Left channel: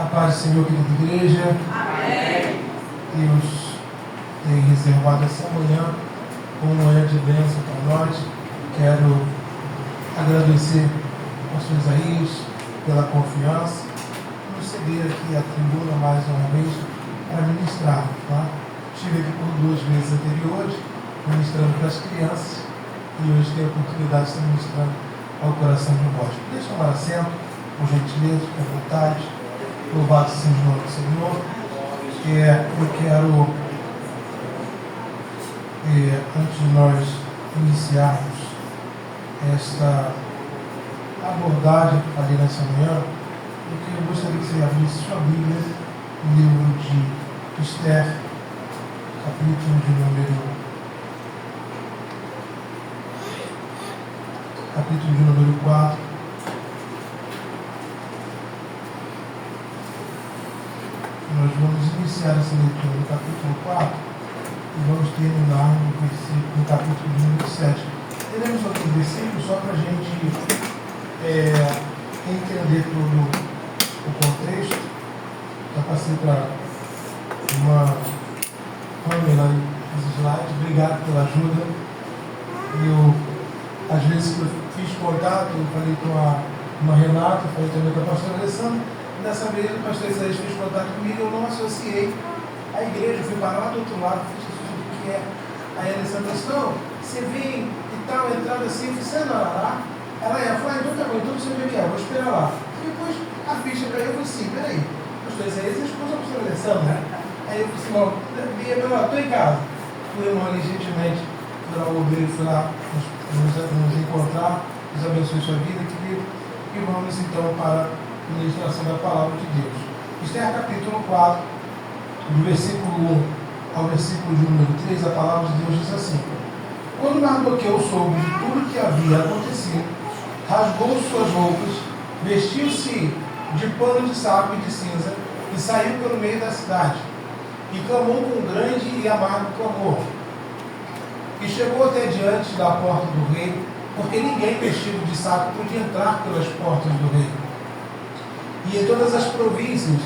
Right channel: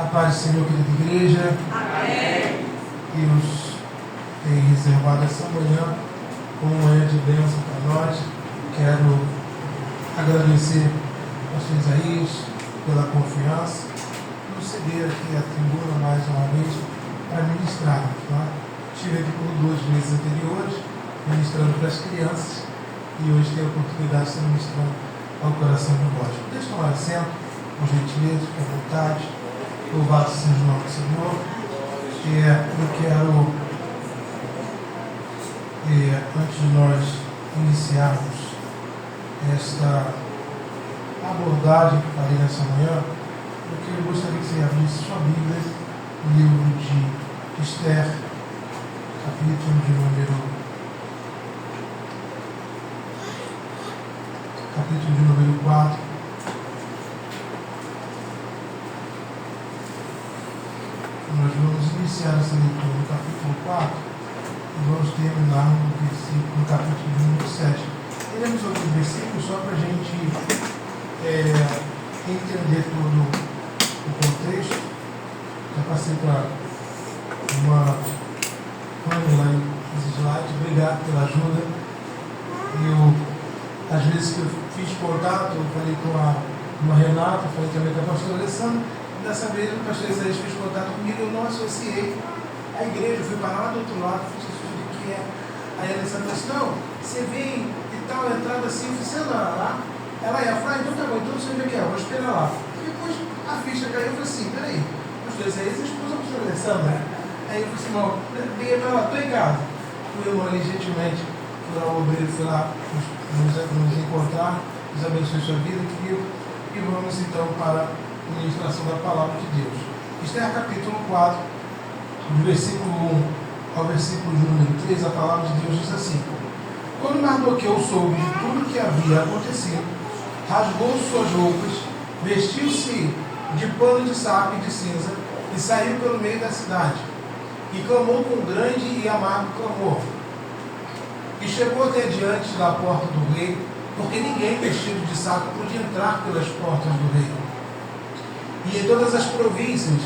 A paz do Senhor, querida igreja. Amém. Deus tem reservado essa manhã como manhã de bênção para nós. Quero agradecer ao pastor Isaías pela confiança, nos ceder aqui a tribuna mais uma vez para ministrar. Tá? Estive aqui por 2 vezes anteriores, ministrando para as crianças, e hoje tenho a oportunidade de estar ministrando ao coração de vós. Deixe tomar assento, por gentileza, com vontade. Louvado seja o nome do Senhor. Eu quero, antes de nós iniciarmos esta abordagem que farei nessa manhã, eu gostaria que você abrisse sua Bíblia no livro de Esther, capítulo de número 4. Nós vamos iniciar essa leitura no capítulo 4 e vamos terminar no capítulo número 7. Teremos outros versículos só para a gente entender todo o contexto. Já passei para uma Pamela os slides. Obrigado pela ajuda. Às vezes que eu fiz contato, eu falei com a Renata, falei também com a pastora Alessandra. Dessa vez o pastor Isaías fez contato comigo, eu não associei a igreja, eu fui para lá do outro lado, fiz o que é. Aí a Alessandra disse, não, você vem e tal, entrada assim, eu falei, você anda lá? Ela falou, então tá bom, então você já vou esperar lá. E depois a ficha caiu, eu falei assim, peraí, pastor Isaías é a esposa da pastora Alessandra. Aí eu falei assim, não, liguei para lá, estou em casa. Fui irmão ali gentilmente, fui lá o obreiro, fui lá nos encontrar, Deus abençoe sua vida, querido, e vamos então para a ministração da palavra de Deus. Esther capítulo 4, do versículo 1 ao versículo de número 3, a palavra de Deus diz assim: Quando Mardoqueu soube de tudo o que havia acontecido, rasgou suas roupas, vestiu-se de pano de saco e de cinza, e saiu pelo meio da cidade, e clamou com um grande e amargo clamor. E chegou até diante da porta do rei, porque ninguém vestido de saco podia entrar pelas portas do rei. E em todas as províncias,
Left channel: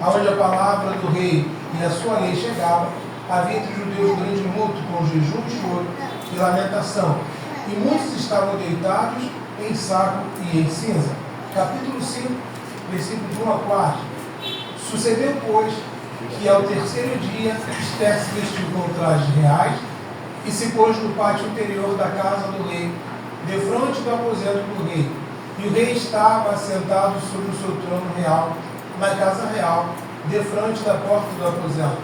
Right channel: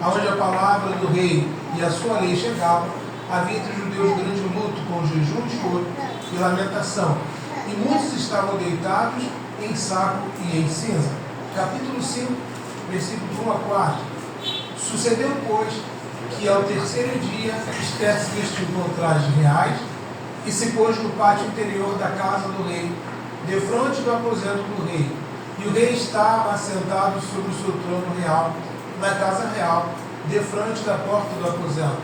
onde a palavra do rei e a sua lei chegavam, havia entre os judeus grande luto, com jejum, choro e lamentação. E muitos estavam deitados em saco e em cinza. Capítulo 5, versículos 1 a 4. Sucedeu, pois, que ao terceiro dia Esther se vestiu com trajes reais e se pôs no pátio interior da casa do rei, defronte do aposento do rei. E o rei estava assentado sobre o seu trono real, na casa real, defronte da porta do aposento.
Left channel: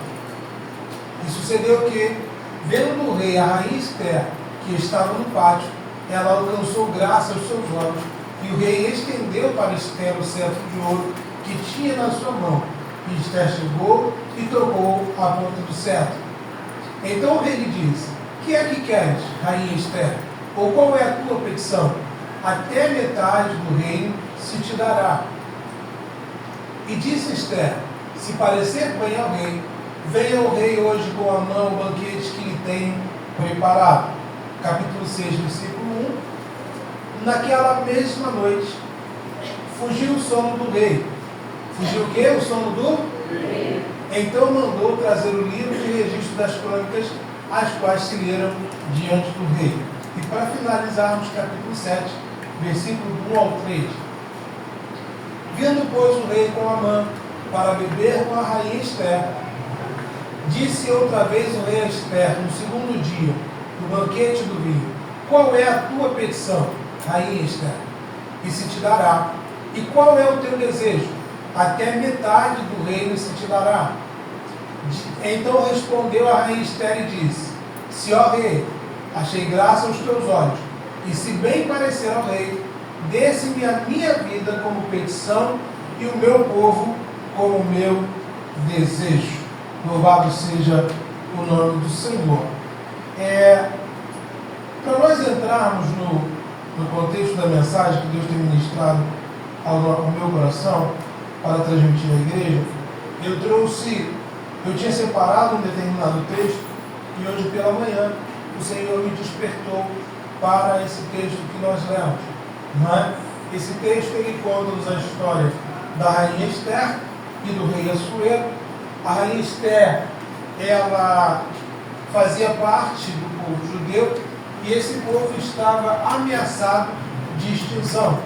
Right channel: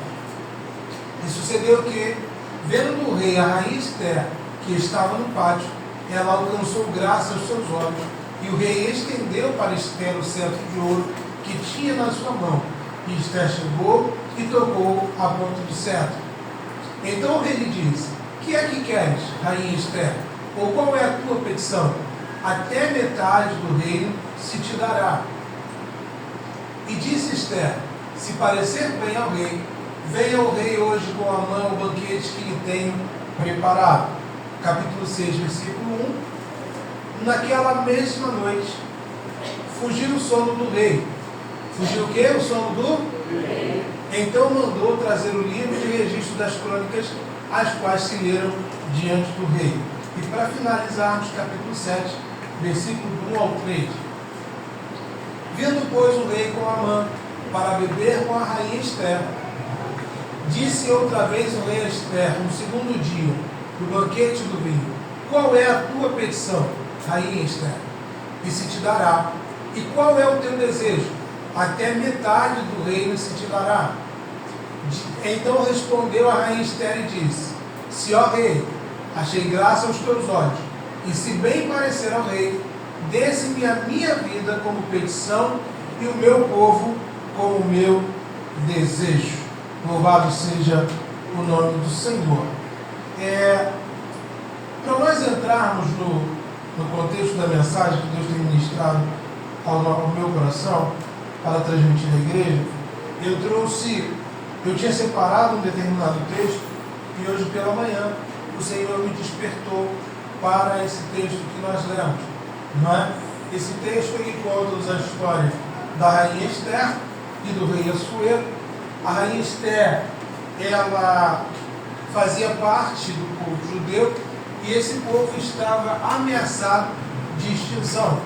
E sucedeu que, vendo o rei a rainha Esther, que estava no pátio, ela alcançou graça aos seus olhos, e o rei estendeu para Esther o cetro de ouro que tinha na sua mão. E Esther chegou e tocou a ponta do cetro. Então o rei lhe disse: Que é que queres, rainha Esther? Ou qual é a tua petição? Até metade do reino se te dará. E disse Esther: Se parecer bem ao rei, venha o rei hoje com a mão o banquete que lhe tenho preparado. Capítulo 6, versículo 1. Naquela mesma noite, fugiu o sono do rei. Fugiu o quê? O sono do rei. Então mandou trazer o livro de registro das crônicas, as quais se leram diante do rei. E para finalizarmos, capítulo 7, versículo 1 ao 3. Vindo, pois, o rei com Amã para beber com a rainha Esther, disse outra vez o rei a Esther, no segundo dia, no banquete do vinho: Qual é a tua petição, rainha Esther? E se te dará. E qual é o teu desejo? Até metade do reino se te dará. Então respondeu a rainha Esther e disse: Se, ó rei, achei graça aos teus olhos, e se bem parecer ao rei, desse-me a minha vida como petição e o meu povo como meu desejo. Louvado seja o nome do Senhor. Para nós entrarmos no contexto da mensagem que Deus tem ministrado ao meu coração para transmitir à igreja, eu tinha separado um determinado texto e hoje pela manhã o Senhor me despertou para esse texto que nós lemos. Não é? Esse texto ele conta-nos a história da rainha Esther e do rei Assuero. A rainha Esther, ela fazia parte do povo judeu e esse povo estava ameaçado de extinção.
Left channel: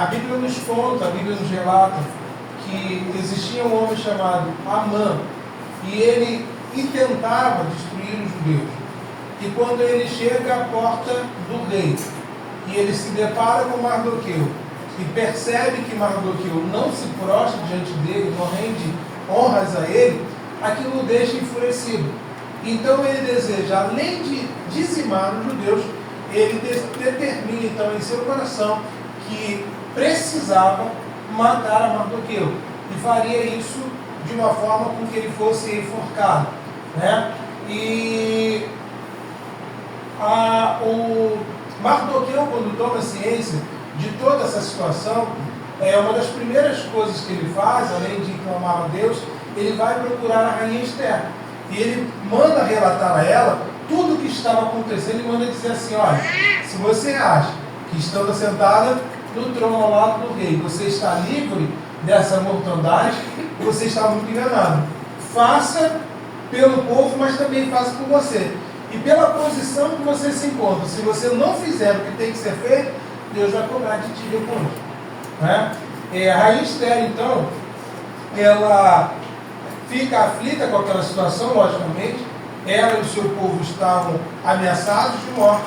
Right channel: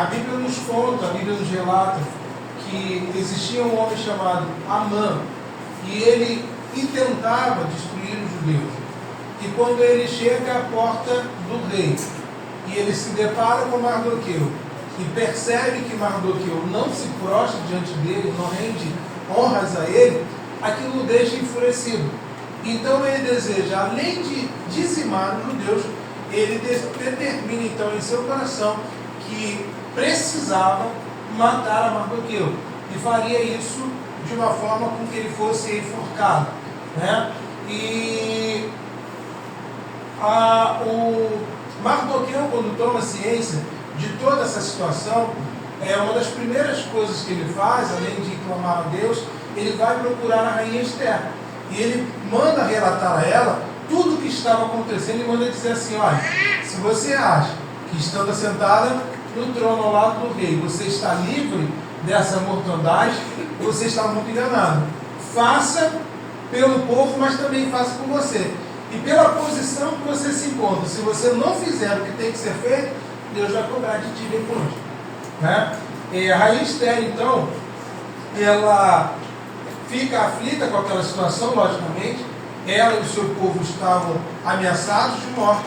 A Bíblia nos conta, a Bíblia nos relata que existia um homem chamado Amã e ele intentava destruir os judeus. E quando ele chega à porta do rei e ele se depara com Mardoqueu e percebe que Mardoqueu não se prostra diante dele, não rende honras a ele, aquilo o deixa enfurecido. Então ele deseja, além de dizimar os judeus, ele determina então em seu coração que precisava matar a Mardoqueu e faria isso de uma forma com que ele fosse enforcado, né? E o Mardoqueu, quando toma ciência de toda essa situação, uma das primeiras coisas que ele faz, além de clamar a Deus, ele vai procurar a rainha Esther. E ele manda relatar a ela tudo o que estava acontecendo e manda dizer assim: olha, se você acha que estando sentada no trono ao lado do rei, você está livre dessa mortandade, você está muito enganado. Faça pelo povo, mas também faça por você. E pela posição que você se encontra, se você não fizer o que tem que ser feito, Deus vai cobrar de ti depois, né? A rainha Esther, então, ela fica aflita com aquela situação, logicamente. Ela e o seu povo estavam ameaçados de morte.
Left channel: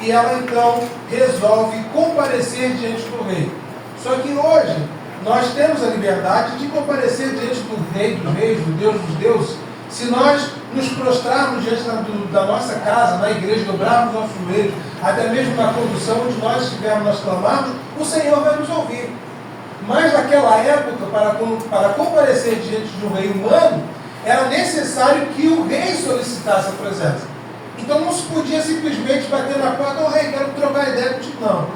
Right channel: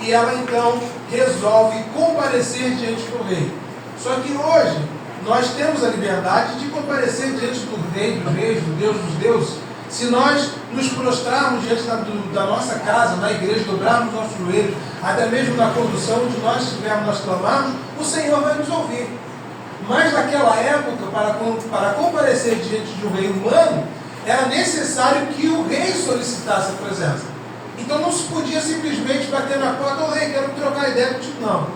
E ela, então, resolve comparecer diante do rei. Só que hoje, nós temos a liberdade de comparecer diante do rei dos reis, do Deus dos deuses. Se nós nos prostrarmos diante da nossa casa, na igreja, dobrarmos nossos joelhos, até mesmo na condução onde nós estivermos, nós clamarmos, o Senhor vai nos ouvir. Mas naquela época, para comparecer diante de um rei humano, era necessário que o rei solicitasse a presença. Então não se podia simplesmente bater na porta: ô rei, quero trocar ideia contigo. Não.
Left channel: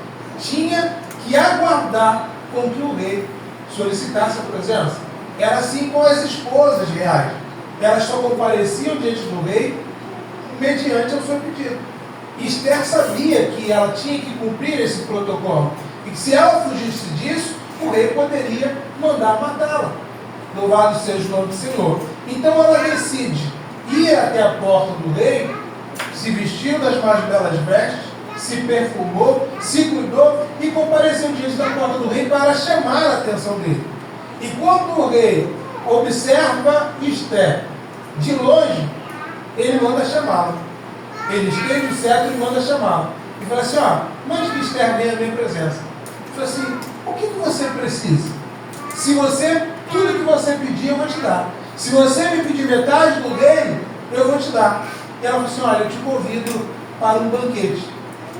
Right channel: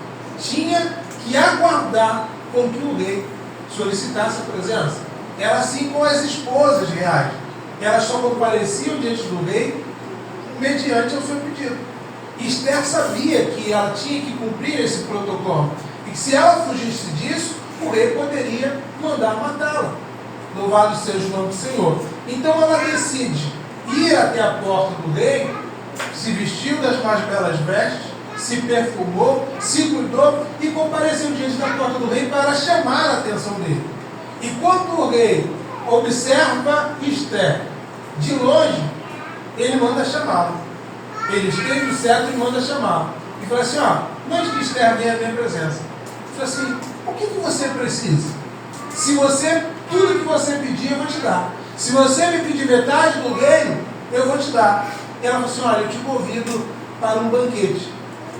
Tinha que aguardar com que o rei solicitasse a presença. Era assim com as esposas reais. Elas só compareciam diante do rei mediante o seu pedido. Esther sabia que ela tinha que cumprir esse protocolo. E que se ela fugisse disso, o rei poderia mandar matá-la. Louvado seja o nome do Senhor. Então ela decide ir até a porta do rei, se vestiu das mais belas vestes, se perfumou, se cuidou e compareceu diante da porta do rei para chamar a atenção dele. E quando o rei observa Esther de longe, ele manda chamá-la. Ele estende o cetro e manda chamá-la. E fala assim: mande que Esther venha à minha presença. Ele fala assim: o que você precisa? Tudo que você pedir, eu vou te dar. Se você me pedir metade do reino, eu vou te dar. E ela falou assim: olha, eu te convido para um banquete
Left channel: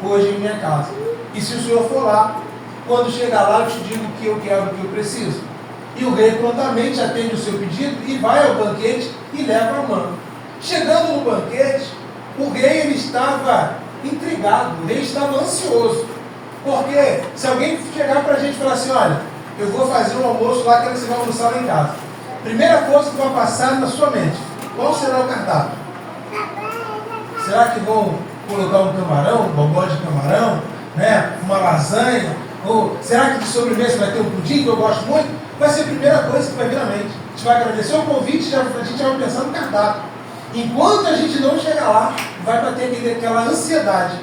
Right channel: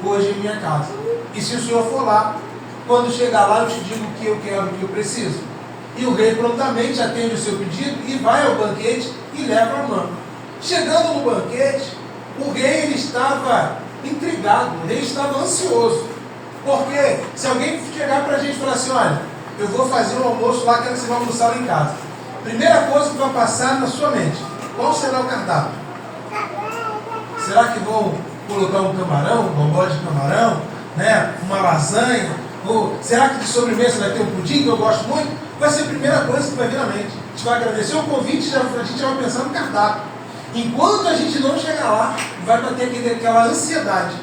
hoje em minha casa. E se o senhor for lá, quando chegar lá, eu te digo o que eu quero, o que eu preciso. E o rei prontamente atende o seu pedido e vai ao banquete e leva a mão. Chegando no banquete, o rei ele estava intrigado, o rei estava ansioso. Porque se alguém chegar para a gente e falar assim: olha, eu vou fazer um almoço lá, quero que você vai almoçar lá em casa. Primeira coisa que vai passar na sua mente: qual será o cardápio? Será que vão colocar um camarão, um bombom de camarão, né? Uma lasanha? Ou será que de sobremesa vai ter um pudim que eu gosto muito? Vai ser a primeira coisa que vai vir na mente. A gente vai agradecer o convite, a gente já vai pensar no cardápio. Enquanto a gente não chegar lá, vai bater aquela ansiedade,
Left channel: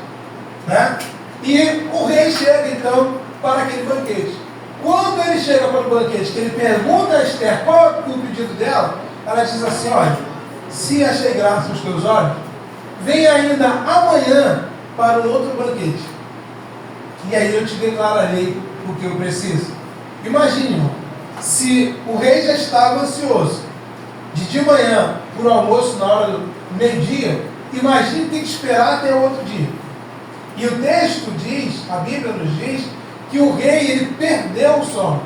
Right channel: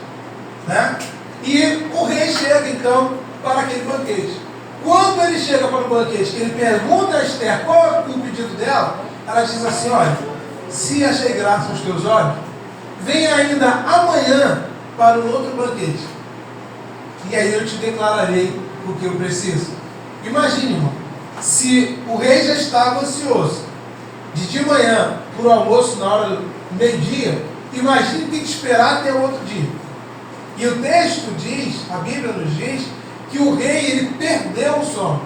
né? E o rei chega então para aquele banquete. Quando ele chega para o banquete, que ele pergunta a Esther qual é o pedido dela, ela diz assim: olha, se achei graça nos teus olhos, venha ainda amanhã para um outro banquete. E aí eu te declararei o que eu preciso. Imagine, irmão, se o rei já estava ansioso de manhã para o almoço na hora do meio-dia, imagine ter que esperar até o outro dia. E o texto diz, a Bíblia nos diz, que o rei ele perdeu o sono.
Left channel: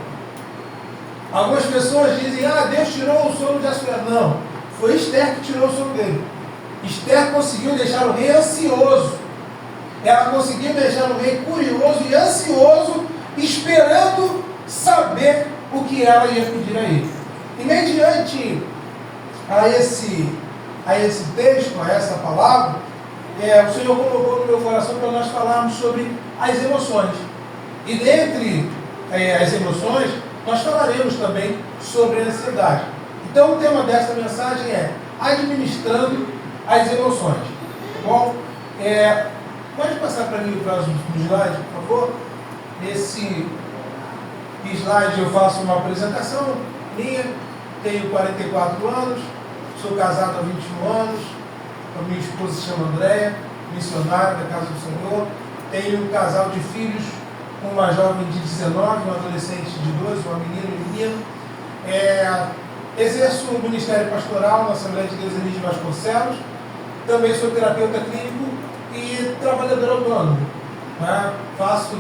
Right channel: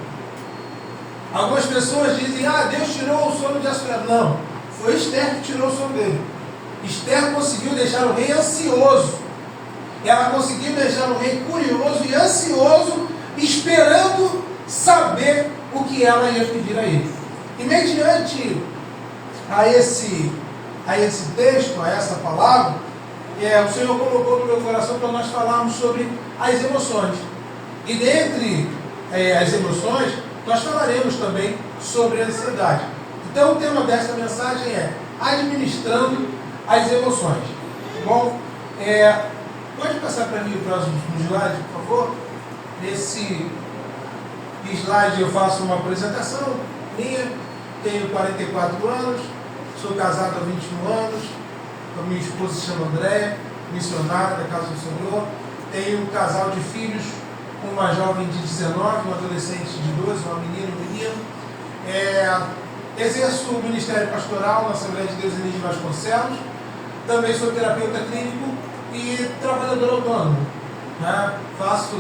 Algumas pessoas dizem: Deus tirou o sono de Assuero. Não, foi Esther que tirou o sono dele. Esther conseguiu deixar o rei ansioso. Ela conseguiu deixar o rei curioso e ansioso, esperando saber o que ela ia pedir a ele. E mediante a esse texto, a essa palavra, o Senhor colocou no meu coração para nós falarmos sobre as emoções. E dentre as emoções, nós falaremos também sobre a ansiedade. Então, o tema desta mensagem é administrando as emoções. Tá bom? Pode passar para mim o próximo slide, por favor? Nesse slide eu faço uma apresentação minha. Tenho 44 anos, sou casado há 21 anos, a minha esposa se chama Andréia, missionária da Casa do Senhor. Tenho um casal de filhos, uma jovem de 19, um adolescente de 12, uma menina e um menino. Exerço o ministério pastoral na Assembleia de Deus Enis de Vasconcelos. Também sou terapeuta clínico e trabalhador autônomo. Né? Faço,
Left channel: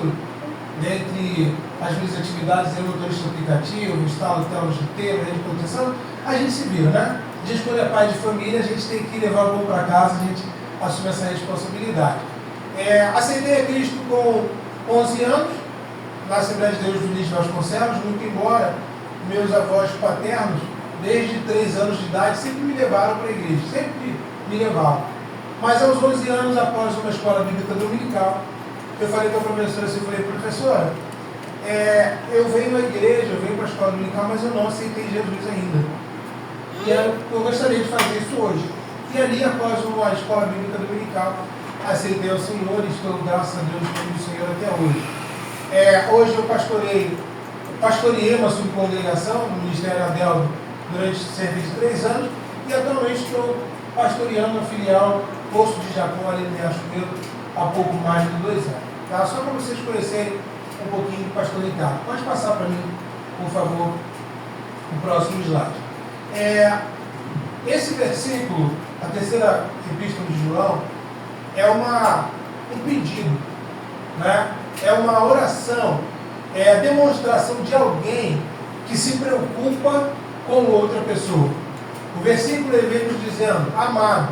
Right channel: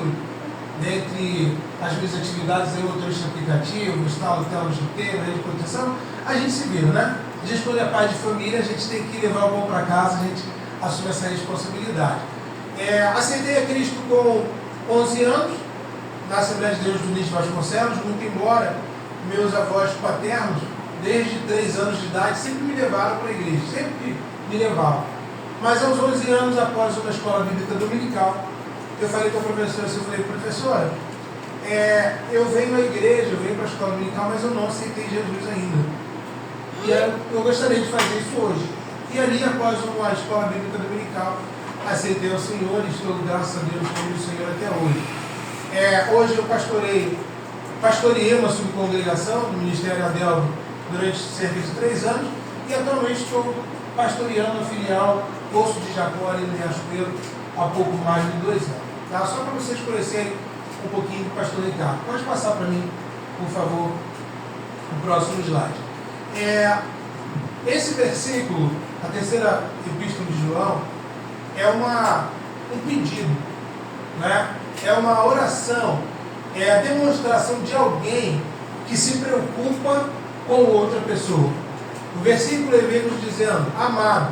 dentre as minhas atividades, motorista aplicativo, instalo telas de tela, rede de proteção. A gente se vira, né? A gente, quando é pai de família, a gente tem que levar o pão para casa, a gente assume essa responsabilidade. Aceitei a Cristo com 11 anos, na Assembleia de Deus do Enis de Vasconcelos, muito embora meus avós paternos, desde 3 anos de idade, sempre me levaram para a igreja, sempre me levaram. Mas aos 11 anos, após uma escola bíblica dominical, eu falei para a professora, professora, eu venho à igreja, eu venho para a escola dominical, mas eu não aceitei Jesus ainda. E eu gostaria de fazer isso hoje. E ali, após a escola bíblica dominical, aceitei ao Senhor e estou, graças a Deus, com o Senhor até hoje. Hoje eu pastoreei uma subcongregação do Ministério Adelvo durante cerca de 3 anos e atualmente estou pastoreando a filial Poço de Jacó ali em Riachuelo há pouco mais de 2 anos. Tá? Só para vocês conhecerem um pouquinho do pastor Ricardo. Pode passar para mim, por favor, o próximo slide. Esse versículo, a terceira epístola de João, é um pedido, né? É uma oração, é a demonstração de alguém que se preocupa com outra pessoa. O versículo vem nos dizendo: amado,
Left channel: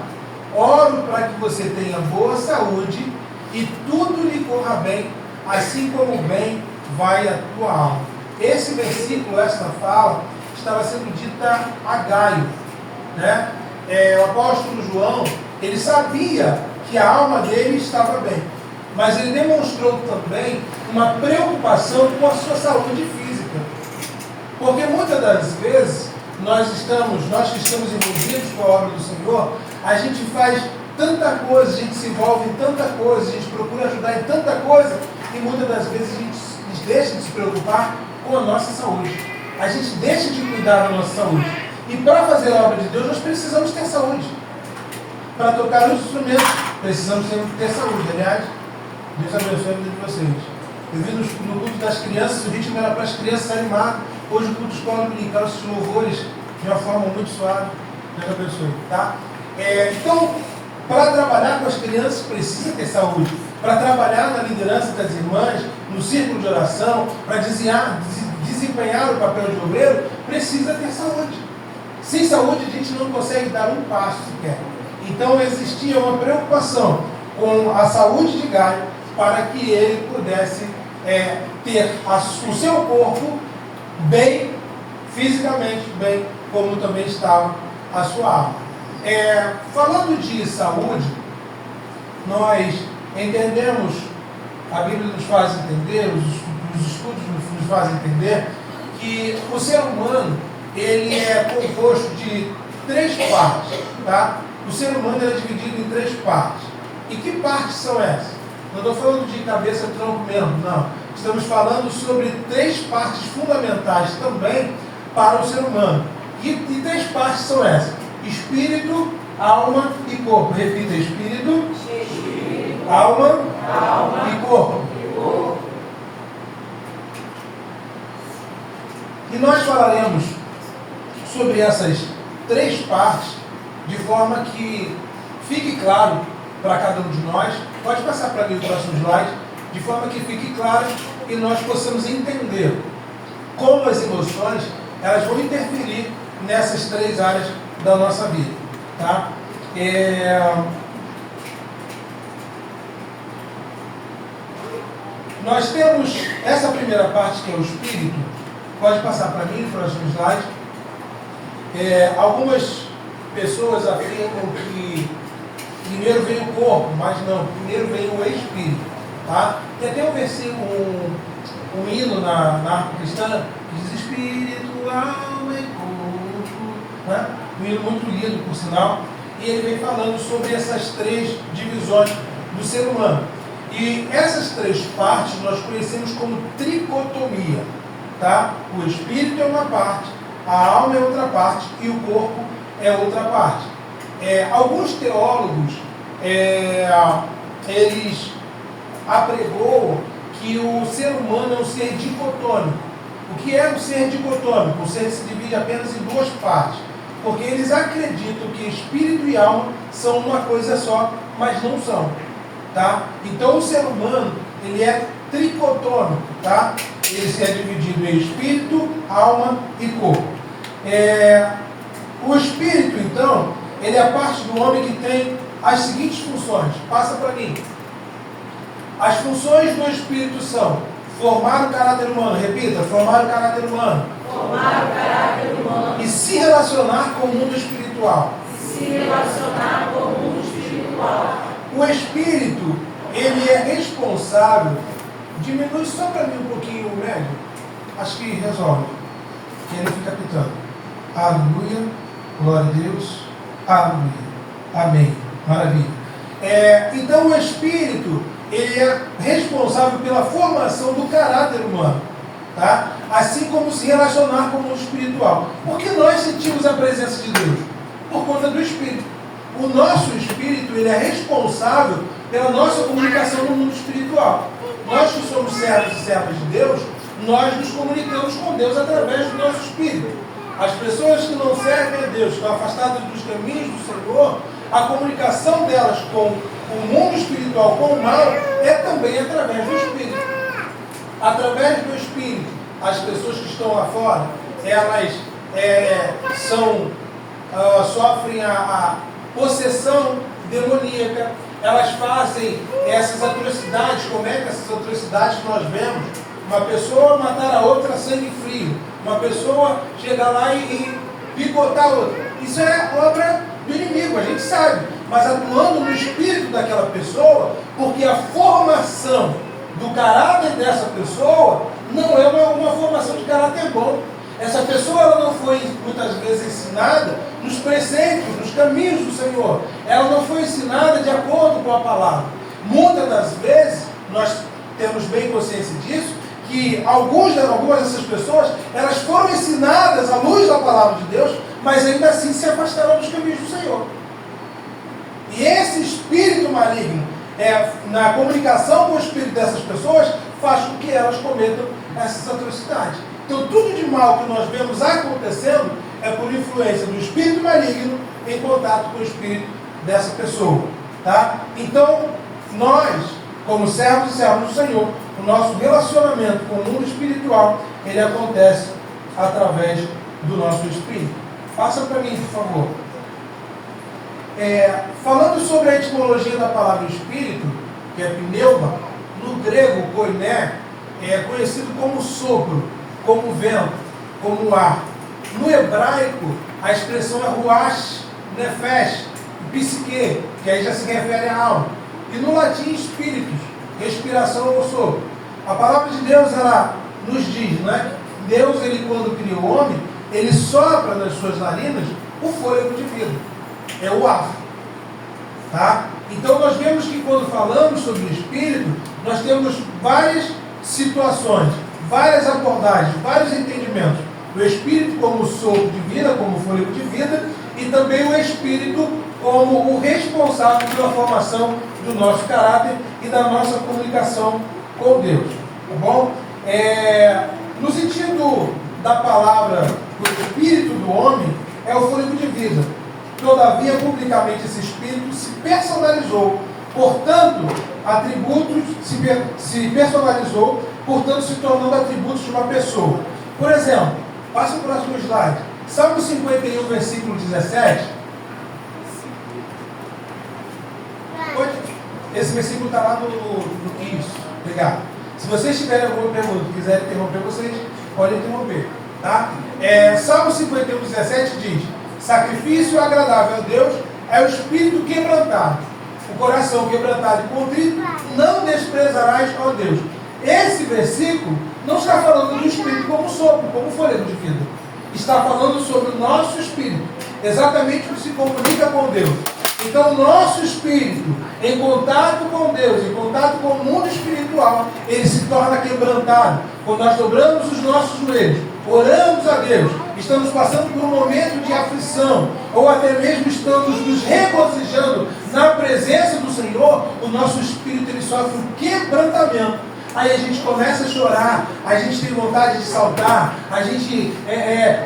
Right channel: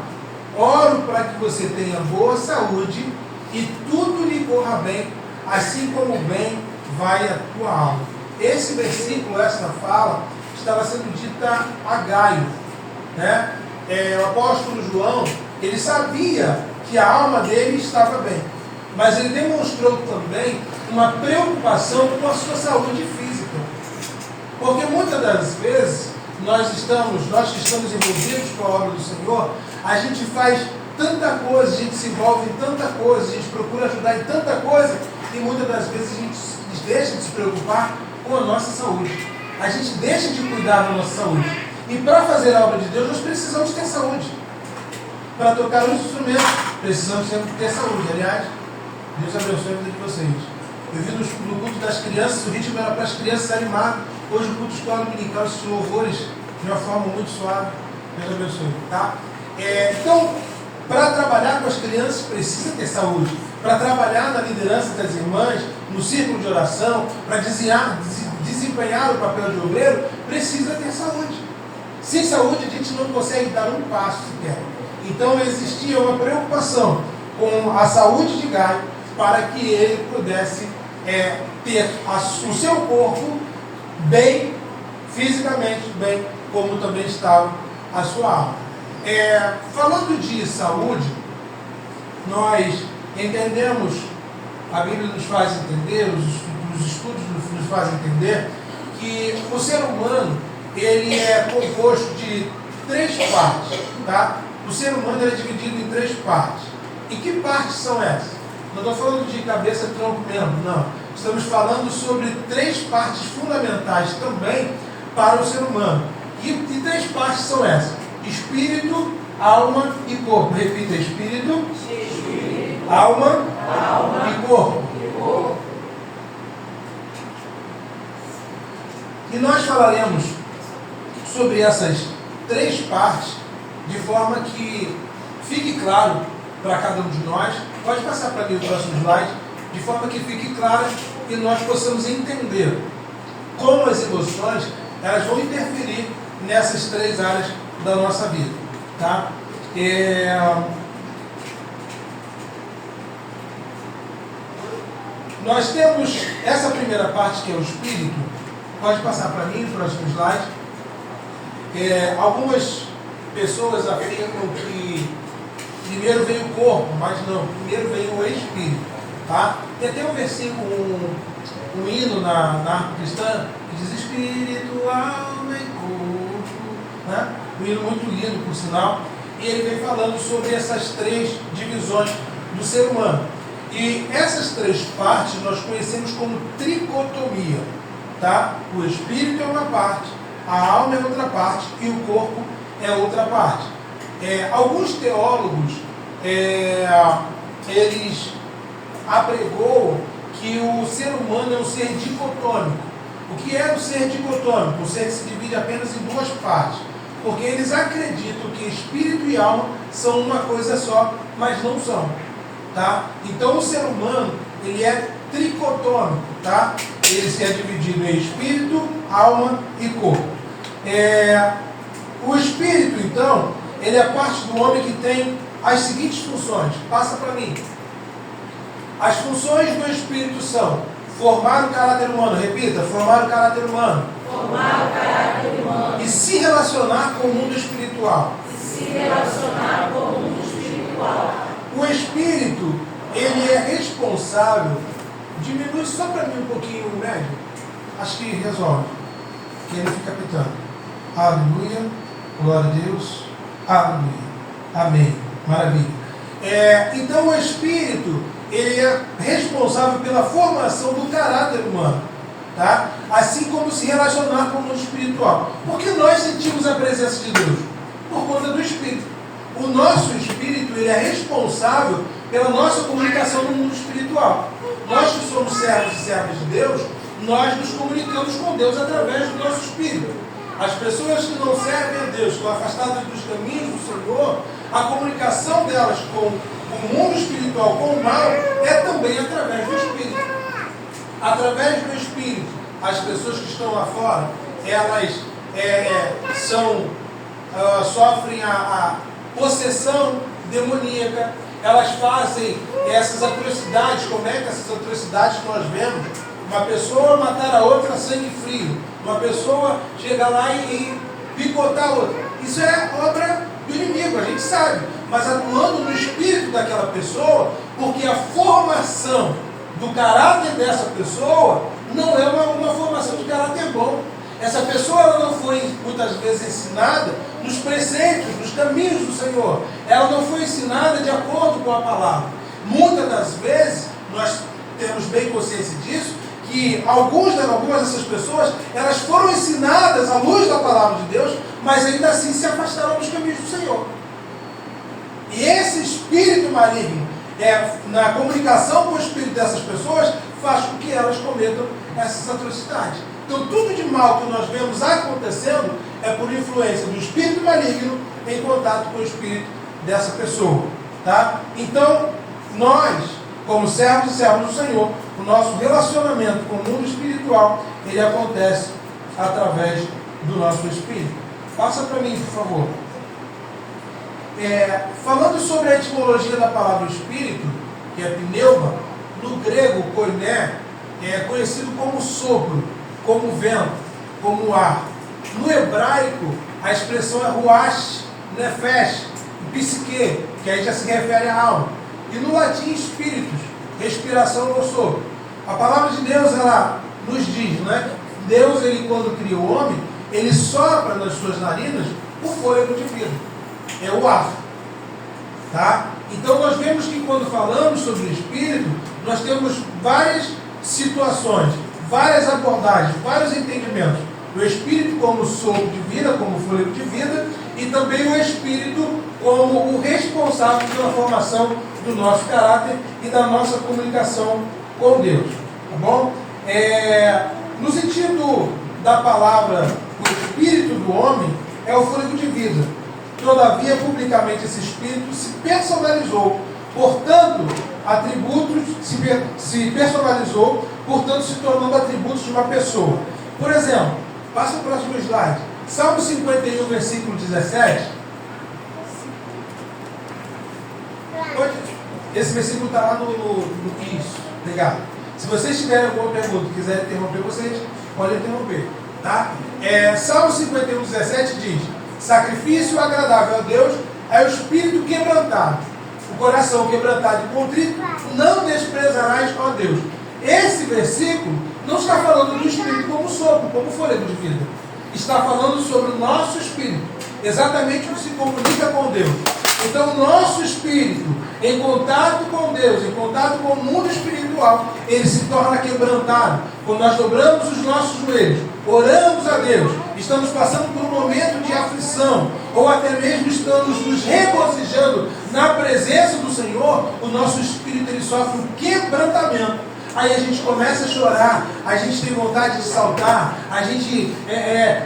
oro para que você tenha boa saúde e tudo lhe corra bem, assim como bem vai a tua alma. Esse versículo, esta fala, estava sendo dita a Gaio, né? O apóstolo João, ele sabia que a alma dele estava bem, mas ele demonstrou também uma preocupação com a sua saúde física, porque muitas das vezes nós que estamos envolvidos com a obra do Senhor, a gente faz tanta coisa, a gente se envolve em tanta coisa, a gente procura ajudar em tanta coisa, e muitas das vezes a gente deixa de se preocupar com a nossa saúde, a gente deixa de cuidar da nossa saúde. E para fazer a obra de Deus, nós precisamos ter saúde. Para tocar os instrumentos, precisamos ter saúde. Aliás, Deus abençoe a vida de vocês. Eu vi no culto das crianças, o ritmo era para as crianças animar. Hoje o culto escola dominical, esses louvores, de uma forma muito suave. Deus abençoe. Tá? Então, para trabalhar com as crianças, precisa ter saúde. Para trabalhar na liderança das irmãs, no círculo de oração, para desempenhar o papel de obreiro, precisa ter saúde. Sem saúde, a gente não consegue dar um passo sequer. Então, existia uma preocupação com a saúde de Gaio para que ele pudesse ter o seu corpo bem, fisicamente bem, como também estava a sua alma. Falando de saúde, nós entendemos, a Bíblia nos faz entender, os estudos nos fazem entender, que o ser humano ele é composto de 3 partes, tá? O ser humano é dividido em 3 partes. E que partes são essas? Não estou falando de cabeça, tronco mesmo, não. Estamos falando sobre 3 partes fundamentais também para o ser humano. E 3 partes são essas: espírito, alma e corpo. Repita: espírito, alma e corpo. E nós falaremos sobre essas 3 partes de forma que fique claro para cada um de nós. Pode passar para mim o próximo slide. De forma que fique claro e nós possamos entender como as emoções elas vão interferir nessas 3 áreas da nossa vida. Tá? Nós temos essa primeira parte, que é o espírito. Pode passar para mim o próximo slide. Algumas pessoas afirmam que primeiro vem o corpo, mas não, primeiro vem o espírito. Tá? Tem até um versículo, um hino na harpa cristã que diz espírito, alma e corpo, né? Um hino muito lindo, por sinal. E ele vem falando sobre essas três divisões do ser humano. E essas três partes nós conhecemos como tricotomia. Tá? O espírito é uma parte, a alma é outra parte e o corpo é outra parte. Alguns teólogos, eles apregoam que o ser humano é um ser dicotômico. O que é um ser dicotômico? Um ser que se divide apenas em duas partes. Porque eles acreditam que espírito e alma são uma coisa só, mas não são. Tá? Então o ser humano, ele é tricotômico, tá? Ele é dividido em espírito, alma e corpo. O espírito, então, ele é a parte do homem que tem as seguintes funções. Passa para mim. As funções do espírito são formar o caráter humano. Repita, formar o caráter humano. Formar o caráter humano. E se relacionar com o mundo espiritual. Se relacionar com o mundo espiritual. O espírito, ele é responsável. Diminui só para mim um pouquinho o médio. Acho que resolve. Que ele fica pitando. Aleluia. Glória a Deus. Aleluia. Amém. Maravilha. Então o espírito, ele é responsável pela formação do caráter humano. Tá? Assim como se relacionar com o mundo espiritual. Porque nós sentimos a presença de Deus? Por conta do espírito. O nosso espírito, ele é responsável pela nossa comunicação no mundo espiritual. Nós que somos servos e servas de Deus, nós nos comunicamos com Deus através do nosso espírito. As pessoas que não servem a Deus, estão afastadas dos caminhos do Senhor, a comunicação delas com o mundo espiritual, com o mal, é também através do espírito. Através do espírito, as pessoas que estão lá fora, elas sofrem a possessão demoníaca. Elas fazem essas atrocidades, cometem essas atrocidades que nós vemos. Uma pessoa matar a outra a sangue frio. Uma pessoa chegar lá e picotar a outra. Isso é obra do inimigo, a gente sabe. Mas atuando no espírito daquela pessoa, porque a formação do caráter dessa pessoa não é uma formação de caráter bom. Essa pessoa ela não foi muitas vezes ensinada nos preceitos, nos caminhos do Senhor. Ela não foi ensinada de acordo com a palavra. Muitas das vezes, nós temos bem consciência disso, que algumas dessas pessoas, elas foram ensinadas à luz da palavra de Deus, mas ainda assim se afastaram dos caminhos do Senhor. E esse espírito maligno, na comunicação com o espírito dessas pessoas, faz com que elas cometam essas atrocidades. Então, tudo de mal que nós vemos acontecendo é por influência do espírito maligno em contato com o espírito dessa pessoa. Tá? Então, nós, como servos e servos do Senhor, o nosso relacionamento com o mundo espiritual, ele acontece através do nosso espírito. Passa para mim, por favor. Falando sobre a etimologia da palavra espírito, que é pneuma, no grego, koiné, é conhecido como sopro, como vento, como ar. No hebraico, a expressão é ruach, nefesh, psique, que aí já se refere à alma. E no latim, espíritos, respiração ou sopro. A palavra de Deus, ela nos diz, né? Deus, ele quando cria o homem, ele sopra nas suas narinas o fôlego de vida. É o ar. Tá? Então nós vemos que quando falamos sobre o espírito, nós temos várias situações, várias abordagens, vários entendimentos. O espírito como sopro de vida, como fôlego de vida, e também o espírito como o responsável pela formação do nosso caráter e da nossa comunicação com Deus. Tá bom? No sentido da palavra, o espírito do homem é o fôlego de vida. Todavia, publicamente, esse espírito se personalizou, portanto, se personalizou, portanto, se tornando atributos de uma pessoa. Por exemplo, passa o próximo slide. Salmo 51, versículo 17. Esse versículo está lá no isso. Obrigado. Se vocês tiverem alguma pergunta, quiserem interromper, vocês podem interromper. Tá? Salmo 51, 17 diz: sacrifício agradável a Deus é o espírito quebrantado. O coração quebrantado e contrito não desprezarás, ó Deus. Esse versículo não está falando do Espírito como sopro, como fôlego de vida. Está falando sobre o nosso Espírito, exatamente o que se comunica com Deus. Então, o nosso Espírito, em contato com Deus, em contato com o mundo espiritual, ele se torna quebrantado. Quando nós dobramos os nossos joelhos, oramos a Deus, estamos passando por um momento de aflição, ou até mesmo estamos nos regozijando na presença do Senhor, o nosso Espírito ele sofre um quebrantamento. Aí a gente começa a chorar, a gente tem vontade de saltar, a gente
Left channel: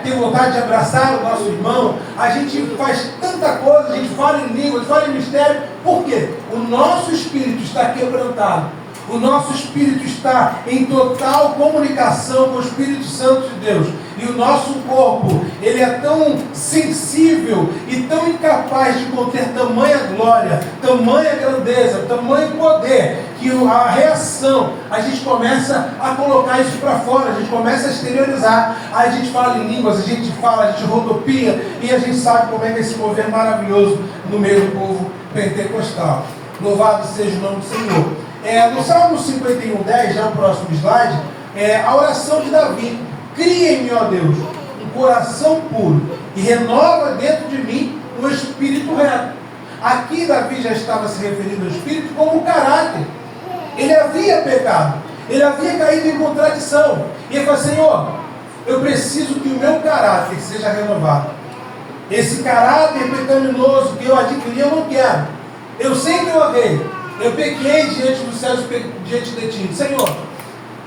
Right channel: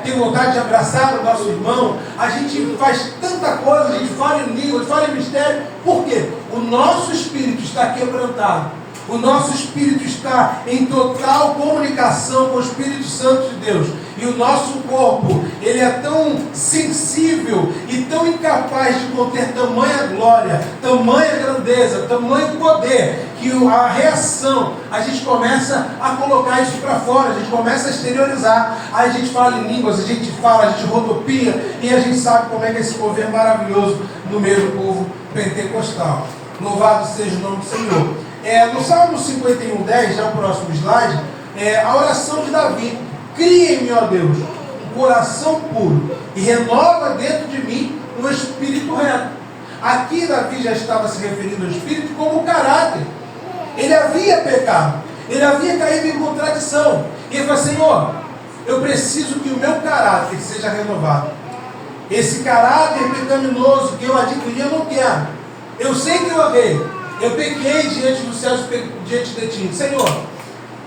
tem vontade de abraçar o nosso irmão, a gente faz tanta coisa, a gente fala em língua, fala em mistério. Por quê? O nosso espírito está quebrantado. O nosso espírito está em total comunicação com o Espírito Santo de Deus. E o nosso corpo, ele é tão sensível e tão incapaz de conter tamanha glória, tamanha grandeza, tamanho poder, que a reação, a gente começa a colocar isso para fora, a gente começa a exteriorizar. Aí a gente fala em línguas, a gente fala, a gente rodopia, e a gente sabe como é que esse povo é maravilhoso no meio do povo pentecostal. Louvado seja o nome do Senhor. No Salmo 51:10, já o próximo slide, a oração de Davi: cria em mim, ó Deus, um coração puro e renova dentro de mim um espírito reto. Aqui Davi já estava se referindo ao espírito como caráter. Ele havia pecado, ele havia caído em contradição, e ele falou: Senhor, eu preciso que o meu caráter seja renovado. Esse caráter pecaminoso que eu adquiri, eu não quero. Eu sei que eu errei, eu pequei diante dos céus, diante de ti. Senhor,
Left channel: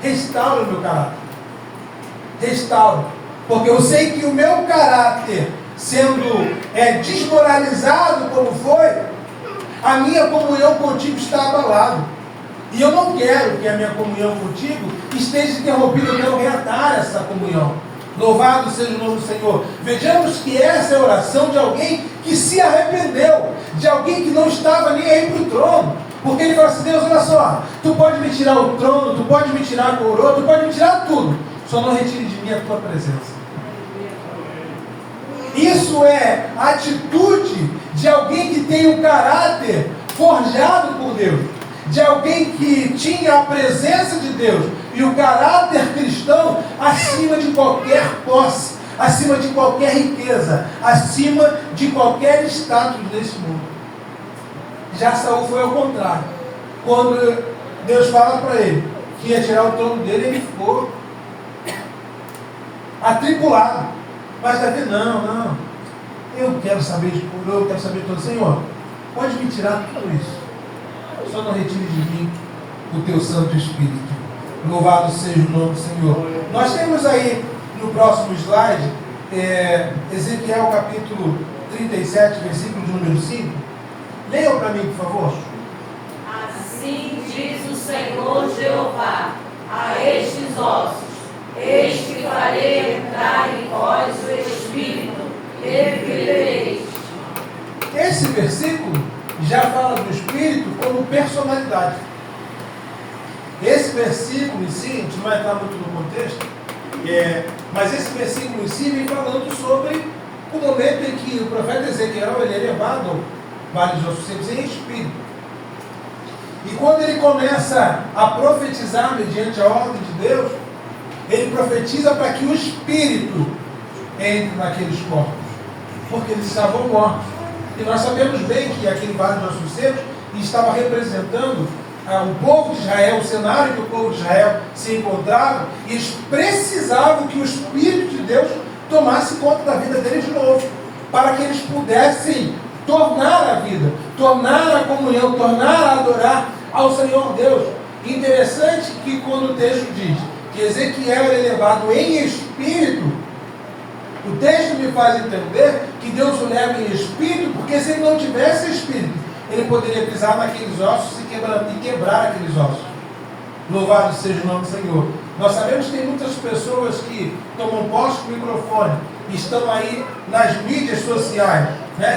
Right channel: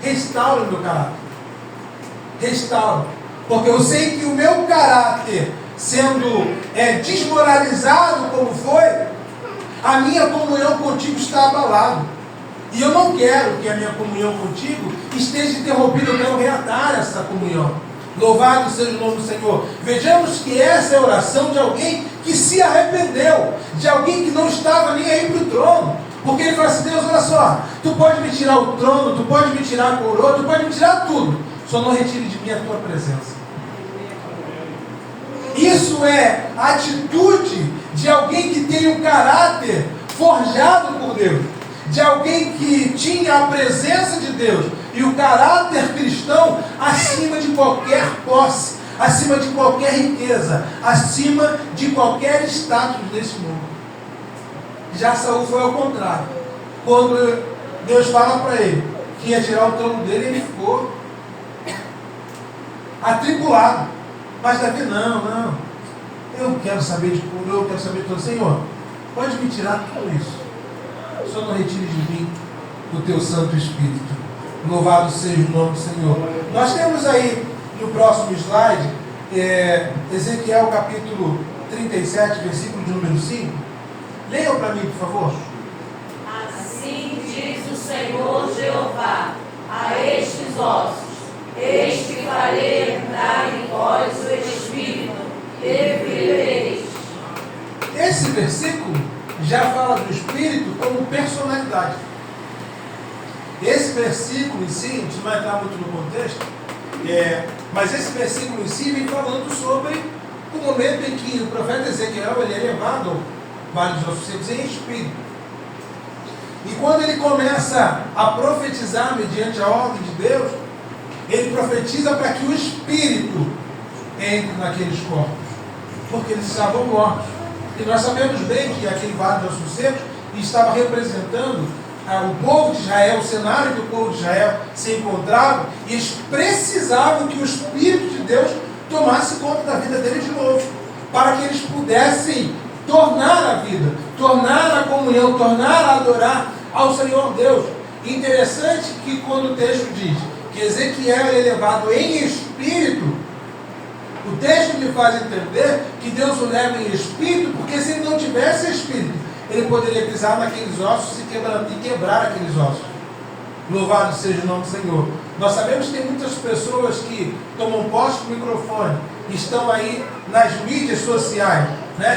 restaura o meu caráter. Restaura. Porque eu sei que o meu caráter, sendo desmoralizado como foi, a minha comunhão contigo está abalada. E eu não quero que a minha comunhão contigo esteja interrompida. Eu quero reatar essa comunhão. Louvado seja o nome do Senhor. Vejamos que essa é a oração de alguém que se arrependeu, de alguém que não estava nem aí para o trono. Porque ele fala assim: Deus, olha só, tu pode me tirar o trono, tu pode me tirar a coroa, tu pode me tirar tudo, só não retire de mim a tua presença. Isso é a atitude de alguém que tem o caráter forjado por Deus, de alguém que tinha a presença de Deus e o caráter cristão acima de qualquer posse, acima de qualquer riqueza, acima de qualquer status desse mundo. Já Saul foi ao contrário. Quando Deus fala para ele que ia tirar o trono dele, ele ficou atribulado. Mas Davi, não, eu quero saber de cura, eu quero saber de tudo. Senhor, pode me tirar tudo isso, só não retire de mim o teu Santo Espírito. Louvado seja o nome do Senhor. Nós temos aí no próximo slide Ezequiel capítulo 37, versículo de número 5. Leiam para mim, por favor. Assim diz o Senhor Jeová a estes ossos: eis que farei entrar em vós o Espírito, e vivereis. Esse versículo já fala do Espírito como personalidade. Esse versículo em si, a gente não vai entrar muito no contexto, mas esse versículo em si vem falando sobre o momento em que o profeta Ezequiel ele é levado ao Vale dos Ossos Secos em espírito. E quando ele começa a profetizar mediante a ordem de Deus, ele profetiza para que o Espírito entre naqueles corpos, porque eles estavam mortos. E nós sabemos bem que aquele Vale dos Ossos Secos estava representando o povo de Israel, o cenário que o povo de Israel se encontrava, e eles precisavam que o Espírito de Deus tomasse conta da vida deles de novo, para que eles pudessem tornar a vida, tornar a comunhão, tornar a adorar ao Senhor Deus. Interessante que quando o texto diz que Ezequiel é levado em espírito, o texto me faz entender que Deus o leva em espírito, porque se ele não tivesse espírito, ele poderia pisar naqueles ossos e quebrar aqueles ossos. Louvado seja o nome do Senhor. Nós sabemos que tem muitas pessoas que tomam posse do microfone, estão aí nas mídias sociais,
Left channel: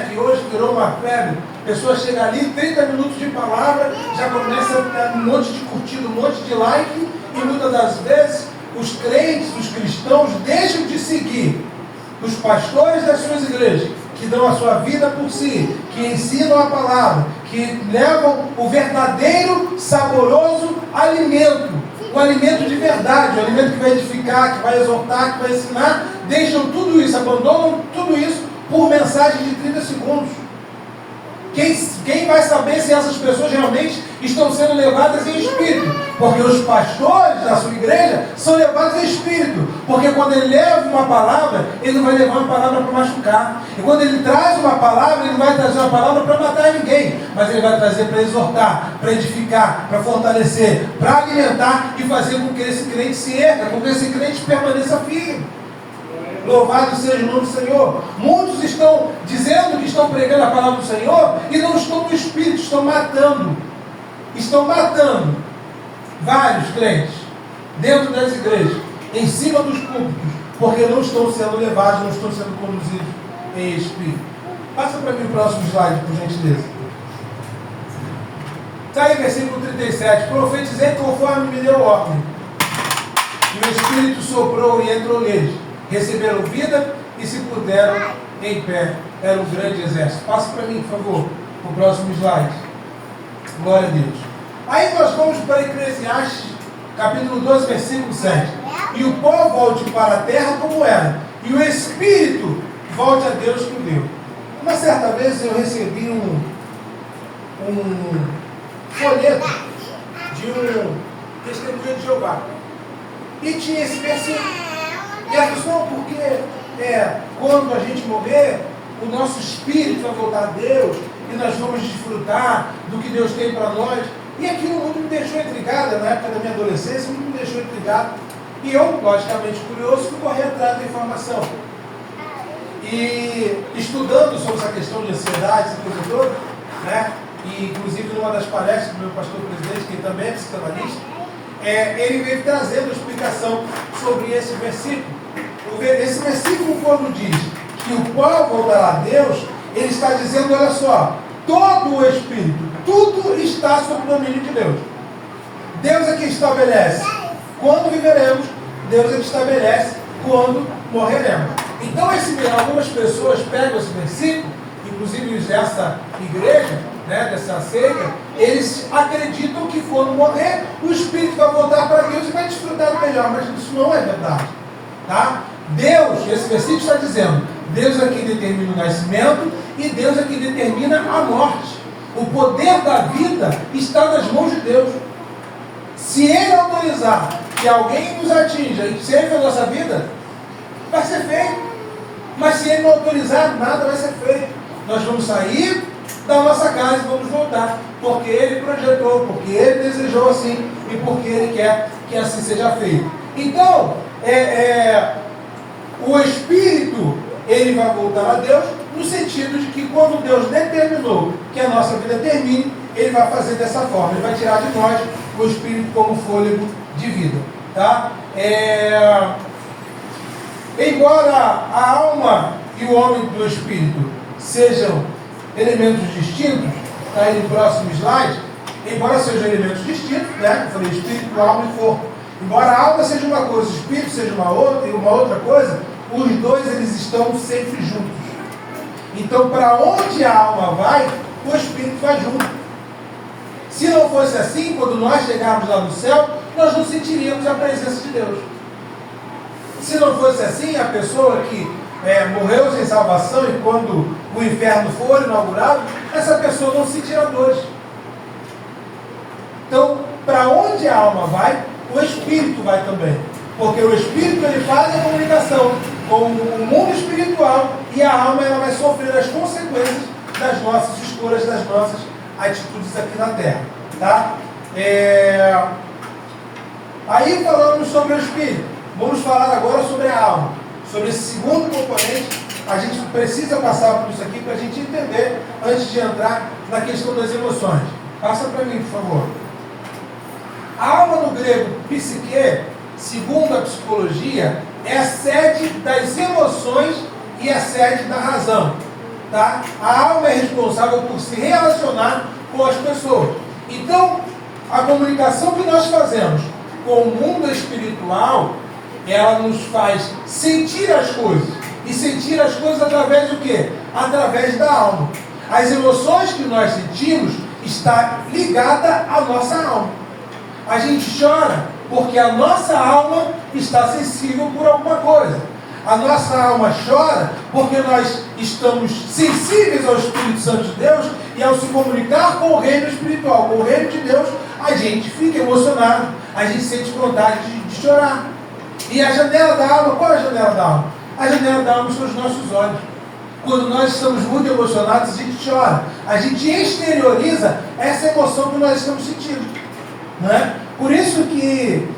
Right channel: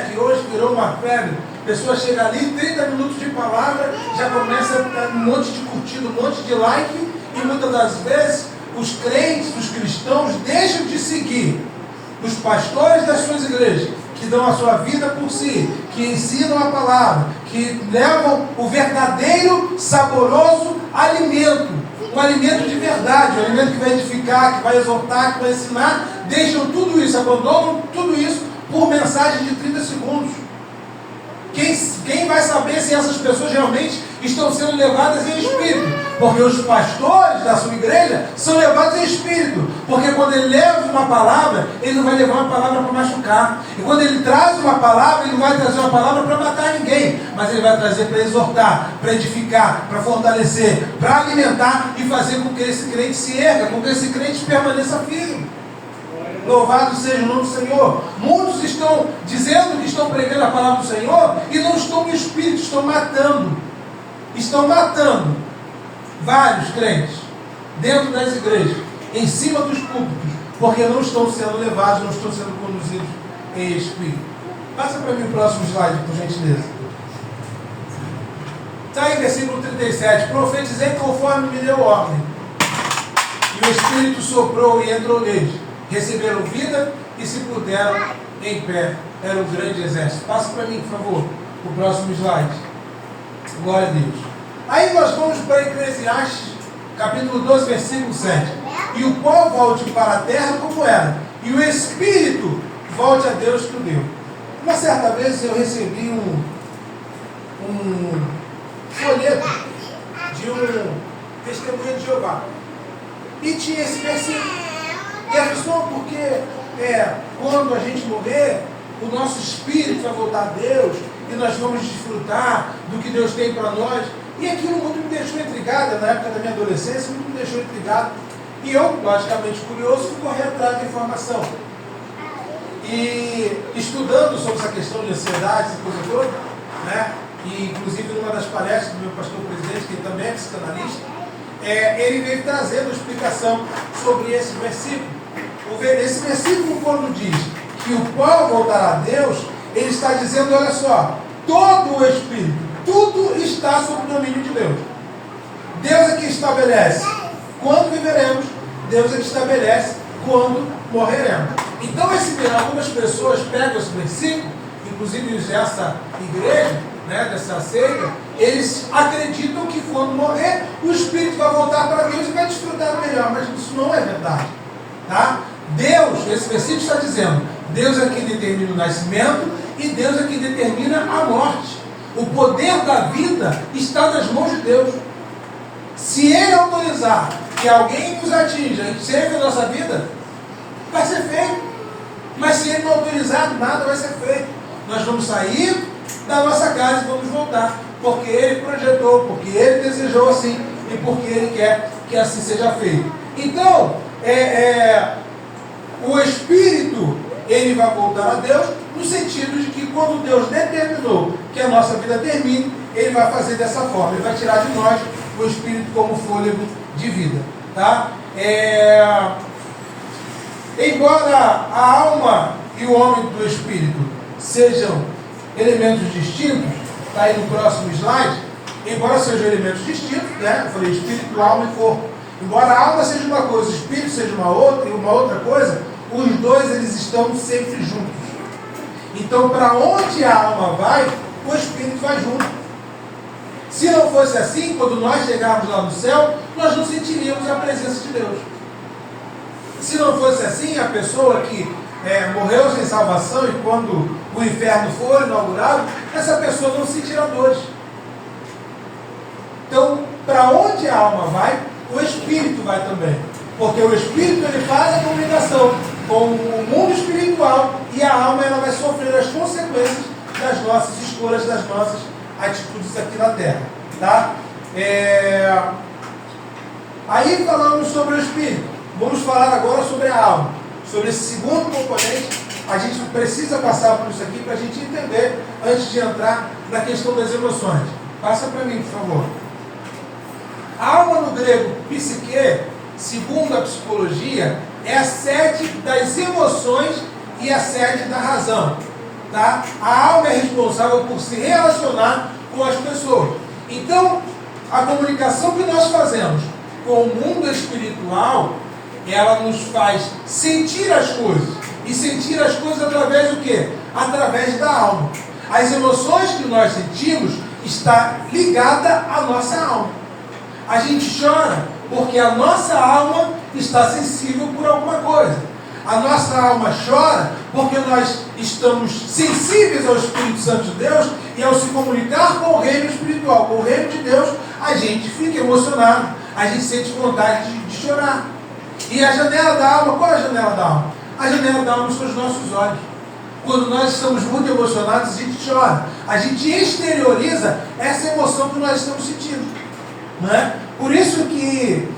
que hoje virou uma febre. Pessoas chegam ali, 30 minutos de palavra, já começa a ter um monte de curtida, um monte de like, e muitas das vezes os crentes, os cristãos deixam de seguir os pastores das suas igrejas, que dão a sua vida por si, que ensinam a palavra, que levam o verdadeiro saboroso alimento, o alimento de verdade, o alimento que vai edificar, que vai exortar, que vai ensinar, deixam tudo isso, abandonam tudo isso por mensagem de 30 segundos. Quem vai saber se essas pessoas realmente estão sendo levadas em espírito? Porque os pastores da sua igreja são levados em espírito. Porque quando ele leva uma palavra, ele não vai levar uma palavra para machucar. E quando ele traz uma palavra, ele não vai trazer uma palavra para matar ninguém. Mas ele vai trazer para exortar, para edificar, para fortalecer, para alimentar e fazer com que esse crente se erga, com que esse crente permaneça firme. Louvado seja o nome do Senhor. Muitos estão dizendo que estão pregando a palavra do Senhor e não estão no Espírito, estão matando. Estão matando vários crentes dentro das igrejas, em cima dos púlpitos, porque não estão sendo levados, não estão sendo conduzidos em Espírito. Passa para mim o próximo slide, por gentileza. Está aí, versículo 37. Profetizei conforme me deu ordem. E o Espírito soprou e entrou neles. Receberam vida e se puderam em pé. Era um grande exército. Passa para mim, por favor, o próximo slide. Glória a Deus. Aí nós vamos para Eclesiastes, capítulo 12, versículo 7. E o pó volte para a terra como era, e o Espírito volte a Deus que o deu. Uma certa vez eu recebi um folheto de um testemunho de Jeová. E tinha esse versículo. E a questão porque quando a gente morrer, o nosso espírito vai voltar a Deus e nós vamos desfrutar do que Deus tem para nós. E aquilo muito me deixou intrigado, na época da minha adolescência, muito me deixou intrigado. E eu, logicamente curioso, fui correr atrás da informação. E estudando sobre essa questão de ansiedade, essa coisa toda, né? E inclusive numa das palestras do meu pastor presidente, que também é psicanalista, ele veio trazendo explicação sobre esse versículo. Esse versículo, quando diz que o pó voltará a Deus, ele está dizendo, olha só, todo o Espírito, tudo está sob o domínio de Deus. Deus é que estabelece quando viveremos, Deus é que estabelece quando morreremos. Então, algumas pessoas pegam esse versículo, inclusive dessa igreja, né, dessa seita, eles acreditam que quando morrer, o Espírito vai voltar para Deus e vai desfrutar do melhor, mas isso não é verdade. Tá? Deus, esse versículo está dizendo, Deus é quem determina o nascimento e Deus é quem determina a morte. O poder da vida está nas mãos de Deus. Se Ele autorizar que alguém nos atinja e serve a nossa vida, vai ser feito. Mas se Ele não autorizar, nada vai ser feito. Nós vamos sair da nossa casa e vamos voltar, porque Ele projetou, porque Ele desejou assim e porque Ele quer que assim seja feito. Então, o Espírito, ele vai voltar a Deus, no sentido de que quando Deus determinou que a nossa vida termine, Ele vai fazer dessa forma, Ele vai tirar de nós o Espírito como fôlego de vida. Tá? Embora a alma e o homem do Espírito sejam elementos distintos, está aí no próximo slide, embora sejam elementos distintos, né? Eu falei Espírito, alma e corpo. Embora a alma seja uma coisa, o Espírito seja uma outra, e uma outra coisa, os dois eles estão sempre juntos. Então, para onde a alma vai, o Espírito vai junto. Se não fosse assim, quando nós chegarmos lá no céu, nós não sentiríamos a presença de Deus. Se não fosse assim, a pessoa que morreu sem salvação e quando o inferno for inaugurado, essa pessoa não sentirá dores. Então, para onde a alma vai, o Espírito vai também. Porque o Espírito ele faz a comunicação com o mundo espiritual e a alma ela vai sofrer as consequências das nossas escolhas, das nossas atitudes aqui na Terra. Tá? Aí falamos sobre o Espírito. Vamos falar agora sobre a alma. Sobre esse segundo componente. A gente precisa passar por isso aqui para a gente entender antes de entrar na questão das emoções. Passa para mim, por favor. A alma no grego, psique, segundo a psicologia, é a sede das emoções e a sede da razão. Tá? A alma é responsável por se relacionar com as pessoas. Então, a comunicação que nós fazemos com o mundo espiritual, ela nos faz sentir as coisas. E sentir as coisas através do quê? Através da alma. As emoções que nós sentimos está ligada à nossa alma. A gente chora Porque a nossa alma está sensível por alguma coisa. A nossa alma chora porque nós estamos sensíveis ao Espírito Santo de Deus, e ao se comunicar com o reino espiritual, com o reino de Deus, a gente fica emocionado, a gente sente vontade de chorar. E a janela da alma, qual é a janela da alma? A janela da alma são os nossos olhos. Quando nós estamos muito emocionados, a gente chora. A gente exterioriza essa emoção que nós estamos sentindo. Não é? Por isso que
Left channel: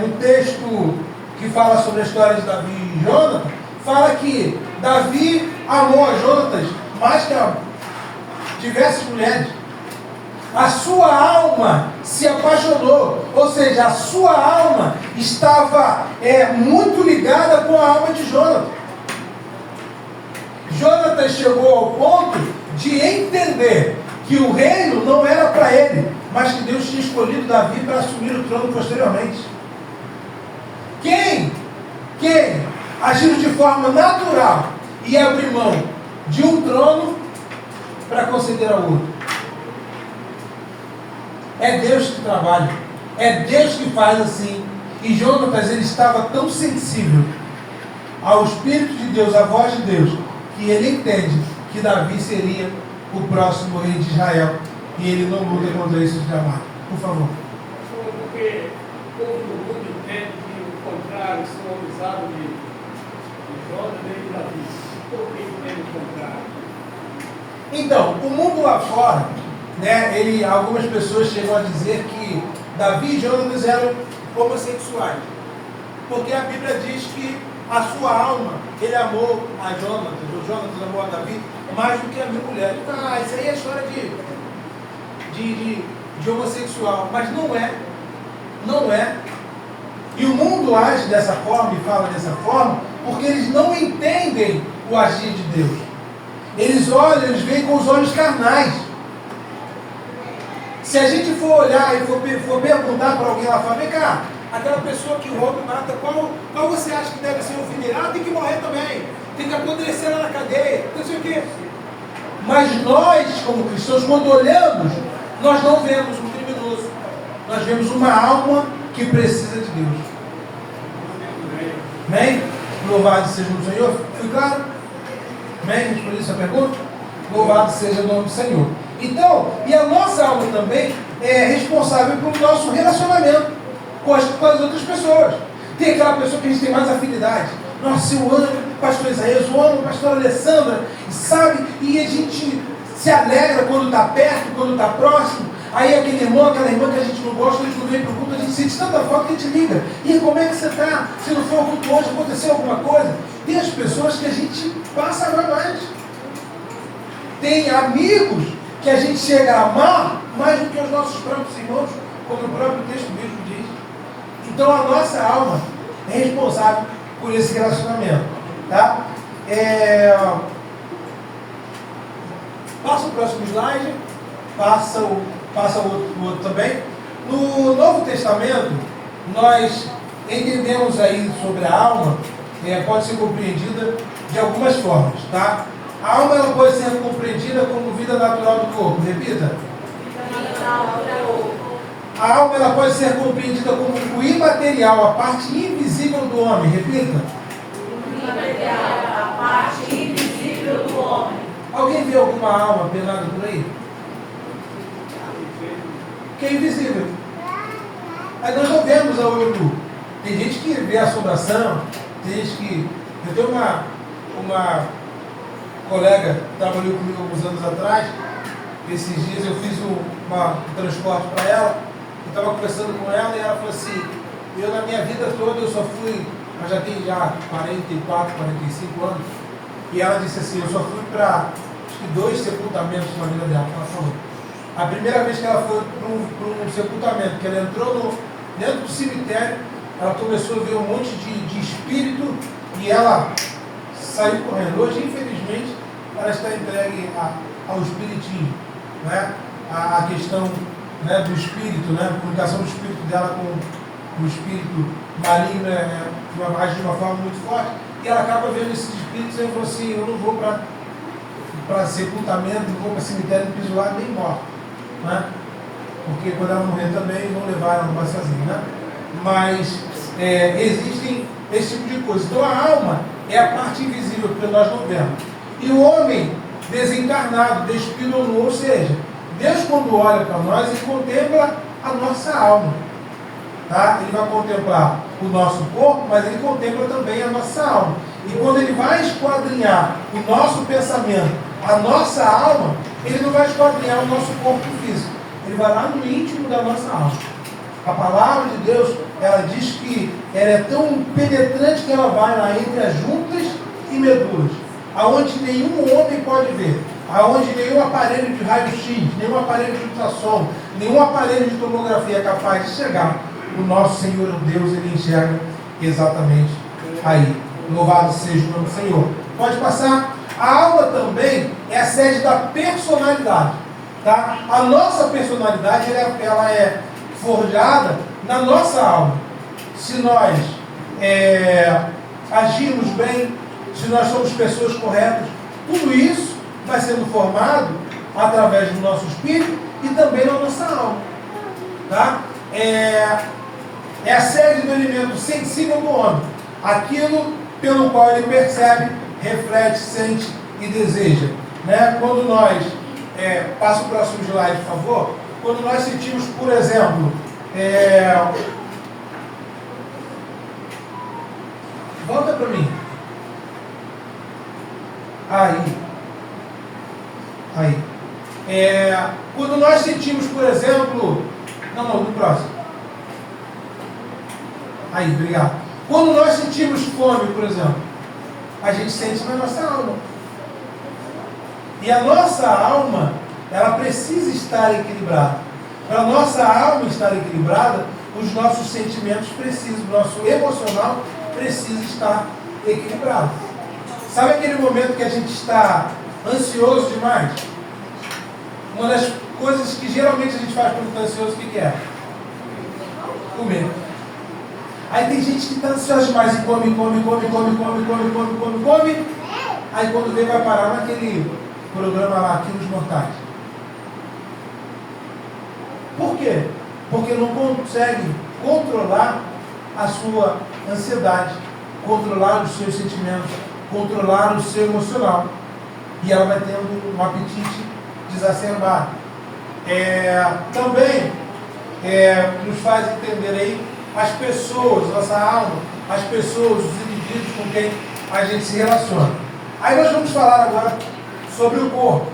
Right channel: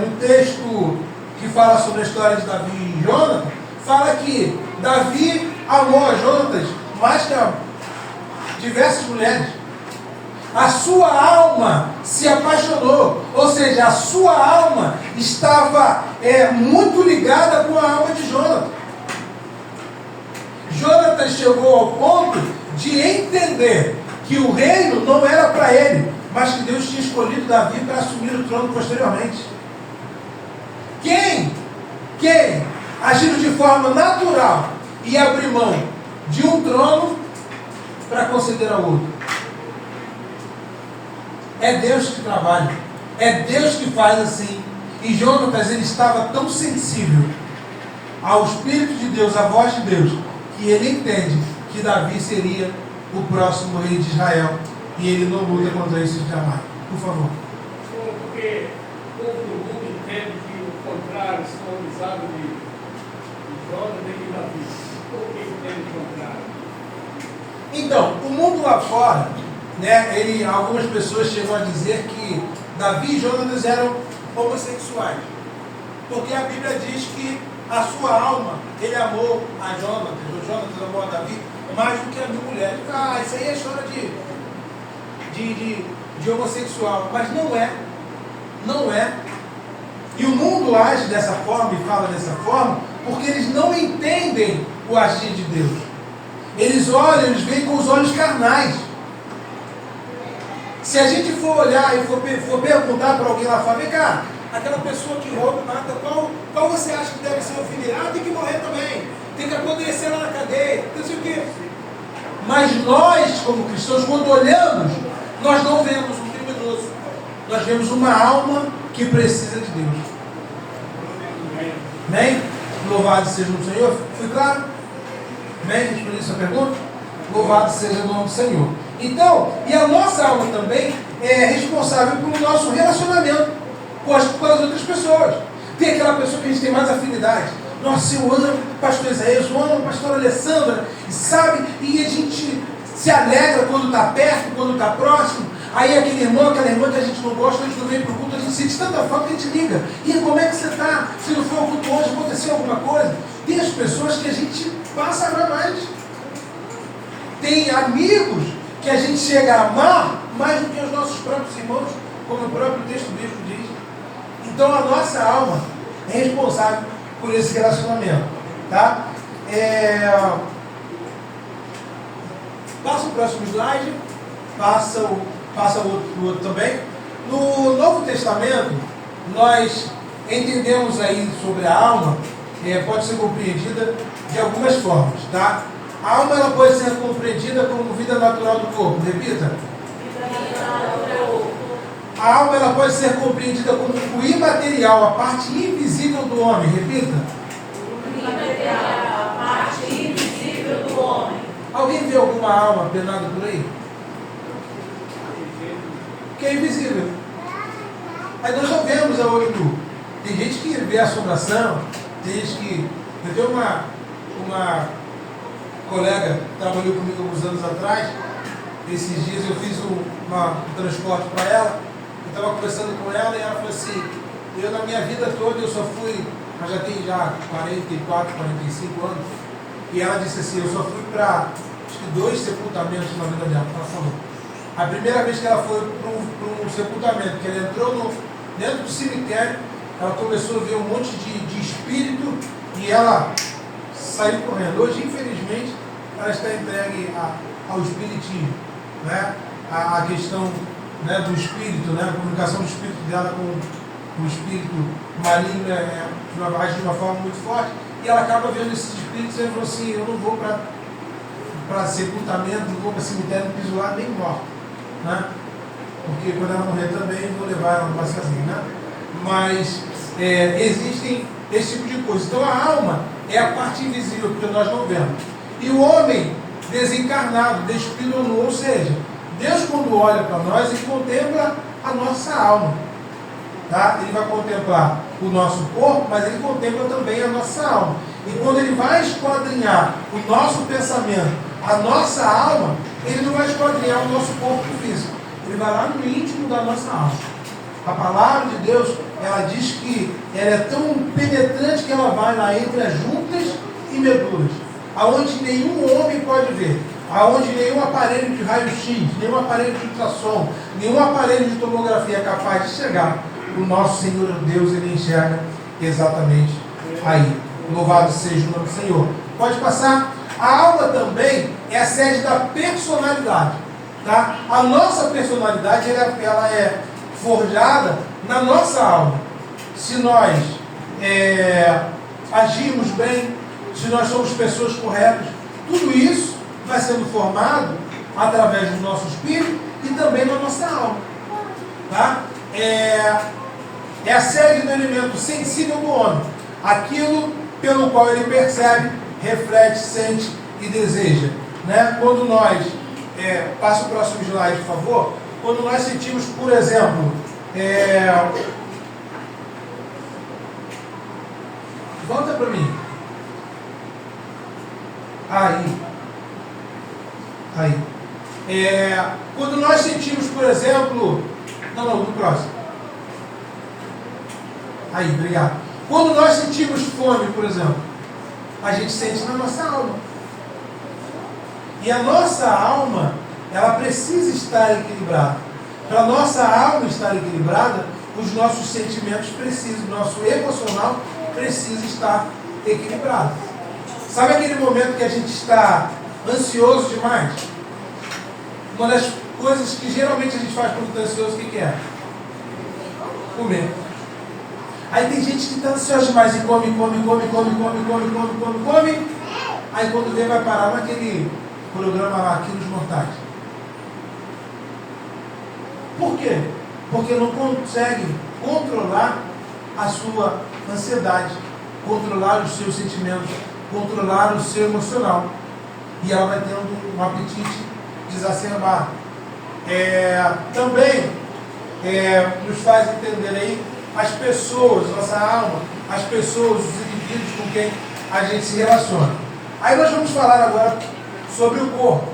no texto que fala sobre a história de Davi e Jonathan, fala que Davi amou a Jonathan mais que a diversas mulheres. A sua alma se apaixonou, ou seja, a sua alma estava muito ligada com a alma de Jonathan. Jonathan chegou ao ponto de entender que o reino não era para ele, mas que Deus tinha escolhido Davi para assumir o trono posteriormente. Quem agiu de forma natural e abrir mão de um trono para conceder ao outro? É Deus que trabalha, é Deus que faz assim. E Jonatas, ele estava tão sensível ao Espírito de Deus, à voz de Deus, que ele entende que Davi seria o próximo rei de Israel, e ele não luta contra isso jamais. Por favor. Porque o povo do mundo entende que o contrário, se usado de Jonathan e de Davi. Por que entende o contrário? Então, o mundo lá fora, né, algumas pessoas chegam a dizer que Davi e Jonatas eram homossexuais, porque a Bíblia diz que a sua alma, ele amou a Jonatas, o Jonatas amou a Davi mais do que a minha mulher. Isso aí é história de homossexual, mas não é. E o mundo age dessa forma e fala dessa forma porque eles não entendem o agir de Deus. Eles olham, eles veem com os olhos carnais. Se a gente for olhar e for perguntar para alguém lá fora, vem cá, aquela pessoa que rouba e mata, qual você acha que deve ser o filho? Tem que morrer também, tem que apodrecer lá na cadeia, não sei o quê. Mas nós, como cristãos, quando olhamos, nós não vemos um criminoso, nós vemos uma alma que precisa de Deus. Amém? Louvado seja o Senhor. Foi claro? Amém? Respondeu essa pergunta? Louvado seja o nome do Senhor. Então, e a nossa alma também é responsável pelo nosso relacionamento com as outras pessoas. Tem aquela pessoa que a gente tem mais afinidade. Nossa, eu amo o pastor Isaías, eu amo a pastora Alessandra, sabe? E a gente se alegra quando está perto, quando está próximo. Aí aquele irmão, aquela irmã que a gente não gosta, a gente não vem para o culto, a gente sente tanta falta que a gente liga. E como é que você está? Se não foi ao culto hoje, aconteceu alguma coisa? Tem as pessoas que a gente passa a amar mais. Tem amigos que a gente chega a amar mais do que os nossos próprios irmãos, como o próprio texto bíblico diz. Então a nossa alma é responsável por esse relacionamento. Tá? Passa o próximo slide. Passa o outro também. No Novo Testamento, nós entendemos aí sobre a alma, pode ser compreendida de algumas formas, tá? A alma ela pode ser compreendida como vida natural do corpo. Repita. A alma ela pode ser compreendida como o imaterial, a parte invisível do homem. Repita. O imaterial, a parte invisível do homem. Alguém vê alguma alma penada por aí? Que é invisível. Aí nós não vemos a olho nu. Tem gente que vê assombração, tem gente que... Eu tenho uma colega que trabalhou comigo alguns anos atrás. Esses dias eu fiz um transporte para ela. Eu estava conversando com ela e ela falou assim: eu na minha vida toda eu só fui, mas já tem 44, 45 anos. E ela disse assim: eu só fui para acho que 2 sepultamentos na vida dela. Ela falou. A primeira vez que ela foi para um sepultamento, que ela entrou dentro do cemitério, ela começou a ver um monte de espírito e ela saiu correndo. Hoje, infelizmente, ela está entregue ao espiritismo, né? A questão, né, do espírito, né? A comunicação do espírito dela com o espírito maligno age de uma forma muito forte, e ela acaba vendo esses espíritos e ela falou assim: eu não vou para sepultamento, não vou para cemitério, não piso lá, nem morto. Né? Porque quando ela morrer também vão levar ela, não vai sozinha, né? mas existem esse tipo de coisa. Então a alma é a parte invisível que nós não vemos. E o homem desencarnado, despido ou nu, ou seja, Deus quando olha para nós, Ele contempla a nossa alma. Tá? Ele vai contemplar o nosso corpo, mas Ele contempla também a nossa alma. E quando Ele vai esquadrinhar o nosso pensamento, a nossa alma, Ele não vai esquadrinhar o nosso corpo físico. Ele vai lá no íntimo da nossa alma. A palavra de Deus, ela diz que ela é tão penetrante que ela vai lá entre as juntas e medulas, aonde nenhum homem pode ver, aonde nenhum aparelho de raio-x, nenhum aparelho de ultrassom, nenhum aparelho de tomografia é capaz de chegar. O nosso Senhor Deus, Ele enxerga exatamente aí. Louvado seja o nome do Senhor. Pode passar. A alma também é a sede da personalidade. Tá? A nossa personalidade ela é forjada na nossa alma. Se nós agimos bem, se nós somos pessoas corretas, tudo isso vai sendo formado através do nosso espírito e também na nossa alma. Tá? É a sede do elemento sensível do homem, aquilo pelo qual ele percebe, reflete, sente e deseja. Né? Quando nós, passa o próximo slide, por favor. Quando nós sentimos, por exemplo, volta para mim. Aí. Quando nós sentimos, por exemplo, no próximo. Aí, obrigado. Quando nós sentimos fome, por exemplo, a gente sente na nossa alma. E a nossa alma, ela precisa estar equilibrada. Para a nossa alma estar equilibrada, os nossos sentimentos precisam, o nosso emocional precisa estar equilibrado. Sabe aquele momento que a gente está ansioso demais? Uma das coisas que geralmente a gente faz quando está ansioso, o que é? Comer. Aí tem gente que está ansiosa demais e come. Aí quando vem vai parar naquele programa lá, Quilos Mortais. Por quê? Porque não consegue controlar a sua ansiedade, controlar os seus sentimentos, controlar o seu emocional. E ela vai tendo um apetite exacerbado. Também nos faz entender aí as pessoas, nossa alma, as pessoas, os indivíduos com quem a gente se relaciona. Aí nós vamos falar agora sobre o corpo.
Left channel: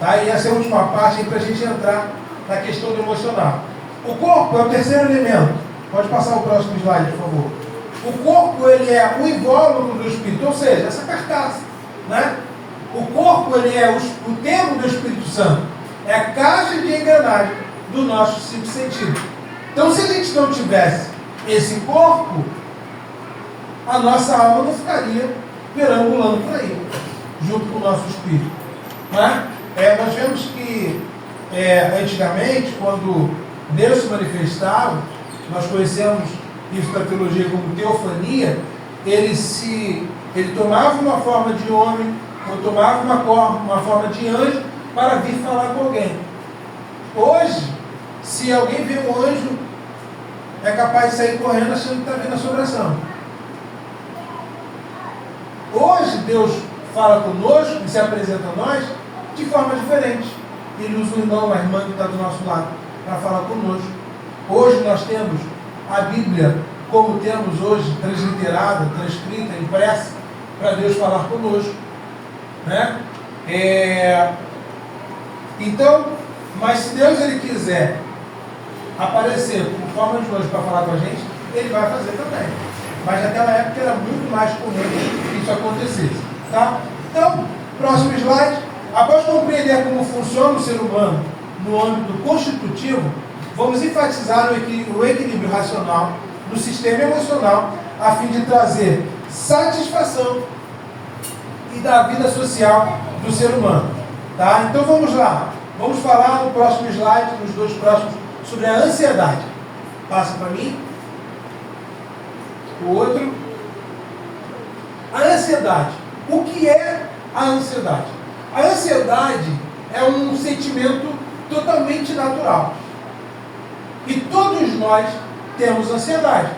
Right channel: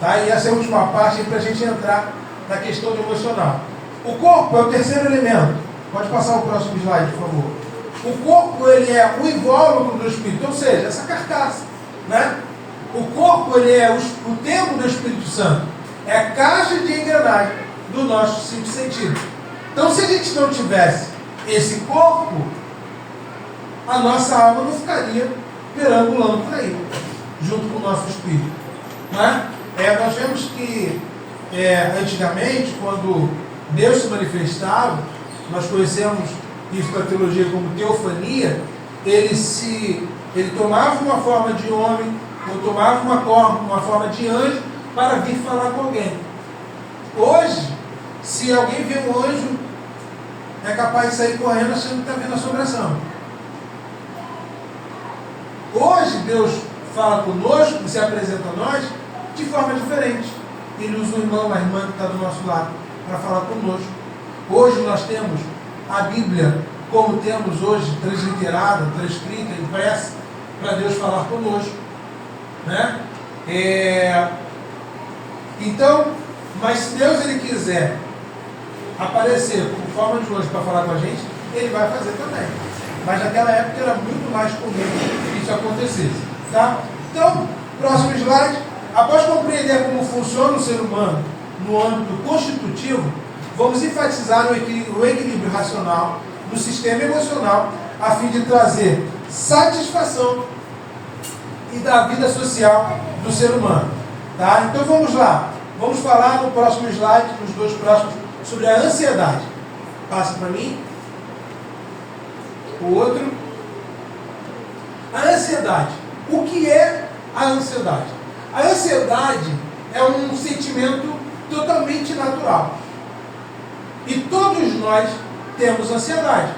Tá? E essa é a última parte para a gente entrar na questão do emocional. O corpo é o terceiro elemento. Pode passar o próximo slide, por favor. O corpo, ele é o invólucro do Espírito, ou seja, essa carcaça. Né? O corpo, ele é o templo do Espírito Santo. É a caixa de engrenagem do nosso cinco sentidos. Então, se a gente não tivesse esse corpo, a nossa alma não ficaria perambulando por aí, junto com o nosso espírito. Né? Nós vemos que, antigamente, quando Deus se manifestava, nós conhecemos isso da teologia como teofania, ele tomava uma forma de homem, ou tomava uma forma de anjo, para vir falar com alguém. Hoje, se alguém vê um anjo, é capaz de sair correndo achando que está vendo assombração. Hoje, Deus fala conosco e se apresenta a nós de forma diferente. Ele usa o irmão, a irmã que está do nosso lado, para falar conosco. Hoje nós temos a Bíblia, como temos hoje, transliterada, transcrita, impressa, para Deus falar conosco. Né? Então, mas se Deus ele quiser aparecer como forma de anjo para falar com a gente, ele vai fazer também. Mas naquela época era muito mais comum que isso acontecesse. Tá? Então, próximo slide. Após compreender como funciona o ser humano no âmbito constitutivo, vamos enfatizar o equilíbrio racional do sistema emocional a fim de trazer satisfação e da vida social do ser humano. Tá? Então vamos lá. Vamos falar no próximo slide, nos dois próximos, sobre a ansiedade. Passa para mim. O outro. A ansiedade. O que é a ansiedade? A ansiedade é um sentimento totalmente natural. E todos nós temos ansiedade.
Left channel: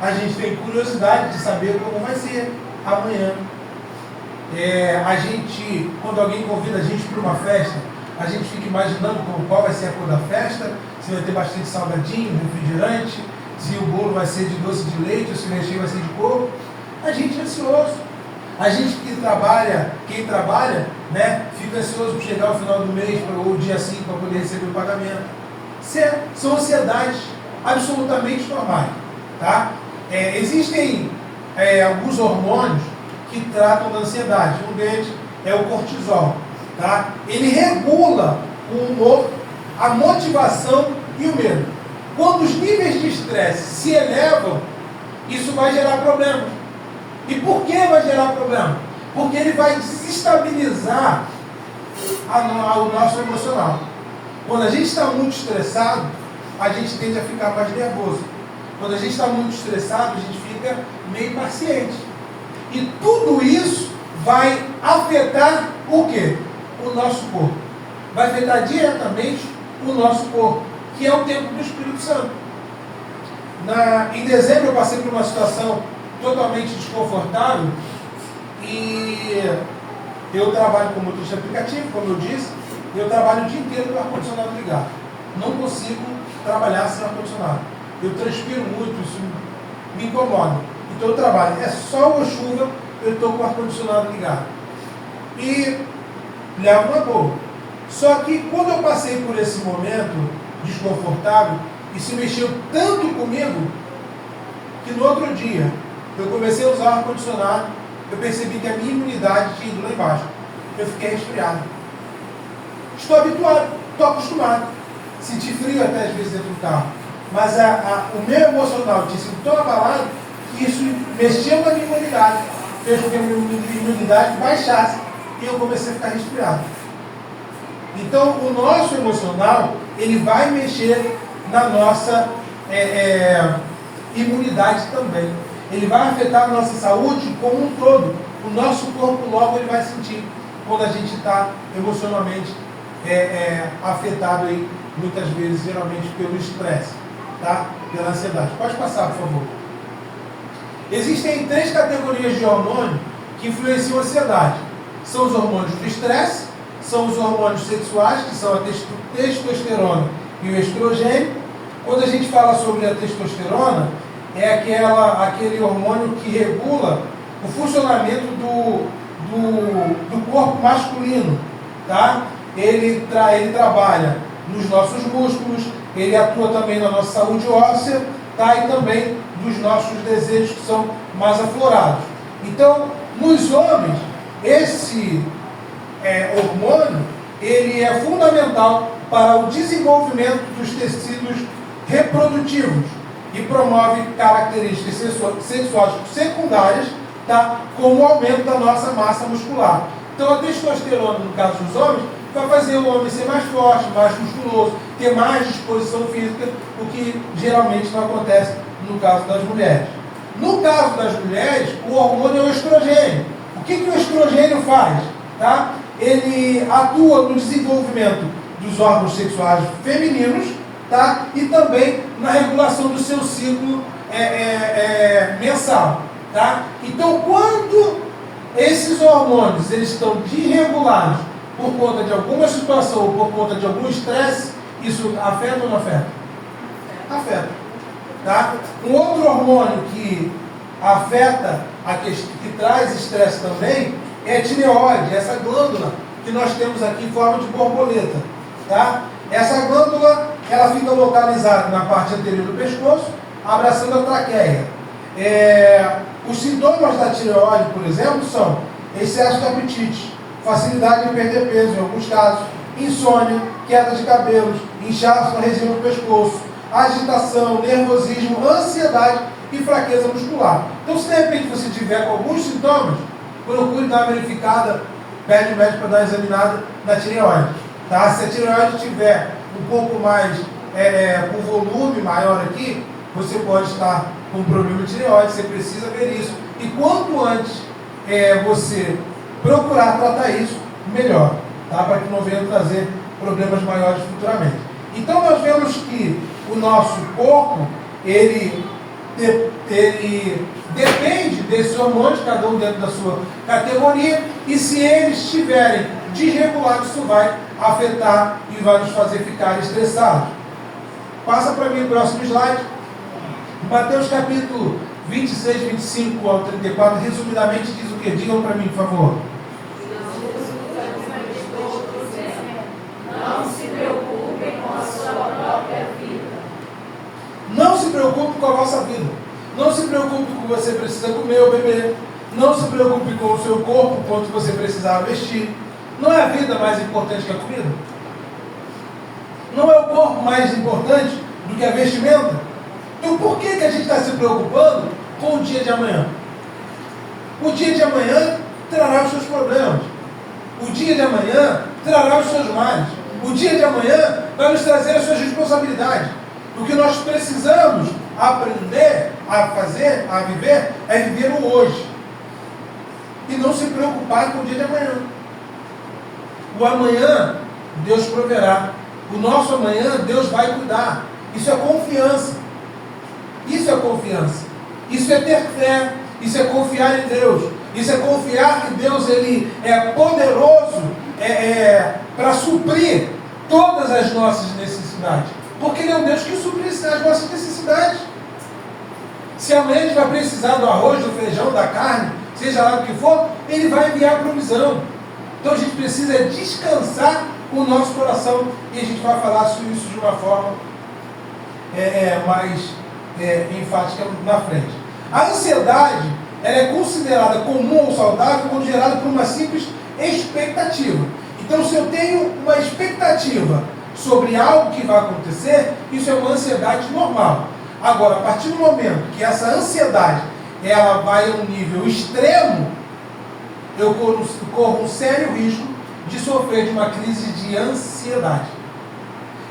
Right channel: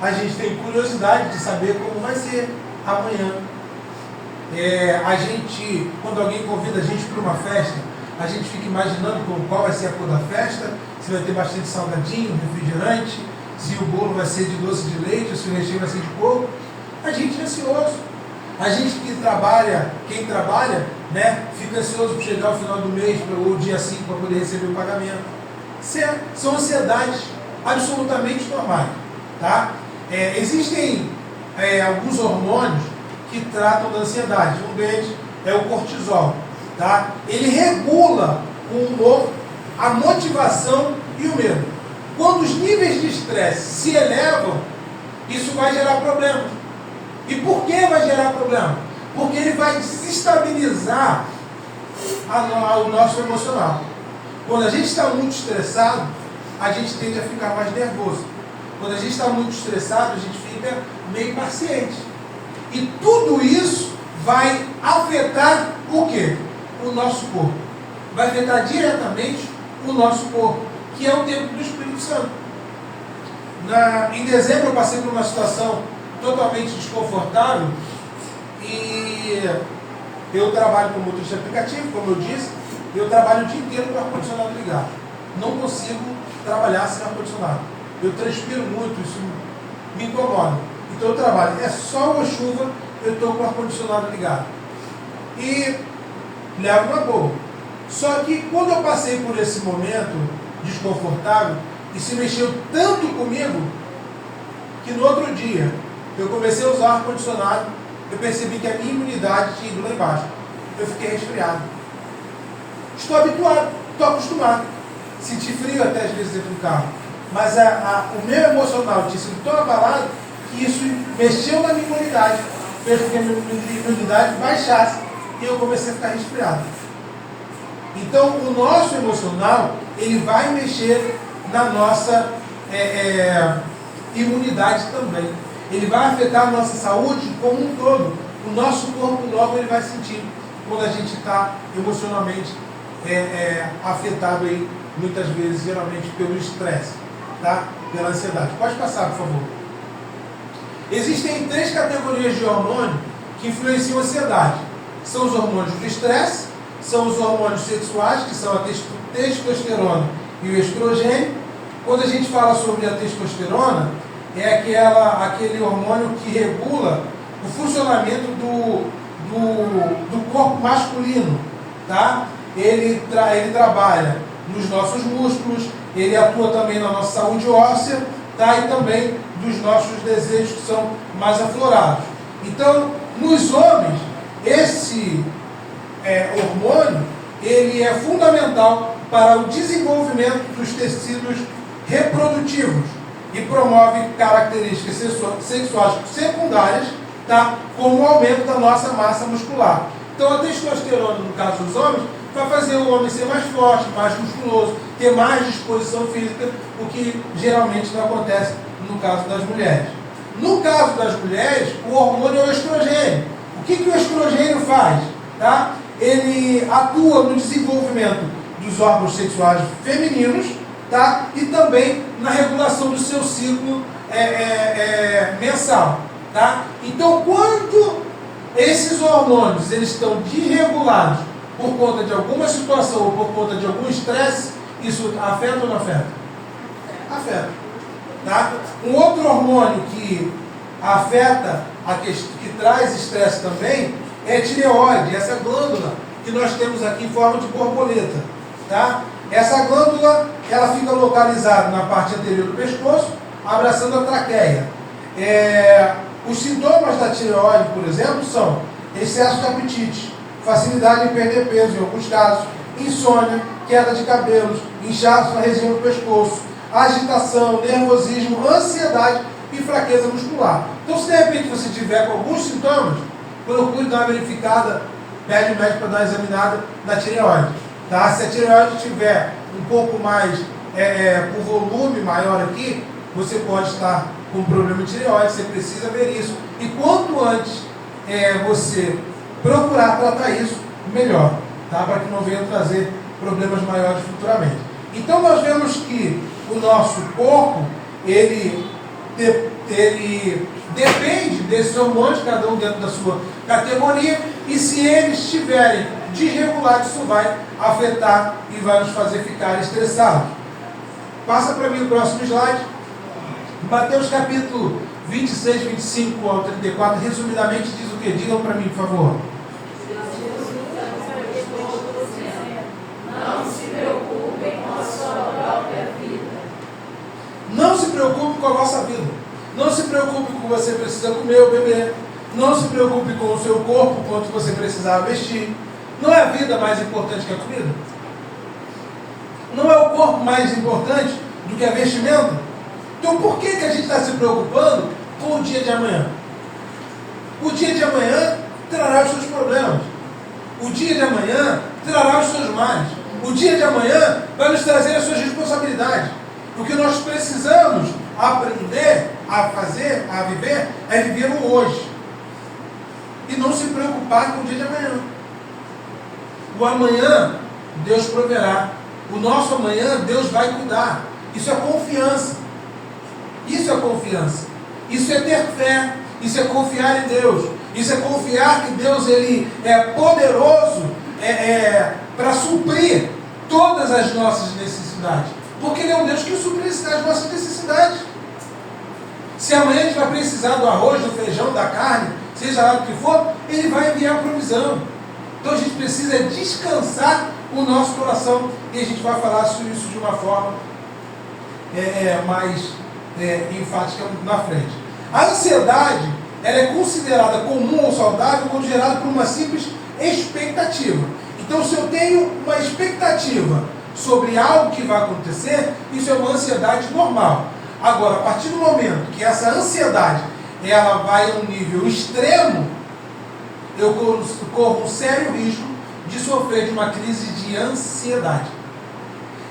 A gente tem curiosidade de saber como vai ser amanhã. A gente, quando alguém convida a gente para uma festa, a gente fica imaginando qual vai ser a cor da festa, se vai ter bastante salgadinho, refrigerante, se o bolo vai ser de doce de leite ou se o recheio vai ser de coco. A gente é ansioso. A gente que trabalha, quem trabalha, né, fica ansioso por chegar ao final do mês ou dia 5 para poder receber o pagamento. São ansiedades absolutamente normais. Tá? Existem alguns hormônios que tratam da ansiedade. Um deles é o cortisol. Tá? Ele regula o humor, a motivação e o medo. Quando os níveis de estresse se elevam, isso vai gerar problemas. E por que vai gerar problema? Porque ele vai desestabilizar o nosso emocional. Quando a gente está muito estressado, a gente tende a ficar mais nervoso. Quando a gente está muito estressado, a gente fica meio impaciente. E tudo isso vai afetar o quê? O nosso corpo. Vai afetar diretamente o nosso corpo, que é o templo do Espírito Santo. Em dezembro eu passei por uma situação totalmente desconfortável e eu trabalho com motorista aplicativo, como eu disse, eu trabalho o dia inteiro com o ar-condicionado ligado. Não consigo trabalhar sem ar-condicionado. Eu transpiro muito, isso me incomoda. Então eu trabalho, é sol ou chuva, eu estou com o ar-condicionado ligado. E levo uma boa. Só que quando eu passei por esse momento desconfortável, isso mexeu tanto comigo, que no outro dia eu comecei a usar o ar-condicionado, eu percebi que a minha imunidade tinha ido lá embaixo. Eu fiquei resfriado. Estou habituado, estou acostumado. Senti frio até às vezes dentro do carro. Mas o meu emocional tinha sido tão abalado que isso mexeu na minha imunidade. Fez com que a minha imunidade baixasse e eu comecei a ficar resfriado. Então o nosso emocional, ele vai mexer na nossa imunidade também. Ele vai afetar a nossa saúde como um todo. O nosso corpo logo ele vai sentir quando a gente está emocionalmente afetado aí, muitas vezes, geralmente pelo estresse, tá? Pela ansiedade. Pode passar, por favor. Existem 3 categorias de hormônio que influenciam a ansiedade. São os hormônios do estresse, são os hormônios sexuais, que são a testosterona e o estrogênio. Quando a gente fala sobre a testosterona, é aquele hormônio que regula o funcionamento do corpo masculino, tá? Ele trabalha nos nossos músculos, ele atua também na nossa saúde óssea, tá? E também dos nossos desejos que são mais aflorados. Então, nos homens, esse hormônio, ele é fundamental para o desenvolvimento dos tecidos reprodutivos e promove características sexuais secundárias, tá? Como o aumento da nossa massa muscular. Então a testosterona, no caso dos homens, vai fazer o homem ser mais forte, mais musculoso, ter mais disposição física, o que geralmente não acontece no caso das mulheres. No caso das mulheres, o hormônio é o estrogênio. O que o estrogênio faz? Tá? Ele atua no desenvolvimento dos órgãos sexuais femininos, tá? E também na regulação do seu ciclo mensal. Tá? Então, quando esses hormônios eles estão desregulados por conta de alguma situação ou por conta de algum estresse, isso afeta ou não afeta? Afeta. Tá? Um outro hormônio que afeta, que traz estresse também, é a tireoide, essa glândula que nós temos aqui em forma de borboleta. Tá? Essa glândula, ela fica localizada na parte anterior do pescoço, abraçando a traqueia. Os sintomas da tireoide, por exemplo, são excesso de apetite, facilidade em perder peso em alguns casos, insônia, queda de cabelos, inchaço na região do pescoço, agitação, nervosismo, ansiedade e fraqueza muscular. Então, se de repente você tiver com alguns sintomas, procure dar uma verificada, pede o médico para dar uma examinada na tireoide. Tá? Se a tireoide tiver um pouco mais, com volume maior aqui, você pode estar com um problema de tireoide, você precisa ver isso. E quanto antes você procurar tratar isso, melhor, tá? Para que não venha trazer problemas maiores futuramente. Então nós vemos que o nosso corpo, ele depende desses hormônios, cada um dentro da sua categoria, e se eles estiverem desregulados, isso vai afetar e vai nos fazer ficar estressados. Passa para mim o próximo slide. Mateus capítulo 26, 25 ao 34, resumidamente diz o que? Digam para mim, por favor. Não se preocupem com a sua própria vida. Não se preocupe com a vossa vida. Não se preocupe com o que você precisa comer ou beber. Não se preocupe com o seu corpo, quanto você precisar vestir. Não é a vida mais importante que a comida? Não é o corpo mais importante do que a vestimenta? Então por que a gente está se preocupando com o dia de amanhã? O dia de amanhã trará os seus problemas. O dia de amanhã trará os seus males. O dia de amanhã vai nos trazer as suas responsabilidades. O que nós precisamos aprender a fazer, a viver, é viver o hoje. E não se preocupar com o dia de amanhã. O amanhã, Deus proverá. O nosso amanhã, Deus vai cuidar. Isso é confiança. Isso é confiança. Isso é ter fé. Isso é confiar em Deus. Isso é confiar que Deus ele é poderoso para suprir todas as nossas necessidades. Porque Ele é um Deus que supre as nossas necessidades. Se amanhã a gente vai precisar do arroz, do feijão, da carne, seja lá o que for, Ele vai enviar a provisão. Então a gente precisa descansar o nosso coração. E a gente vai falar sobre isso de uma forma mais enfática na frente. A ansiedade ela é considerada comum ou saudável quando gerada por uma simples expectativa. Então, se eu tenho uma expectativa sobre algo que vai acontecer, isso é uma ansiedade normal. Agora, a partir do momento que essa ansiedade ela vai a um nível extremo, eu corro um sério risco de sofrer de uma crise de ansiedade.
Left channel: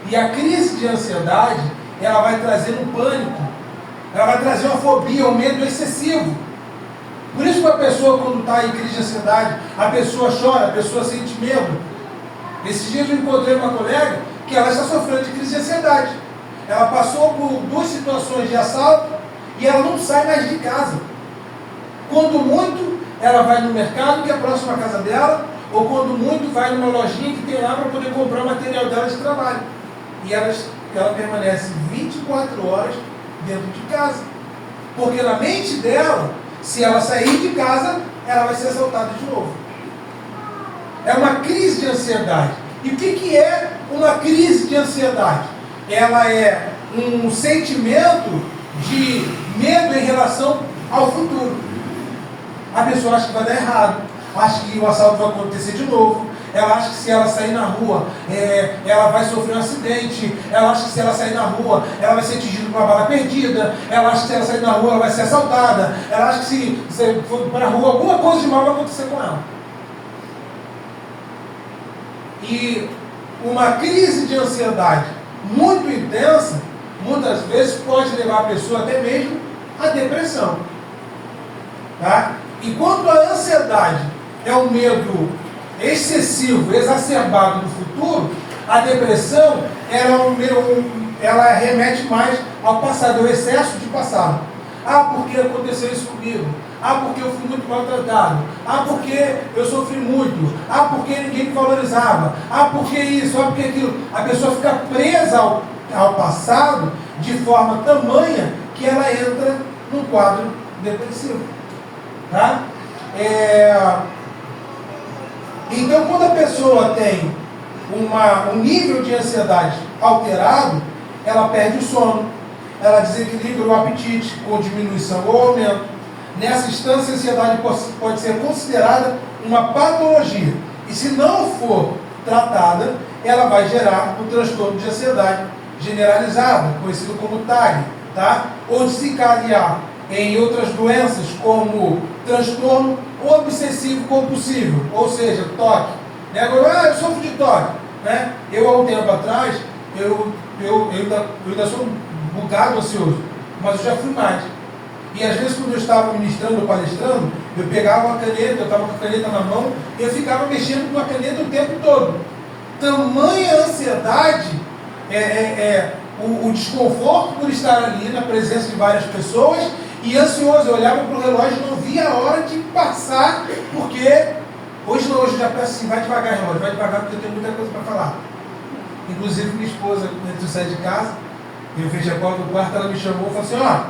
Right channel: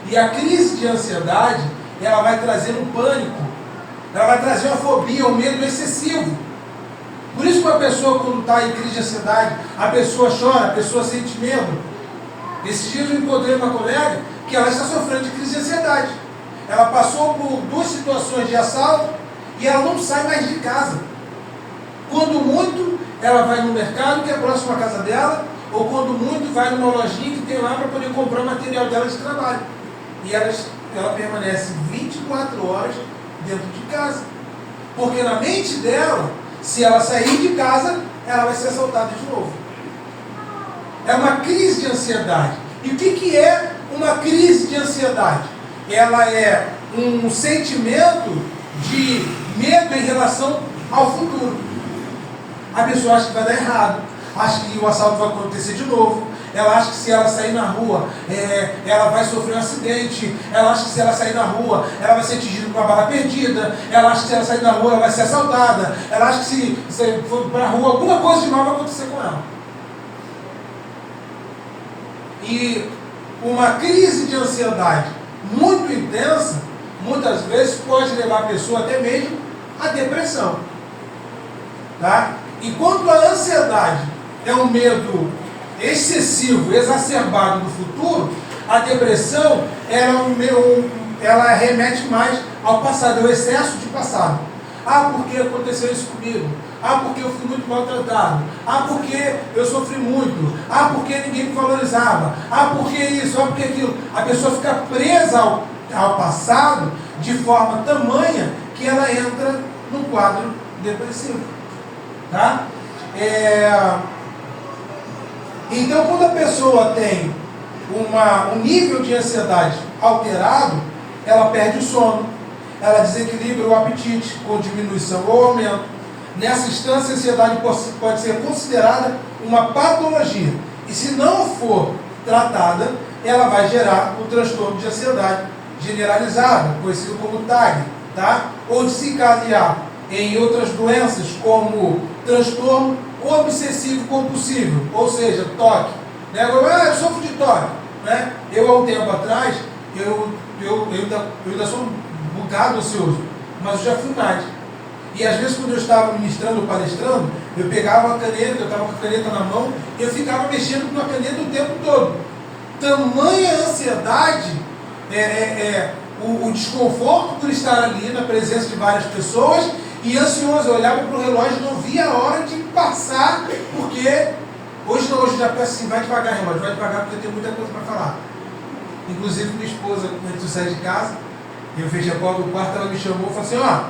E a crise de ansiedade, ela vai trazer um pânico, ela vai trazer uma fobia, um medo excessivo. Por isso que a pessoa, quando está em crise de ansiedade, a pessoa chora, a pessoa sente medo. Esses dias eu encontrei uma colega que ela está sofrendo de crise de ansiedade. Ela passou por 2 situações de assalto e ela não sai mais de casa. Quando muito, ela vai no mercado que é próximo à casa dela, ou quando muito, vai numa lojinha que tem lá para poder comprar o material dela de trabalho. E ela permanece 24 horas dentro de casa. Porque na mente dela, se ela sair de casa, ela vai ser assaltada de novo. É uma crise de ansiedade. E o que é uma crise de ansiedade? Ela é um sentimento de medo em relação ao futuro. A pessoa acha que vai dar errado, acha que o assalto vai acontecer de novo, ela acha que se ela sair na rua, ela vai sofrer um acidente, ela acha que se ela sair na rua, ela vai ser atingida por uma bala perdida, ela acha que se ela sair na rua, ela vai ser assaltada, ela acha que se for para a rua, alguma coisa de mal vai acontecer com ela. E uma crise de ansiedade muito intensa, muitas vezes pode levar a pessoa até mesmo à depressão. Tá? Enquanto a ansiedade é um medo excessivo, exacerbado no futuro, a depressão ela remete mais ao passado, ao excesso de passado. Ah, porque aconteceu isso comigo? Ah, porque eu fui muito maltratado? Ah, porque eu sofri muito? Ah, porque ninguém me valorizava? Ah, porque isso? Ah, porque aquilo? A pessoa fica presa ao passado de forma tamanha que ela entra num quadro depressivo. Tá? Então, quando a pessoa tem um nível de ansiedade alterado, ela perde o sono, ela desequilibra o apetite, com diminuição ou aumento. Nessa instância, a ansiedade pode ser considerada uma patologia. E se não for tratada, ela vai gerar o transtorno de ansiedade generalizada, conhecido como TAG, tá? Ou desencadear em outras doenças, como transtorno obsessivo compulsivo, ou seja, toque. Eu sofro de toque. Né? Eu, há um tempo atrás, eu ainda sou um bocado ansioso, mas eu já fui mais. E às vezes, quando eu estava ministrando ou palestrando, eu pegava a caneta, eu estava com a caneta na mão, e eu ficava mexendo com a caneta o tempo todo. Tamanha ansiedade o desconforto por estar ali na presença de várias pessoas e ansioso. Eu olhava para o relógio e não via a hora de passar, porque hoje já peço assim, vai devagar, relógio, vai devagar, porque eu tenho muita coisa para falar. Inclusive minha esposa, quando eu saí de casa, eu fechei a porta do quarto, ela me chamou e falou assim, ó,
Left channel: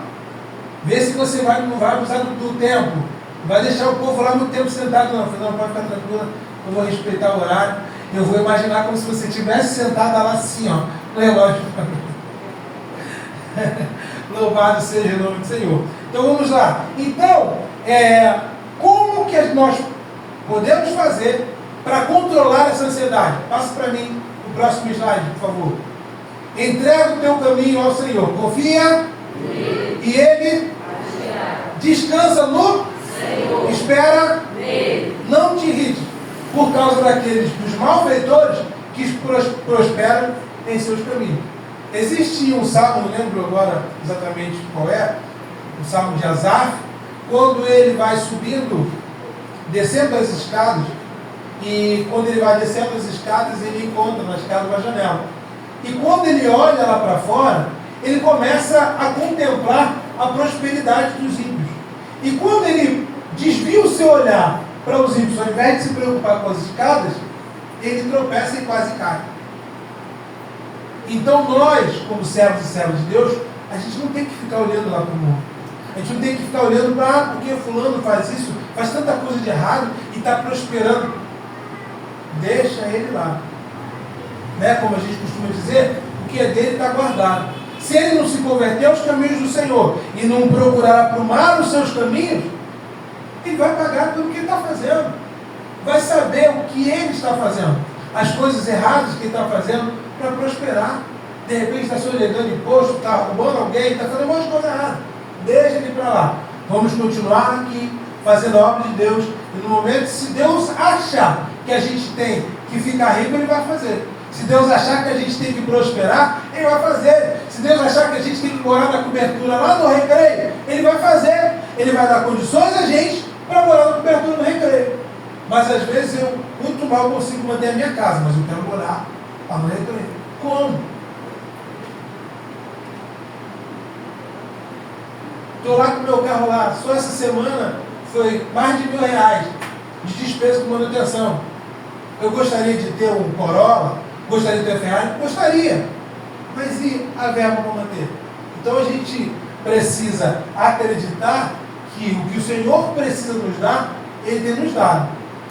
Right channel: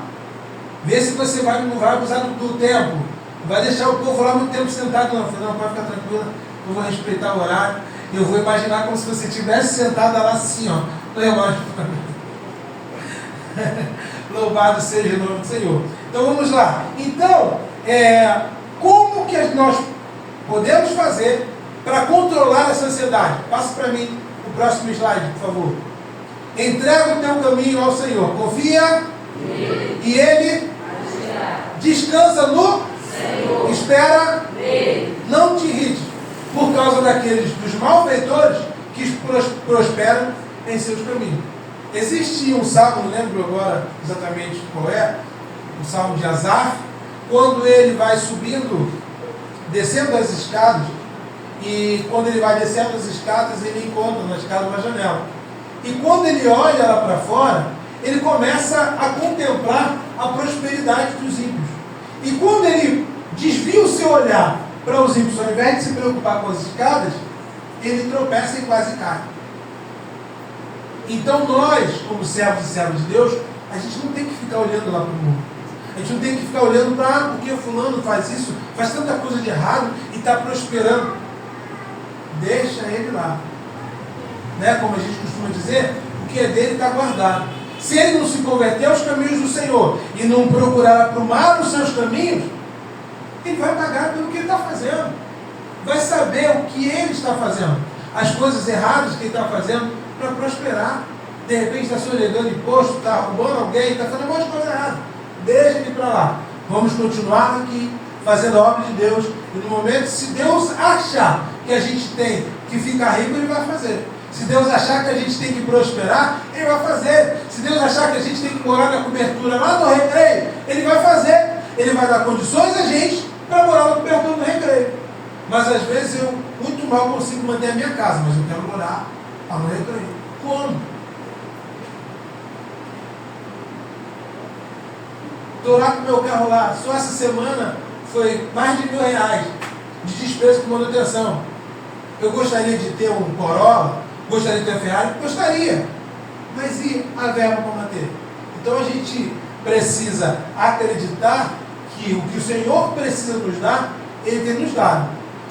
vê se você não vai abusar do tempo, não vai deixar o povo lá muito tempo sentado, não. Eu falei, não, pode ficar tranquila, eu vou respeitar o horário, eu vou imaginar como se você estivesse sentada lá assim, ó, no relógio. Louvado seja o nome do Senhor. Então vamos lá. Então, como que nós podemos fazer para controlar essa ansiedade? Passa para mim o próximo slide, por favor. Entrega o teu caminho ao Senhor. Confia e Ele descansa no Senhor. Espera nele. Não te irrite por causa dos malfeitores que prosperam em seus caminhos. Existe um salmo, não lembro agora exatamente qual é, o salmo de Asaf, quando ele vai subindo, descendo as escadas, e quando ele vai descendo as escadas, ele encontra na escada uma janela. E quando ele olha lá para fora, ele começa a contemplar a prosperidade dos ímpios. E quando ele desvia o seu olhar para os ímpios, ao invés de se preocupar com as escadas, ele tropeça e quase cai. Então nós, como servos e servas de Deus, a gente não tem que ficar olhando lá para o mundo. A gente não tem que ficar olhando para porque fulano faz isso, faz tanta coisa de errado e está prosperando. Deixa ele lá. Né? Como a gente costuma dizer, o que é dele está guardado. Se ele não se converter aos caminhos do Senhor e não procurar aprumar os seus caminhos, ele vai pagar pelo que ele está fazendo. Vai saber o que ele está fazendo. As coisas erradas que ele está fazendo para prosperar. De repente está sonegando imposto, está roubando alguém, está fazendo um monte de coisa errada. Deixa ele para lá. Vamos continuar aqui, fazendo a obra de Deus. E no momento, se Deus achar que a gente tem que ficar rico, Ele vai fazer. Se Deus achar que a gente tem que prosperar, Ele vai fazer. Se Deus achar que a gente tem que morar na cobertura lá do Recreio, Ele vai fazer. Ele vai dar condições a gente para morar na cobertura do Recreio. Mas às vezes eu muito mal consigo manter a minha casa, mas eu quero morar lá no Recreio. Como? Estou lá com o meu carro lá, só essa semana foi mais de R$1.000 de despesa com manutenção. Eu gostaria de ter um Corolla, gostaria de ter um Ferrari? Gostaria. Mas e a verba para manter? Então a gente precisa acreditar que o que o Senhor precisa nos dar, Ele tem nos dado.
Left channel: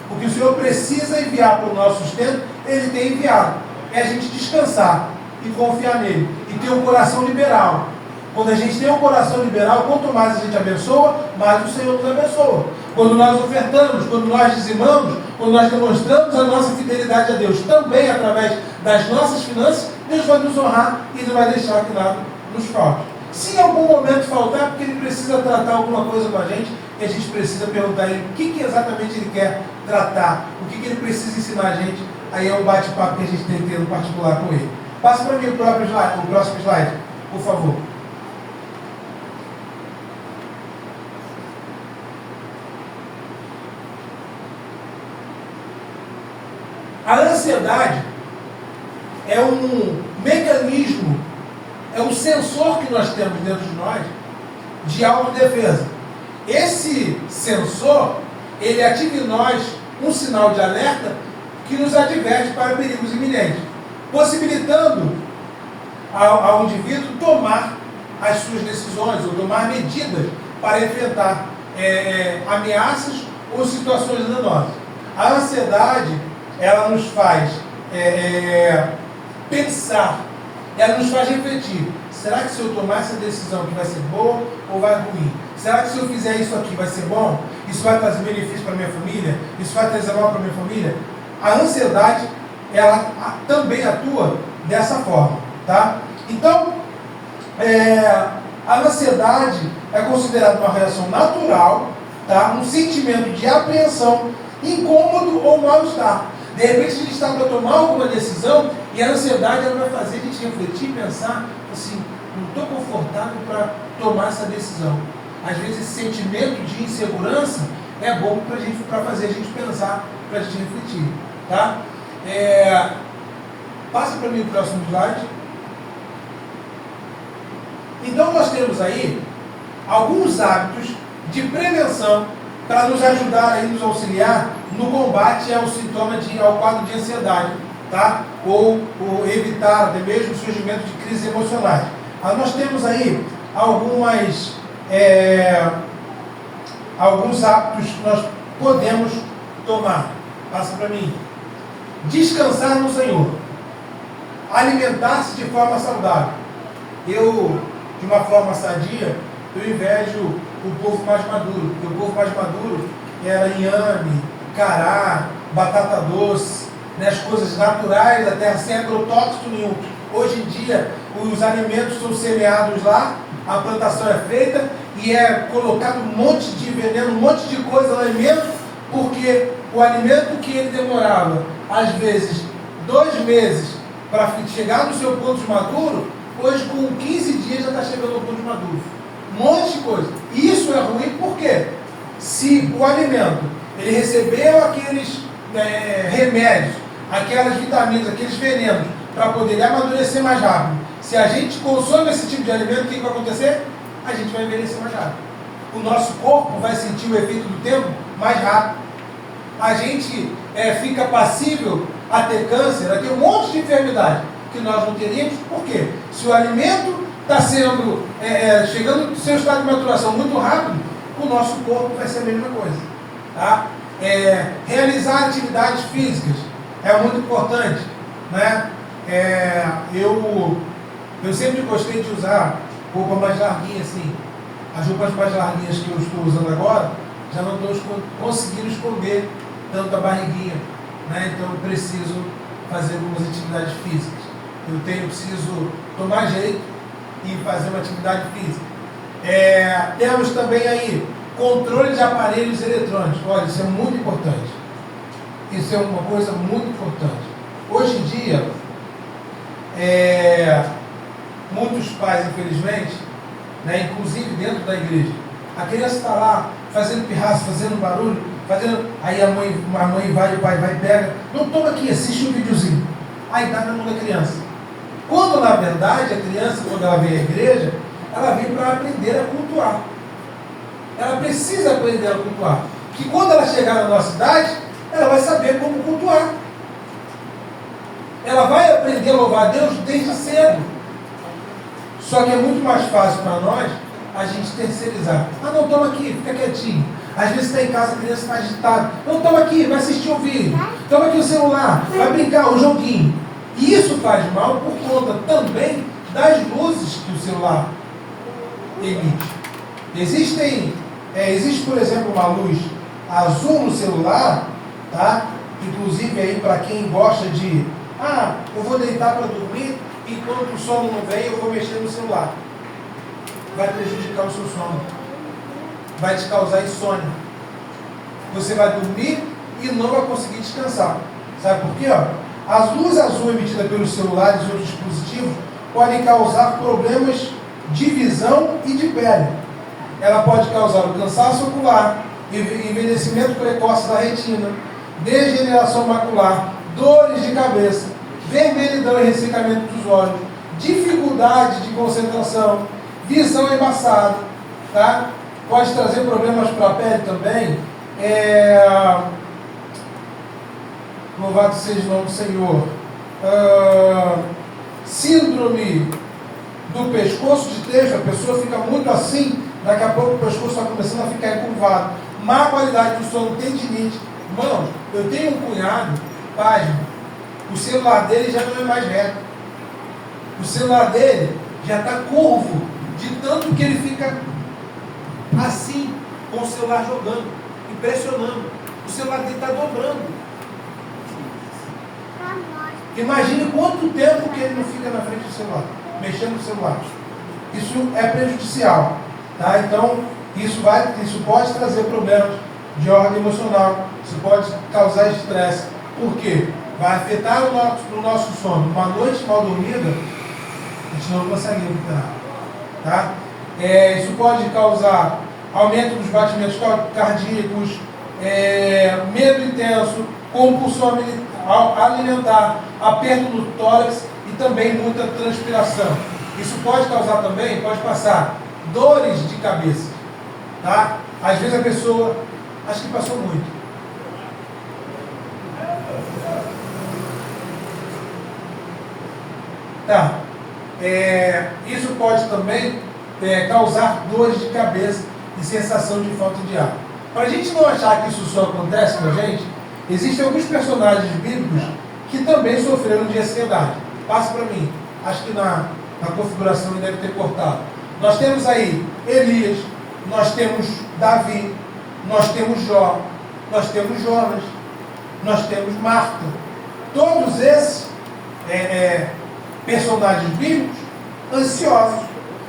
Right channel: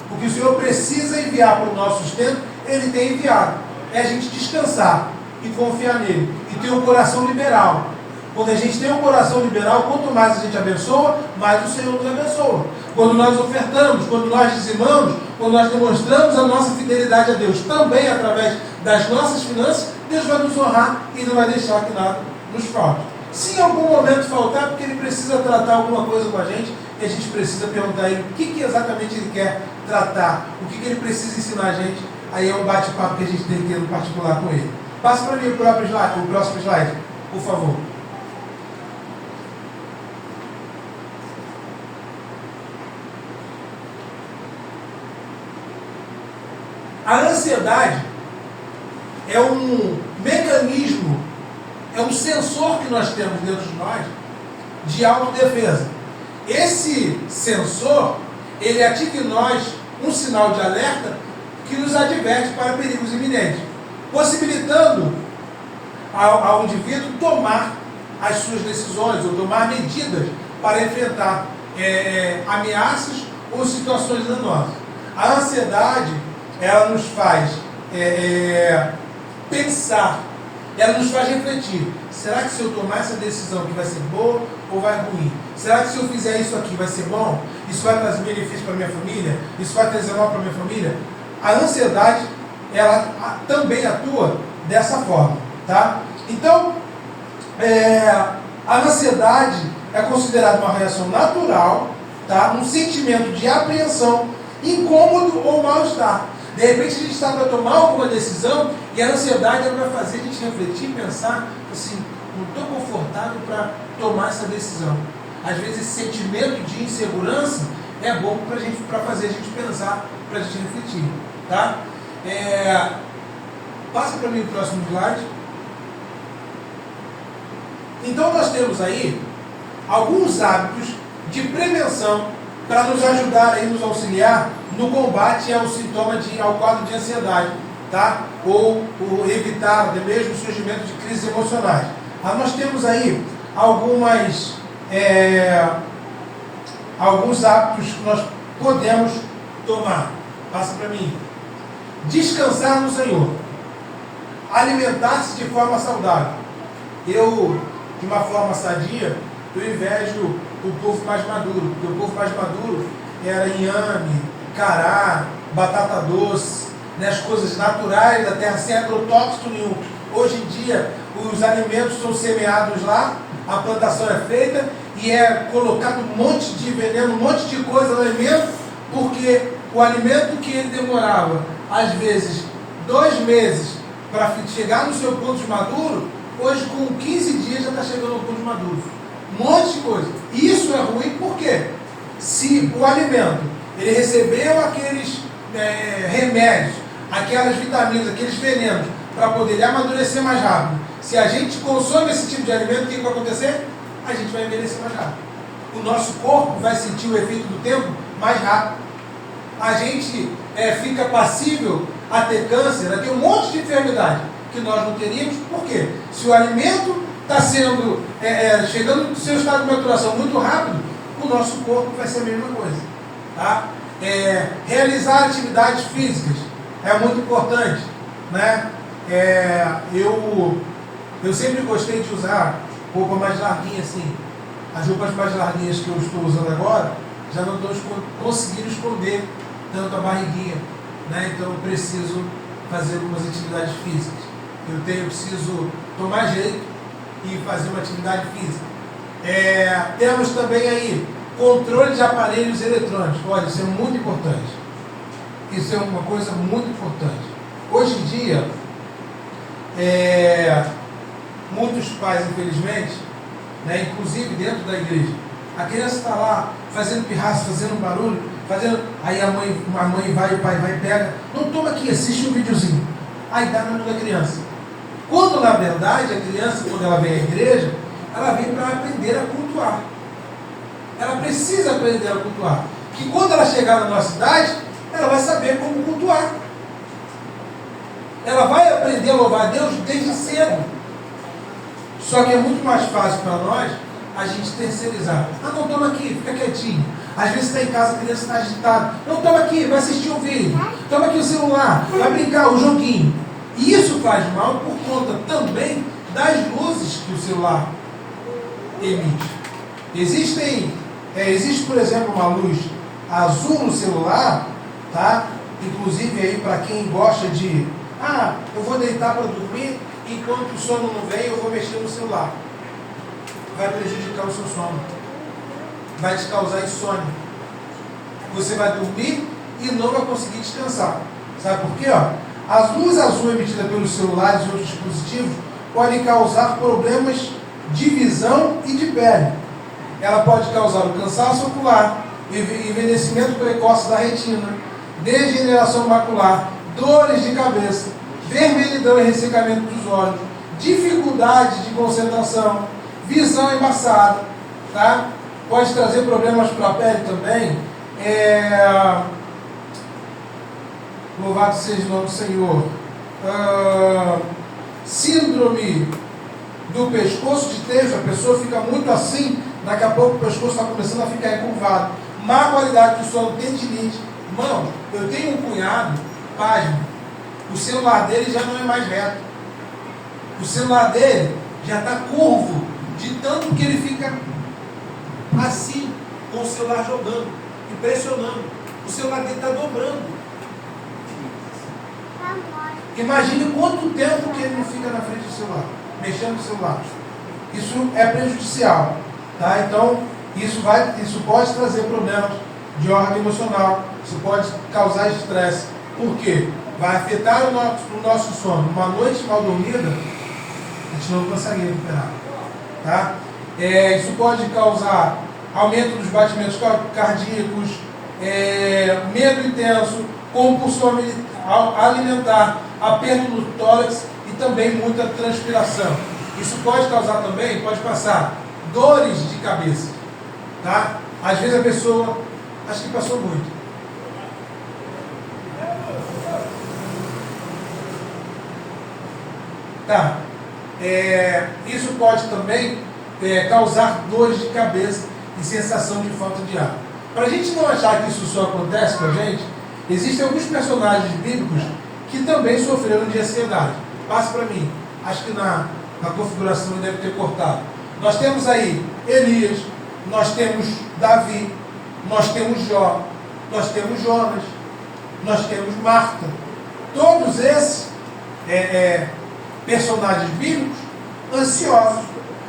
O que o Senhor precisa enviar para o nosso sustento, Ele tem enviado. É a gente descansar e confiar nele. E ter um coração liberal. Quando a gente tem um coração liberal, quanto mais a gente abençoa, mais o Senhor nos abençoa. Quando nós ofertamos, quando nós dizimamos, quando nós demonstramos a nossa fidelidade a Deus, também através das nossas finanças, Deus vai nos honrar e não vai deixar que nada nos falte. Se em algum momento faltar, porque Ele precisa tratar alguma coisa com a gente, e a gente precisa perguntar a Ele o que exatamente Ele quer tratar, o que Ele precisa ensinar a gente, aí é um bate-papo que a gente tem que ter no particular com Ele. Passa para mim o próximo slide, por favor. A ansiedade é um mecanismo, é um sensor que nós temos dentro de nós de autodefesa. Esse sensor, ele ativa em nós um sinal de alerta que nos adverte para perigos iminentes, possibilitando ao indivíduo tomar as suas decisões ou tomar medidas para enfrentar ameaças ou situações danosas. A ansiedade, ela nos faz pensar, ela nos faz refletir. Será que se eu tomar essa decisão aqui vai ser boa ou vai ruim? Será que se eu fizer isso aqui vai ser bom? Isso vai trazer benefício para a minha família? Isso vai trazer mal para a minha família? A ansiedade, ela também atua dessa forma, tá? Então, a ansiedade é considerada uma reação natural, tá? Um sentimento de apreensão, incômodo ou mal-estar. De repente a gente está para tomar alguma decisão e a ansiedade ela vai fazer a gente refletir e pensar assim, não estou confortável para tomar essa decisão. Às vezes esse sentimento de insegurança é bom para fazer a gente pensar, para a gente refletir. Tá? Passa para mim o próximo slide. Então nós temos aí alguns hábitos de prevenção para nos ajudar aí, nos auxiliar no combate ao sintoma ao quadro de ansiedade, tá? Ou evitar até mesmo o surgimento de crises emocionais. Nós temos aí alguns hábitos que nós podemos tomar. Passa para mim. Descansar no Senhor. Alimentar-se de forma saudável. Eu, de uma forma sadia, eu invejo o povo mais maduro. Porque o povo mais maduro era inhame, cará, batata doce, né, as coisas naturais da terra, sem agrotóxico nenhum. Hoje em dia, os alimentos são semeados lá, a plantação é feita e é colocado um monte de veneno, um monte de coisa lá mesmo, porque o alimento que ele demorava, às vezes, 2 meses para chegar no seu ponto de maduro, hoje com 15 dias já está chegando ao ponto de maduro. Um monte de coisa. E isso é ruim porque se o alimento ele recebeu aqueles remédios, aquelas vitaminas, aqueles venenos, para poder ele amadurecer mais rápido, se a gente consome esse tipo de alimento, o que vai acontecer? A gente vai envelhecer mais rápido. O nosso corpo vai sentir o efeito do tempo mais rápido. A gente fica passível a ter câncer, a ter um monte de enfermidade que nós não teríamos. Por quê? Se o alimento está sendo chegando no seu estado de maturação muito rápido, o nosso corpo vai ser a mesma coisa. Tá? Realizar atividades físicas é muito importante, né? Eu sempre gostei de usar roupa mais larguinha assim. As roupas mais larguinhas que eu estou usando agora já não estou conseguindo esconder tanto a barriguinha, né? Então eu preciso fazer algumas atividades físicas. Eu preciso tomar jeito e fazer uma atividade física. Temos também aí controle de aparelhos eletrônicos. Olha, isso é muito importante. Isso é uma coisa muito importante. Hoje em dia, muitos pais, infelizmente, né, inclusive dentro da igreja, a criança está lá fazendo pirraça, fazendo barulho, aí a mãe vai, o pai vai, pega, não, toma aqui, assiste um videozinho. Aí dá na mão da criança. Quando, na verdade, a criança, quando ela vem à igreja, ela vem para aprender a cultuar. Ela precisa aprender a cultuar. Que quando ela chegar na nossa idade, ela vai saber como cultuar. Ela vai aprender a louvar a Deus desde cedo. Só que é muito mais fácil para nós a gente terceirizar. Não, toma aqui, fica quietinho. Às vezes está em casa, a criança está agitada. Não, toma aqui, vai assistir um vídeo. Toma aqui o celular, vai brincar, o joguinho. E isso faz mal por conta também das luzes que o celular emite. Existe, por exemplo, uma luz azul no celular, tá? Inclusive aí para quem gosta de eu vou deitar para dormir, enquanto o sono não vem, eu vou mexer no celular. Vai prejudicar o seu sono. Vai te causar insônia. Você vai dormir e não vai conseguir descansar. Sabe por quê? As luzes azuis emitidas pelos celulares e outros dispositivos podem causar problemas de visão e de pele. Ela pode causar o cansaço ocular, envelhecimento precoce da retina, degeneração macular, dores de cabeça, vermelhidão e ressecamento dos olhos, dificuldade de concentração, visão embaçada, tá? Pode trazer problemas para a pele também. Louvado seja o nome do Senhor. Síndrome do pescoço de tejo, a pessoa fica muito assim, daqui a pouco o pescoço está começando a ficar encurvado. Má qualidade do sono, tendinite. Irmãos, eu tenho um cunhado, pasmo, o celular dele já não é mais reto. O celular dele já está curvo, de tanto que ele fica assim, com o celular jogando, impressionando. O celular dele está dobrando. Imagine quanto tempo que ele não fica na frente do celular, mexendo no celular. Isso é prejudicial, tá? Então, isso pode trazer problemas de ordem emocional, isso pode causar estresse. Por quê? Vai afetar o nosso sono. Uma noite mal dormida, a gente não consegue recuperar, tá? Isso pode causar aumento dos batimentos cardíacos, medo intenso, compulsão alimentar, aperto no tórax e também muita transpiração. Isso pode causar também, pode passar dores de cabeça, tá? Às vezes a pessoa, acho que passou muito. Tá? Isso pode também causar dores de cabeça e sensação de falta de ar. Para a gente não achar que isso só acontece com a gente, existem alguns personagens bíblicos que também sofreram de ansiedade. Passa para mim. Acho que na configuração ele deve ter cortado. Nós temos aí Elias, nós temos Davi, nós temos Jó, nós temos Jonas, nós temos Marta. Todos esses personagens bíblicos ansiosos.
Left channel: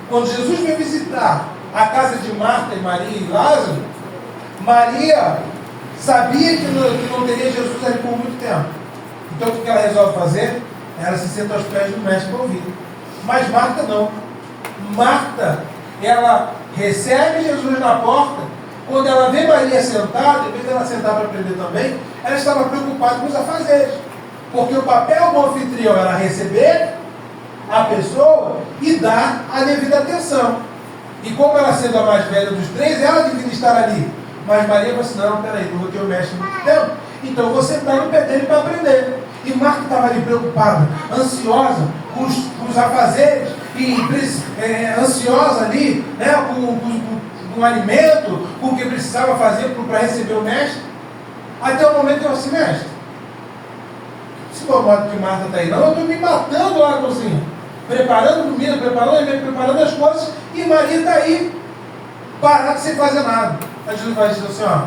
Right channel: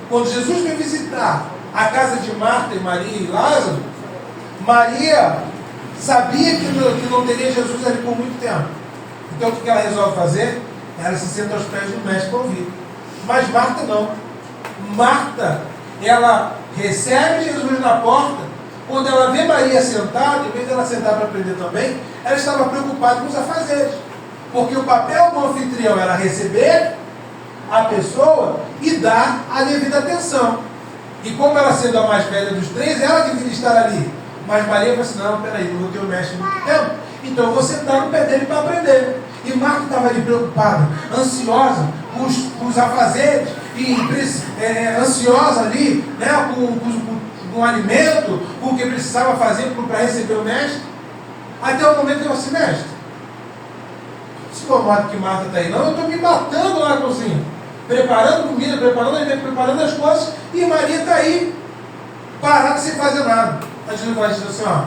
Quando Jesus veio visitar a casa de Marta e Maria e Lázaro, Maria sabia que não teria Jesus ali por muito tempo. Então o que ela resolve fazer? Ela se senta aos pés do mestre para ouvir. Mas Marta não. Marta, ela recebe Jesus na porta. Quando ela vê Maria sentada, em vez dela sentar para aprender também, ela estava preocupada com os afazeres. Porque o papel do anfitrião era receber a pessoa e dar a devida atenção. E como ela sendo a mais velha dos três, ela devia estar ali. Mas Maria falou assim, não, peraí, não vou ter o mestre muito tempo, então eu vou sentar no pé dele para aprender. E Marta estava ali preocupada, ansiosa com os afazeres, e ansiosa ali, né, com o alimento, com o que precisava fazer para receber o mestre. Até o momento que eu disse, mestre, se for o modo que Marta está aí, não, eu estou me matando lá na cozinha, preparando comida, preparando as coisas, e Maria está aí, parada sem fazer nada. A Jesus vai dizer assim, ó,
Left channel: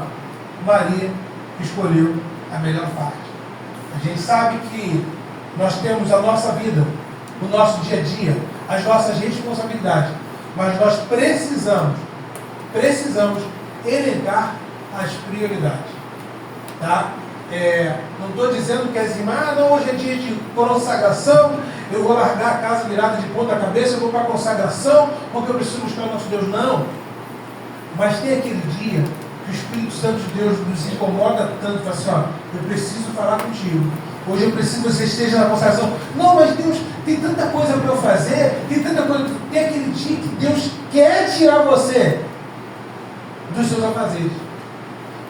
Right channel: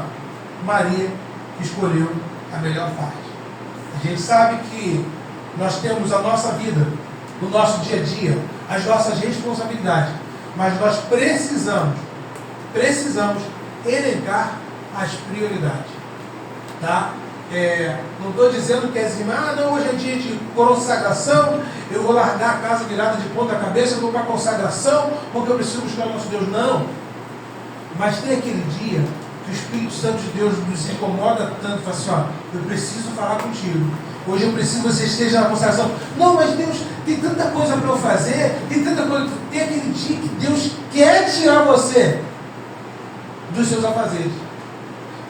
Maria escolheu a melhor parte. A gente sabe que nós temos a nossa vida, o nosso dia a dia, as nossas responsabilidades, mas nós precisamos elencar as prioridades, tá? Não estou dizendo que não, hoje é dia de consagração, eu vou largar a casa virada de ponta cabeça, eu vou para a consagração, porque eu preciso buscar o nosso Deus. Não. Mas tem aquele dia que o Espírito Santo de Deus nos incomoda tanto, fala assim, ó, eu preciso falar contigo. Hoje eu preciso que você esteja na consagração. Não, mas Deus, tem tanta coisa para eu fazer, tem aquele dia que Deus quer tirar você dos seus afazeres.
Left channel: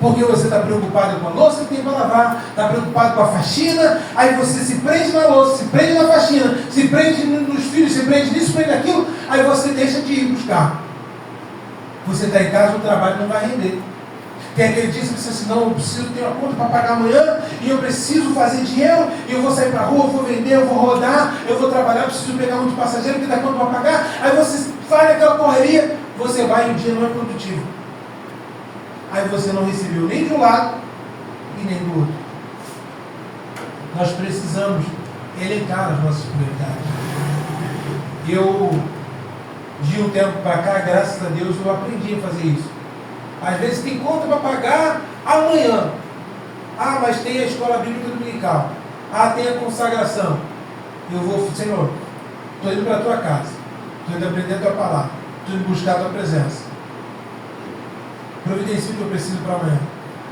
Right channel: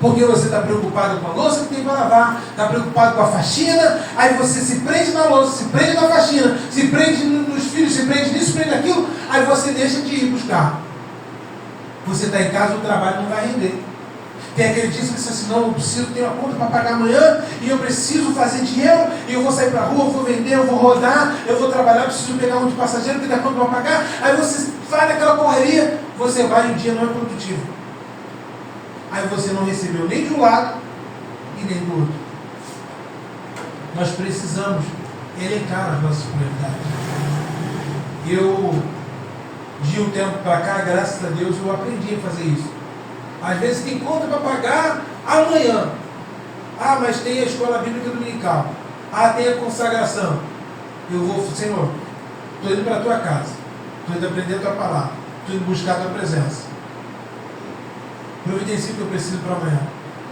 Porque você está preocupado com a louça que tem para lavar, está preocupado com a faxina, aí você se prende na louça, se prende na faxina, se prende nos filhos, se prende nisso, se prende naquilo, aí você deixa de ir buscar. Você está em casa, o trabalho não vai render. Tem aquele dia que você diz assim, não, eu preciso ter uma conta para pagar amanhã, e eu preciso fazer dinheiro, e eu vou sair para a rua, eu vou vender, eu vou rodar, eu vou trabalhar, eu preciso pegar um de passageiro, que dá conta para pagar, aí você vai naquela correria, você vai e o dia não é produtivo. Aí você não recebeu nem de um lado e nem do outro. Nós precisamos elencar as nossas prioridades. De um tempo para cá, graças a Deus, eu aprendi a fazer isso. Às vezes tem conta para pagar amanhã. Mas tem a escola bíblica dominical. Tem a consagração. Eu vou, Senhor, estou indo para a tua casa. Estou indo aprender a tua palavra. Estou indo buscar a tua presença. Providencie o que eu preciso para amanhã.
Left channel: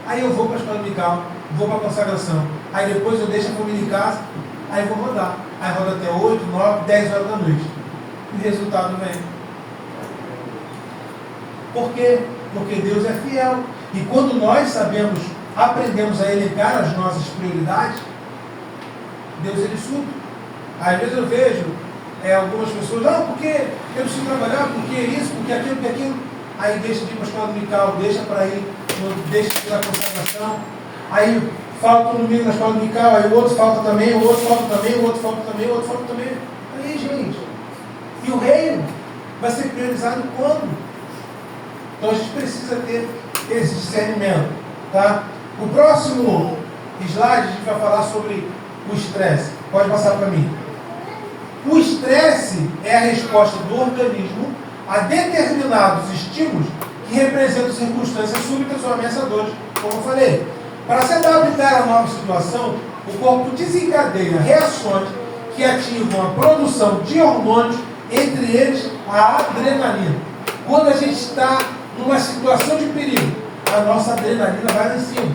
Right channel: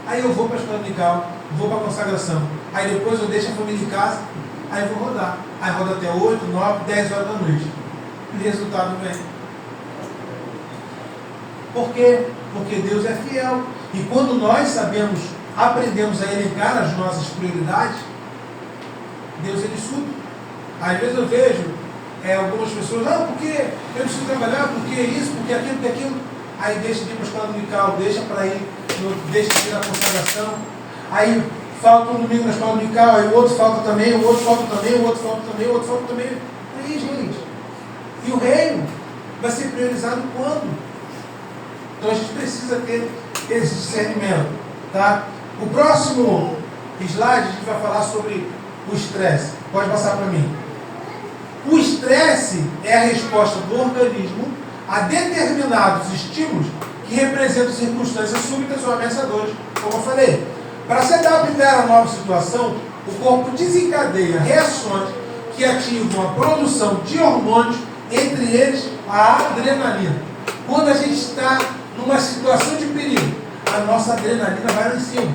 Aí eu vou para a escola dominical, vou para a consagração. Aí depois eu deixo a família em casa, aí eu vou rodar. Aí roda até 8, 9, 10 horas da noite. E o resultado vem. Por quê? Porque Deus é fiel. E quando nós aprendemos a elencar as nossas prioridades, Deus ele supre. Às vezes eu vejo algumas pessoas, porque eu preciso trabalhar, porque isso, porque aquilo, porque aquilo. Aí deixa de ir para a escola dominical, deixa para ir, deixa de ir na consagração. Aí falta um domingo na escola dominical, aí o outro falta também, o outro falta também, o outro falta também, o outro falta também. Aí, gente. E o reino vai ser priorizado quando? Então a gente precisa ter esse discernimento. Tá? O próximo slide a gente vai falar sobre o estresse. Pode passar para mim. O estresse é a resposta do organismo a determinados estímulos que representam circunstâncias súbitas ou ameaçadoras, como eu falei. Para se adaptar à nova situação, o corpo desencadeia reações que ativam a produção de hormônios, entre eles a adrenalina. Quando a gente está numa situação de perigo, a nossa adrenalina vai lá em cima.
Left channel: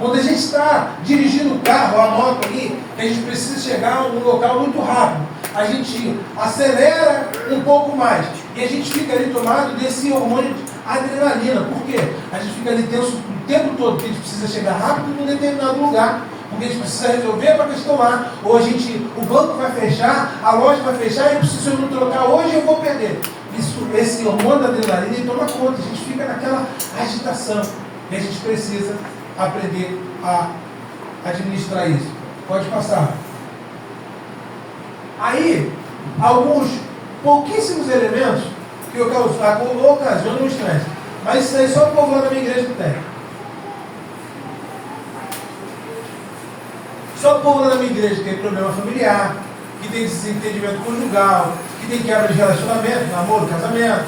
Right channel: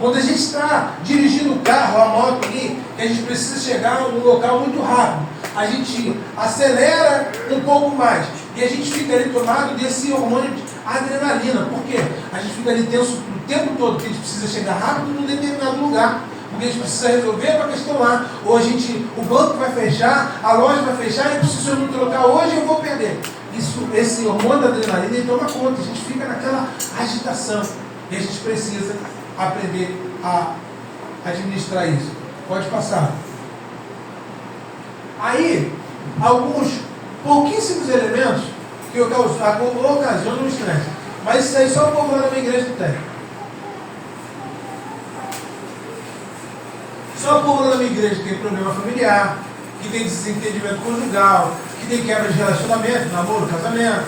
Quando a gente está dirigindo o carro, a moto ali, que a gente precisa chegar a um local muito rápido, a gente acelera um pouco mais. E a gente fica ali tomado desse hormônio de adrenalina. Por quê? A gente fica ali tenso o tempo todo, porque a gente precisa chegar rápido num determinado lugar. Porque a gente precisa resolver uma questão lá. Ou o banco vai fechar, a loja vai fechar, eu preciso, se eu não trocar hoje, eu vou perder. Esse hormônio da adrenalina, ele toma conta. A gente fica naquela agitação. E a gente precisa aprender a administrar isso. Pode passar. Aí, alguns pouquíssimos elementos que ocasionam o estresse. Mas isso aí só o povo lá da minha igreja tem. Só o povo lá da minha igreja tem problema familiar, que tem desentendimento conjugal, que tem quebra de relacionamento, namoro, casamento,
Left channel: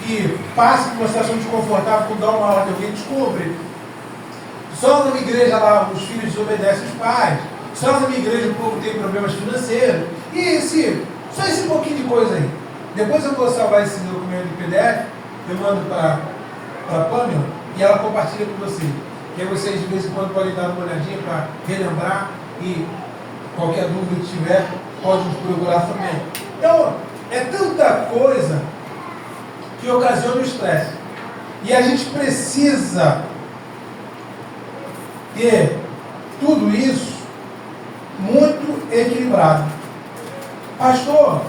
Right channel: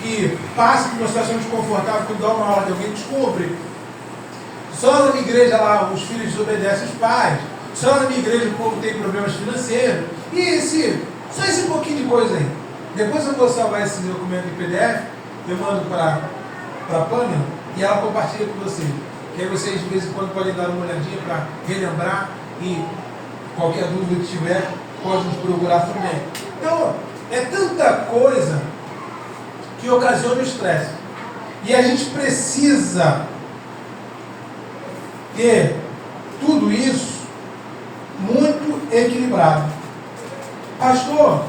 que passa por uma situação desconfortável quando dá uma ordem, alguém descobre. Só na minha igreja lá os filhos desobedecem os pais. Só na minha igreja o povo tem problemas financeiros. E só esse pouquinho de coisa aí. Depois eu vou salvar esse documento de PDF, eu mando para a Pamela e ela compartilha com vocês. Que aí vocês de vez em quando podem dar uma olhadinha para relembrar e qualquer dúvida que tiver, pode nos procurar também. Então, é tanta coisa que ocasiona o estresse. E a gente precisa ter tudo isso muito equilibrado. Pastor,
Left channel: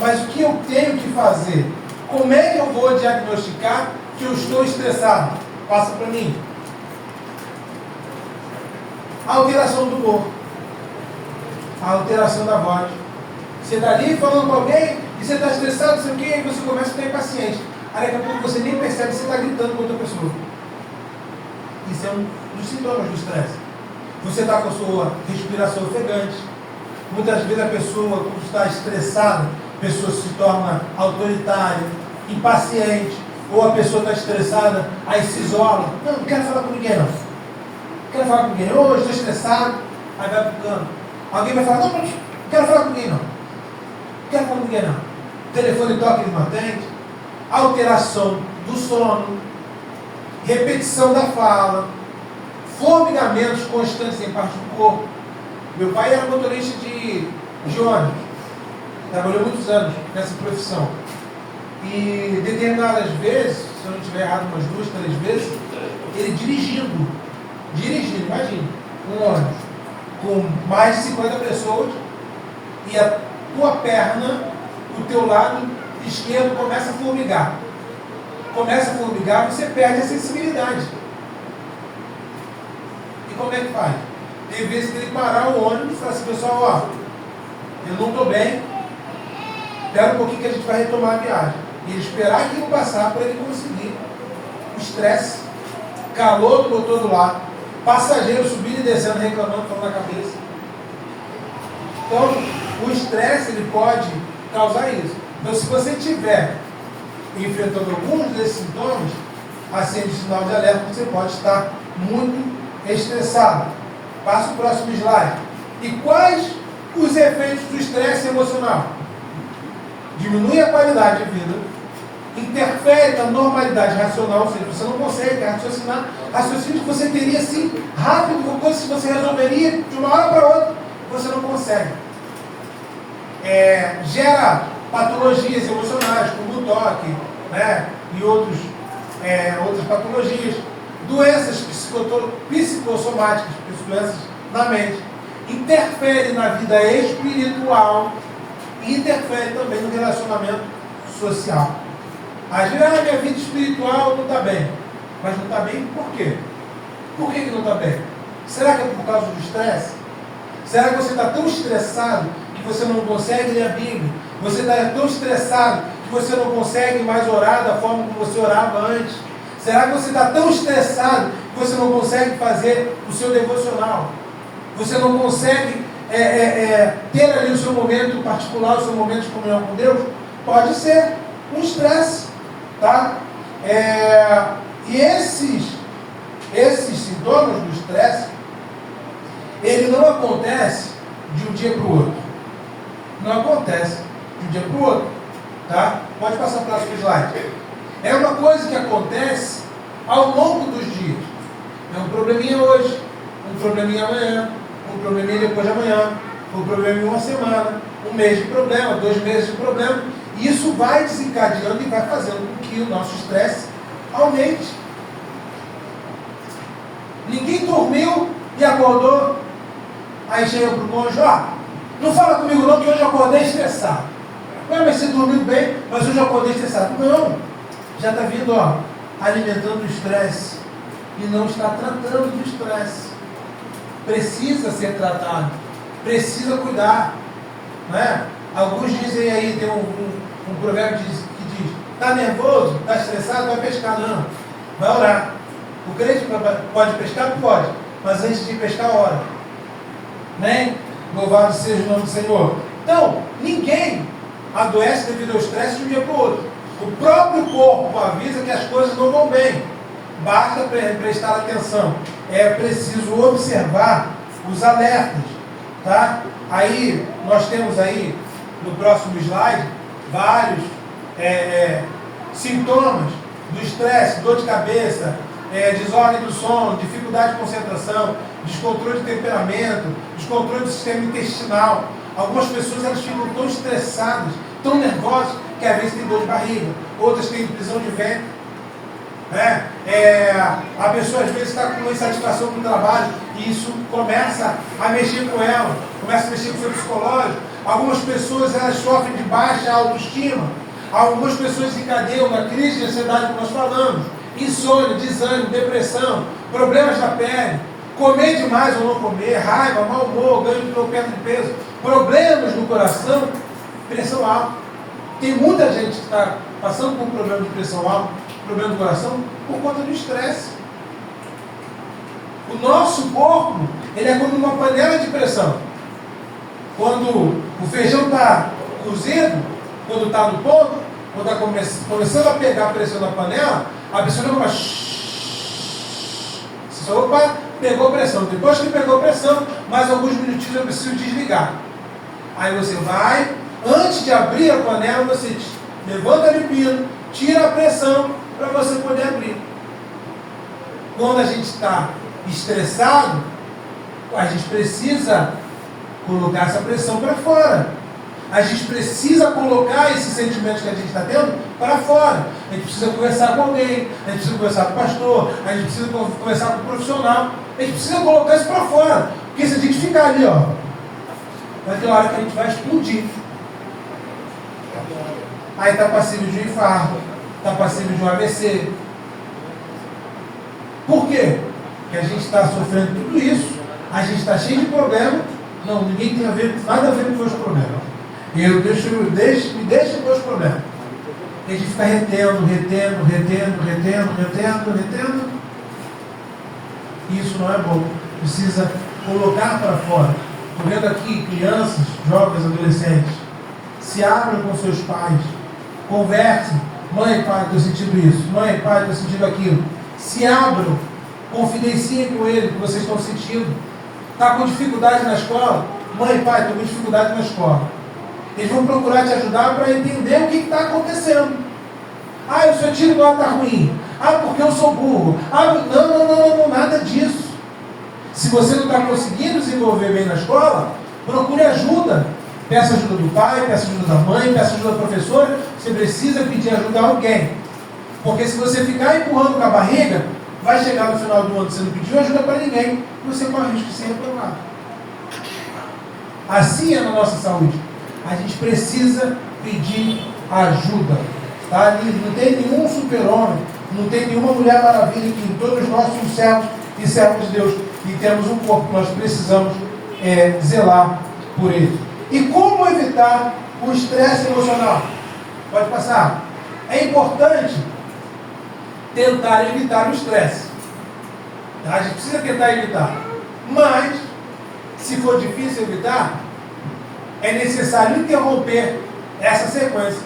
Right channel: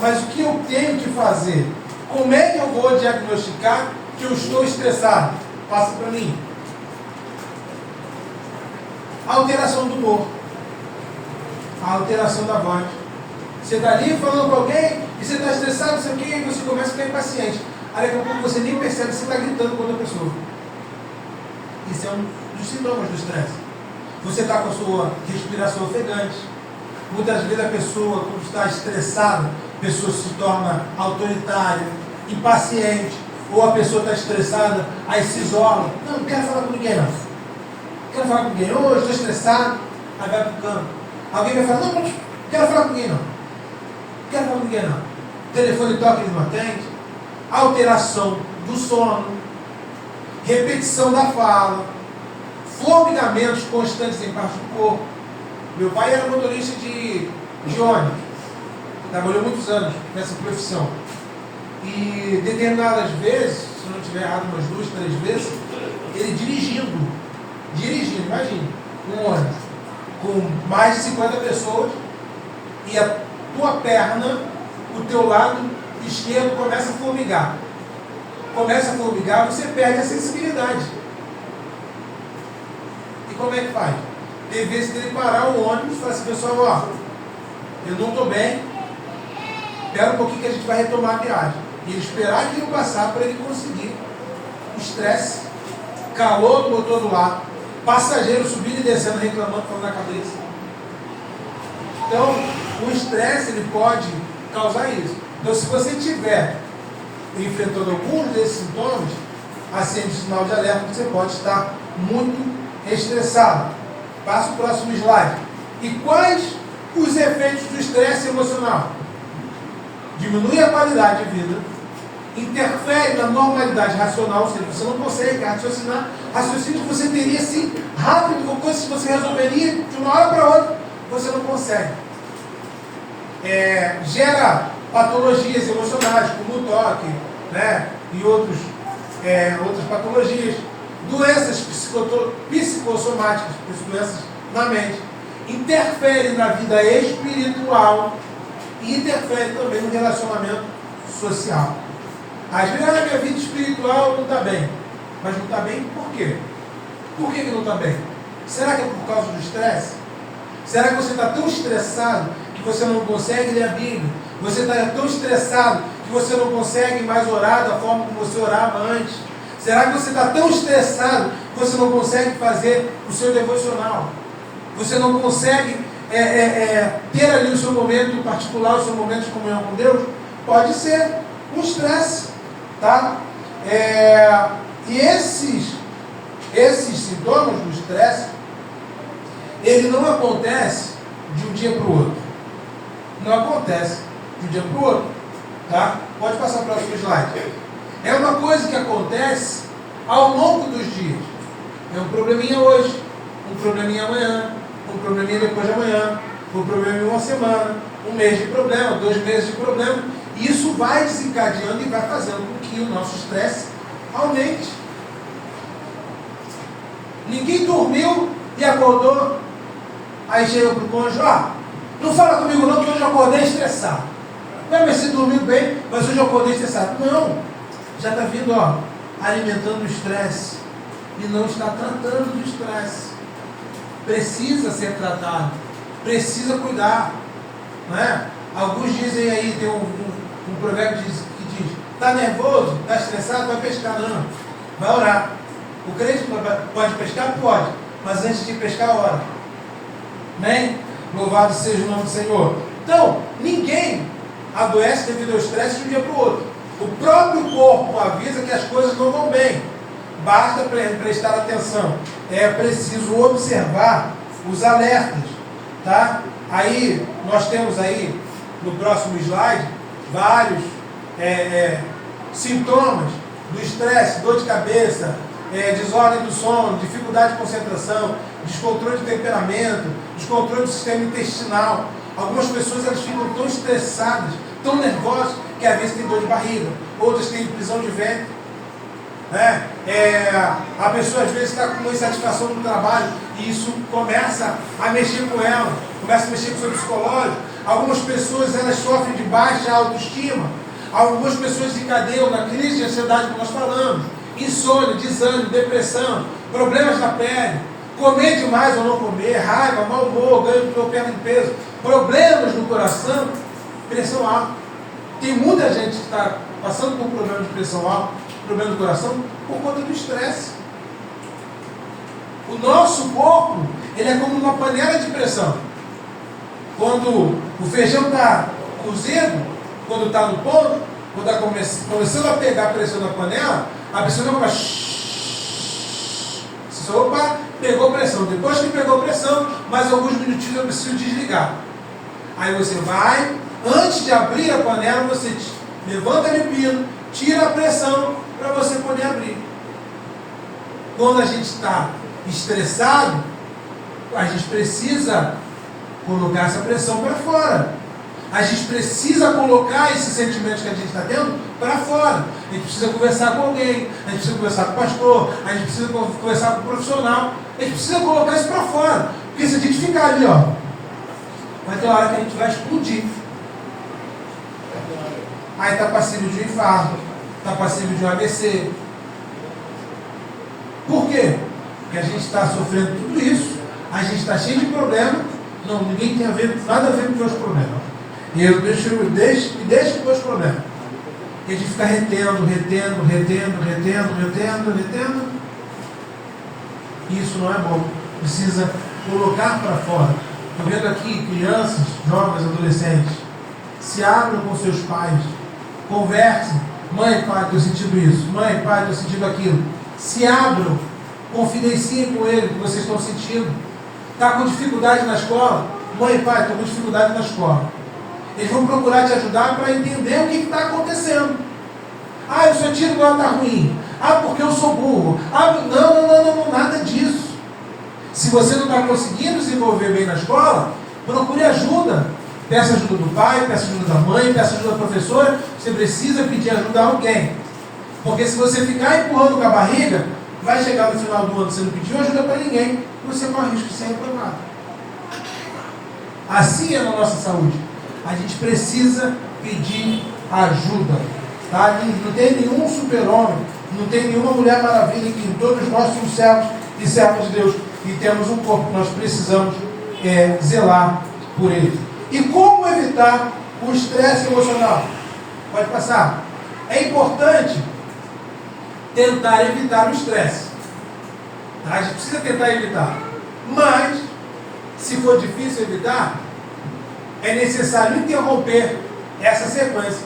mas o que eu tenho que fazer? Como é que eu vou diagnosticar que eu estou estressado? Passa para mim. A alteração do humor. A alteração da voz. Você está ali falando com alguém e você está estressado, não sei o quê, e você começa a ficar impaciente. Aí daqui a pouco você nem percebe que você está gritando com outra pessoa. Isso é um dos sintomas do estresse. Você está com a sua respiração ofegante. Muitas vezes a pessoa, quando está estressada, a pessoa se torna autoritária, impaciente, ou a pessoa está estressada, aí se isola. Não quero falar com ninguém, não. Quero falar com ninguém. Hoje estou estressado, aí vai para o canto. Alguém vai falar, não quero falar com ninguém, não. Quero falar com ninguém, não. O telefone toca, ele não atende. Alteração do sono, repetição da fala, formigamentos constantes em parte do corpo. Meu pai era motorista de ônibus, trabalhou muitos anos nessa profissão. E determinadas vezes, se eu não estiver errado, umas 2, 3 vezes, ele dirigindo, imagine, um ônibus com mais de 50 pessoas, e a tua perna, o teu lado esquerdo começa a formigar. Você perde a sensibilidade. E como é que faz? Tem vezes que ele parar o ônibus e falar assim, pessoal, ó, eu não estou bem, espera um pouquinho que a gente vai retomar a viagem. E ele esperar aquilo passar para ele conseguir. O estresse, calor do motor do lado, passageiro subindo e descendo, reclamando, falando na cabeça. Então, o estresse ele pode causar isso. Então, se você estiver enfrentando alguns desses sintomas, acende o sinal de alerta, você pode estar muito estressado. Passa o próximo slide. E quais os efeitos do estresse emocional? Diminui a qualidade de vida, interfere na normalidade racional, ou seja, você não consegue raciocinar, raciocínio que você teria assim, rápido, com coisas que você resolveria de uma hora para outra, você não consegue. Gera patologias emocionais, como o toque, né? E outras patologias, doenças psicossomáticas, doenças na mente, interfere na vida espiritual e interfere também no relacionamento social. Às vezes a minha vida espiritual não está bem, mas não está bem por quê? Por que não está bem? Será que é por causa do estresse? Será que você está tão estressado que você não consegue ler a Bíblia? Você está tão estressado que você não consegue mais orar da forma como você orava antes? Será que você está tão estressado que você não consegue fazer o seu devocional? Você não consegue ter ali o seu momento particular, o seu momento de comunhão com Deus? Pode ser um estresse, tá? E esses sintomas do estresse, ele não acontece de um dia para o outro. Não acontece de um dia para o outro, tá? Pode passar para o próximo slide. É uma coisa que acontece ao longo dos dias. É um probleminha hoje, um probleminha amanhã, um probleminha depois de amanhã, um probleminha em uma semana, 1 mês de problema, 2 meses de problema. E isso vai desencadeando e vai fazendo com que o nosso estresse aumente. Ninguém dormiu e acordou. Aí chega para o cônjuge, não fala comigo não, que hoje eu acordei estressado. Ué, mas você dormiu bem, mas hoje eu acordei estressado. Não, já está vindo, alimentando o estresse e não está tratando do estresse. Precisa ser tratado, precisa cuidar, não é? Alguns dizem aí, tem um provérbio que diz, está nervoso, está estressado, vai pescar. Não, vai orar. O crente pode pescar? Pode, mas antes de pescar, ora. Amém? Louvado seja o nome do Senhor. Então, ninguém adoece devido ao estresse de um dia para o outro. O próprio corpo avisa que as coisas não vão bem. Basta prestar atenção. É preciso observar os alertas. Tá? Aí, nós temos aí, no próximo slide, vários sintomas do estresse, dor de cabeça, desordem do sono, dificuldade de concentração, descontrole de temperamento, descontrole do sistema intestinal. Algumas pessoas elas ficam tão estressadas, tão nervosas, que às vezes tem dor de barriga, outras têm prisão de ventre. A pessoa às vezes está com uma insatisfação no trabalho e isso começa a mexer com ela, começa a mexer com o seu psicológico. Algumas pessoas elas sofrem de baixa autoestima, algumas pessoas desencadeiam na crise de ansiedade que nós falamos, insônia, desânimo, depressão, problemas na pele, comer demais ou não comer, raiva, mau humor, ganho ou perda de peso, problemas no coração, pressão alta. Tem muita gente que está passando por problema de pressão alta, problema do coração, por conta do estresse. O nosso corpo, ele é como uma panela de pressão. Quando o feijão está cozido, quando está no ponto, quando está começando a pegar a pressão na panela, a pressão não vai... Opa, pegou pressão. Depois que pegou pressão, mais alguns minutinhos eu preciso desligar. Aí você vai, antes de abrir a panela, você levanta ali o pino, tira a pressão para você poder abrir. Quando a gente está estressado, a gente precisa colocar essa pressão para fora. A gente precisa colocar esses sentimentos que a gente está tendo para fora. A gente precisa conversar com alguém, a gente precisa conversar com o pastor, a gente precisa conversar com o profissional. A gente precisa colocar isso para fora. Porque se a gente ficar ali, vai ter uma hora que a gente vai explodir. Aí está passível de um infarto, está passível de um AVC. Por quê? Porque a gente está sofrendo tudo isso, a gente está cheio de problema. Não, ninguém tem nada a ver com os meus problemas. E me deixo com os meus problemas. E a gente fica retendo. Isso não é bom. Precisa colocar para fora. Estou vendo aqui crianças, jovens, adolescentes. Se abram com seus pais. Conversem. Mãe, pai, estou sentindo isso. Mãe, pai, estou sentindo aquilo. Se abram. Confidenciem com ele o que vocês estão sentindo. Está com dificuldade na escola? Mãe, pai, estou com dificuldade na escola. Eles vão procurar te ajudar para entender o que está acontecendo. O seu tiro igual está ruim. Porque eu sou burro. Não, nada disso. Se você não está conseguindo desenvolver bem na escola, procure ajuda. Peça ajuda do pai, peça ajuda da mãe, peça ajuda da professora. Você precisa pedir ajuda a alguém. Porque se você ficar empurrando com a barriga, vai chegar no final do ano, você não pediu ajuda para ninguém, você corre o risco de ser reprovado. Assim é na nossa saúde. A gente precisa pedir ajuda. Tá? Não tem nenhum super-homem, não tem nenhuma mulher maravilha que todos nós somos servos e servos de Deus. E temos um corpo que nós precisamos zelar por ele. E como evitar o estresse emocional? Pode passar. É importante tentar evitar o estresse. Tá? A gente precisa tentar evitar. Mas, se for difícil evitar, é necessário interromper essa sequência,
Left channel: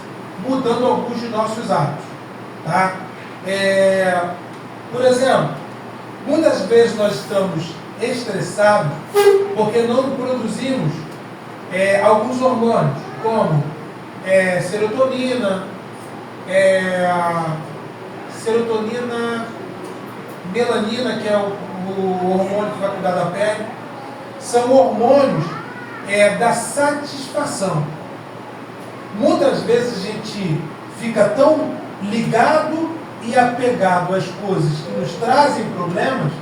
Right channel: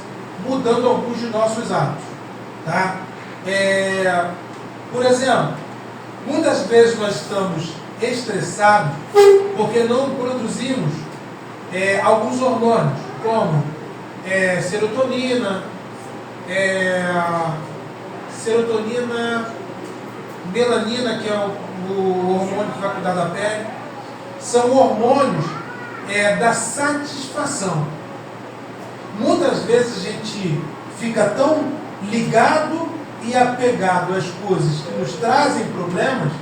mudando alguns de nossos hábitos. Tá? Por exemplo, muitas vezes nós estamos estressados porque não produzimos alguns hormônios, como serotonina, melanina, que é o hormônio que vai cuidar da pele. São hormônios da satisfação. Muitas vezes a gente fica tão ligado e apegado às coisas que nos trazem problemas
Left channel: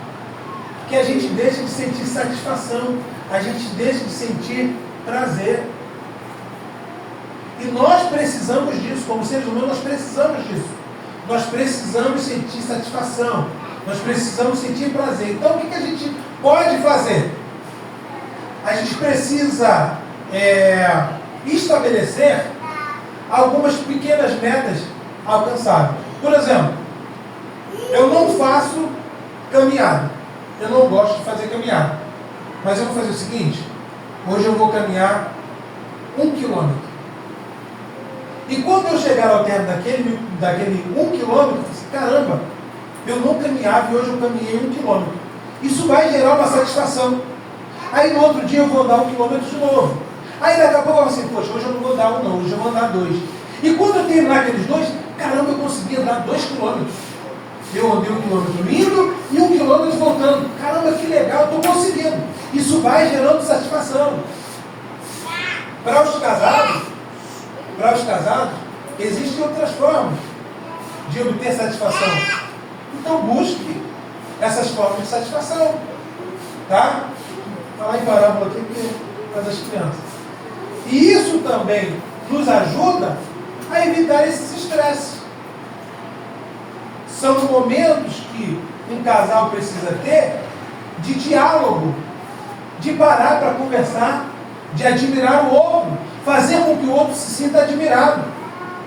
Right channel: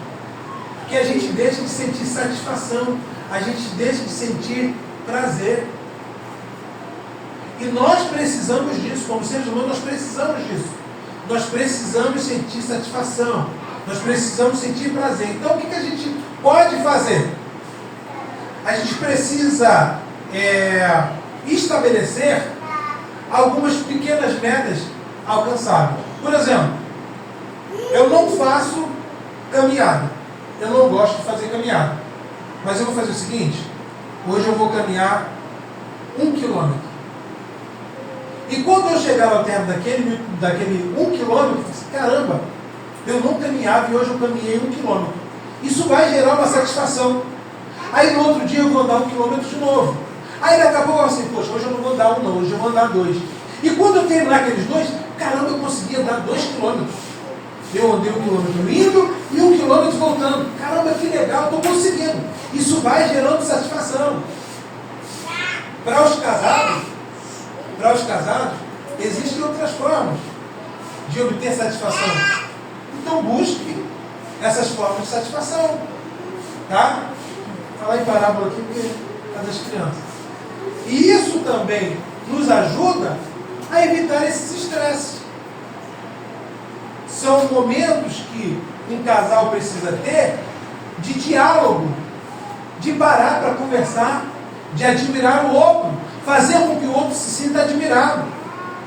que a gente deixa de sentir satisfação, a gente deixa de sentir prazer. E nós precisamos disso, como seres humanos, nós precisamos disso. Nós precisamos sentir satisfação, nós precisamos sentir prazer. Então, o que a gente pode fazer? A gente precisa estabelecer algumas pequenas metas alcançáveis. Por exemplo, eu não faço caminhada. Eu não gosto de fazer caminhada. Mas eu vou fazer o seguinte: hoje eu vou caminhar 1 quilômetro. E quando eu chegar ao termo daquele 1 quilômetro, eu assim, caramba, eu não caminhava e hoje eu caminhei 1 quilômetro. Isso vai gerar uma satisfação. Aí no outro dia eu vou andar 1 quilômetro de novo. Aí daqui a pouco eu vou assim, poxa, hoje eu não vou andar 1 não, hoje eu vou andar 2. E quando eu terminar aqueles 2, caramba, eu consegui andar 2 quilômetros. Eu andei 1 quilômetro indo e 1 quilômetro voltando. Caramba, que legal, estou conseguindo. Isso vai gerando satisfação. Para os casados, existem outras formas de obter satisfação. Então busque essas formas de satisfação. Tá? Vou falar em parábola aqui porque é das crianças. E isso também nos ajuda a evitar esses estresses. São momentos que um casal precisa ter de diálogo, de parar para conversar, de admirar o outro, fazer com que o outro se sinta admirado.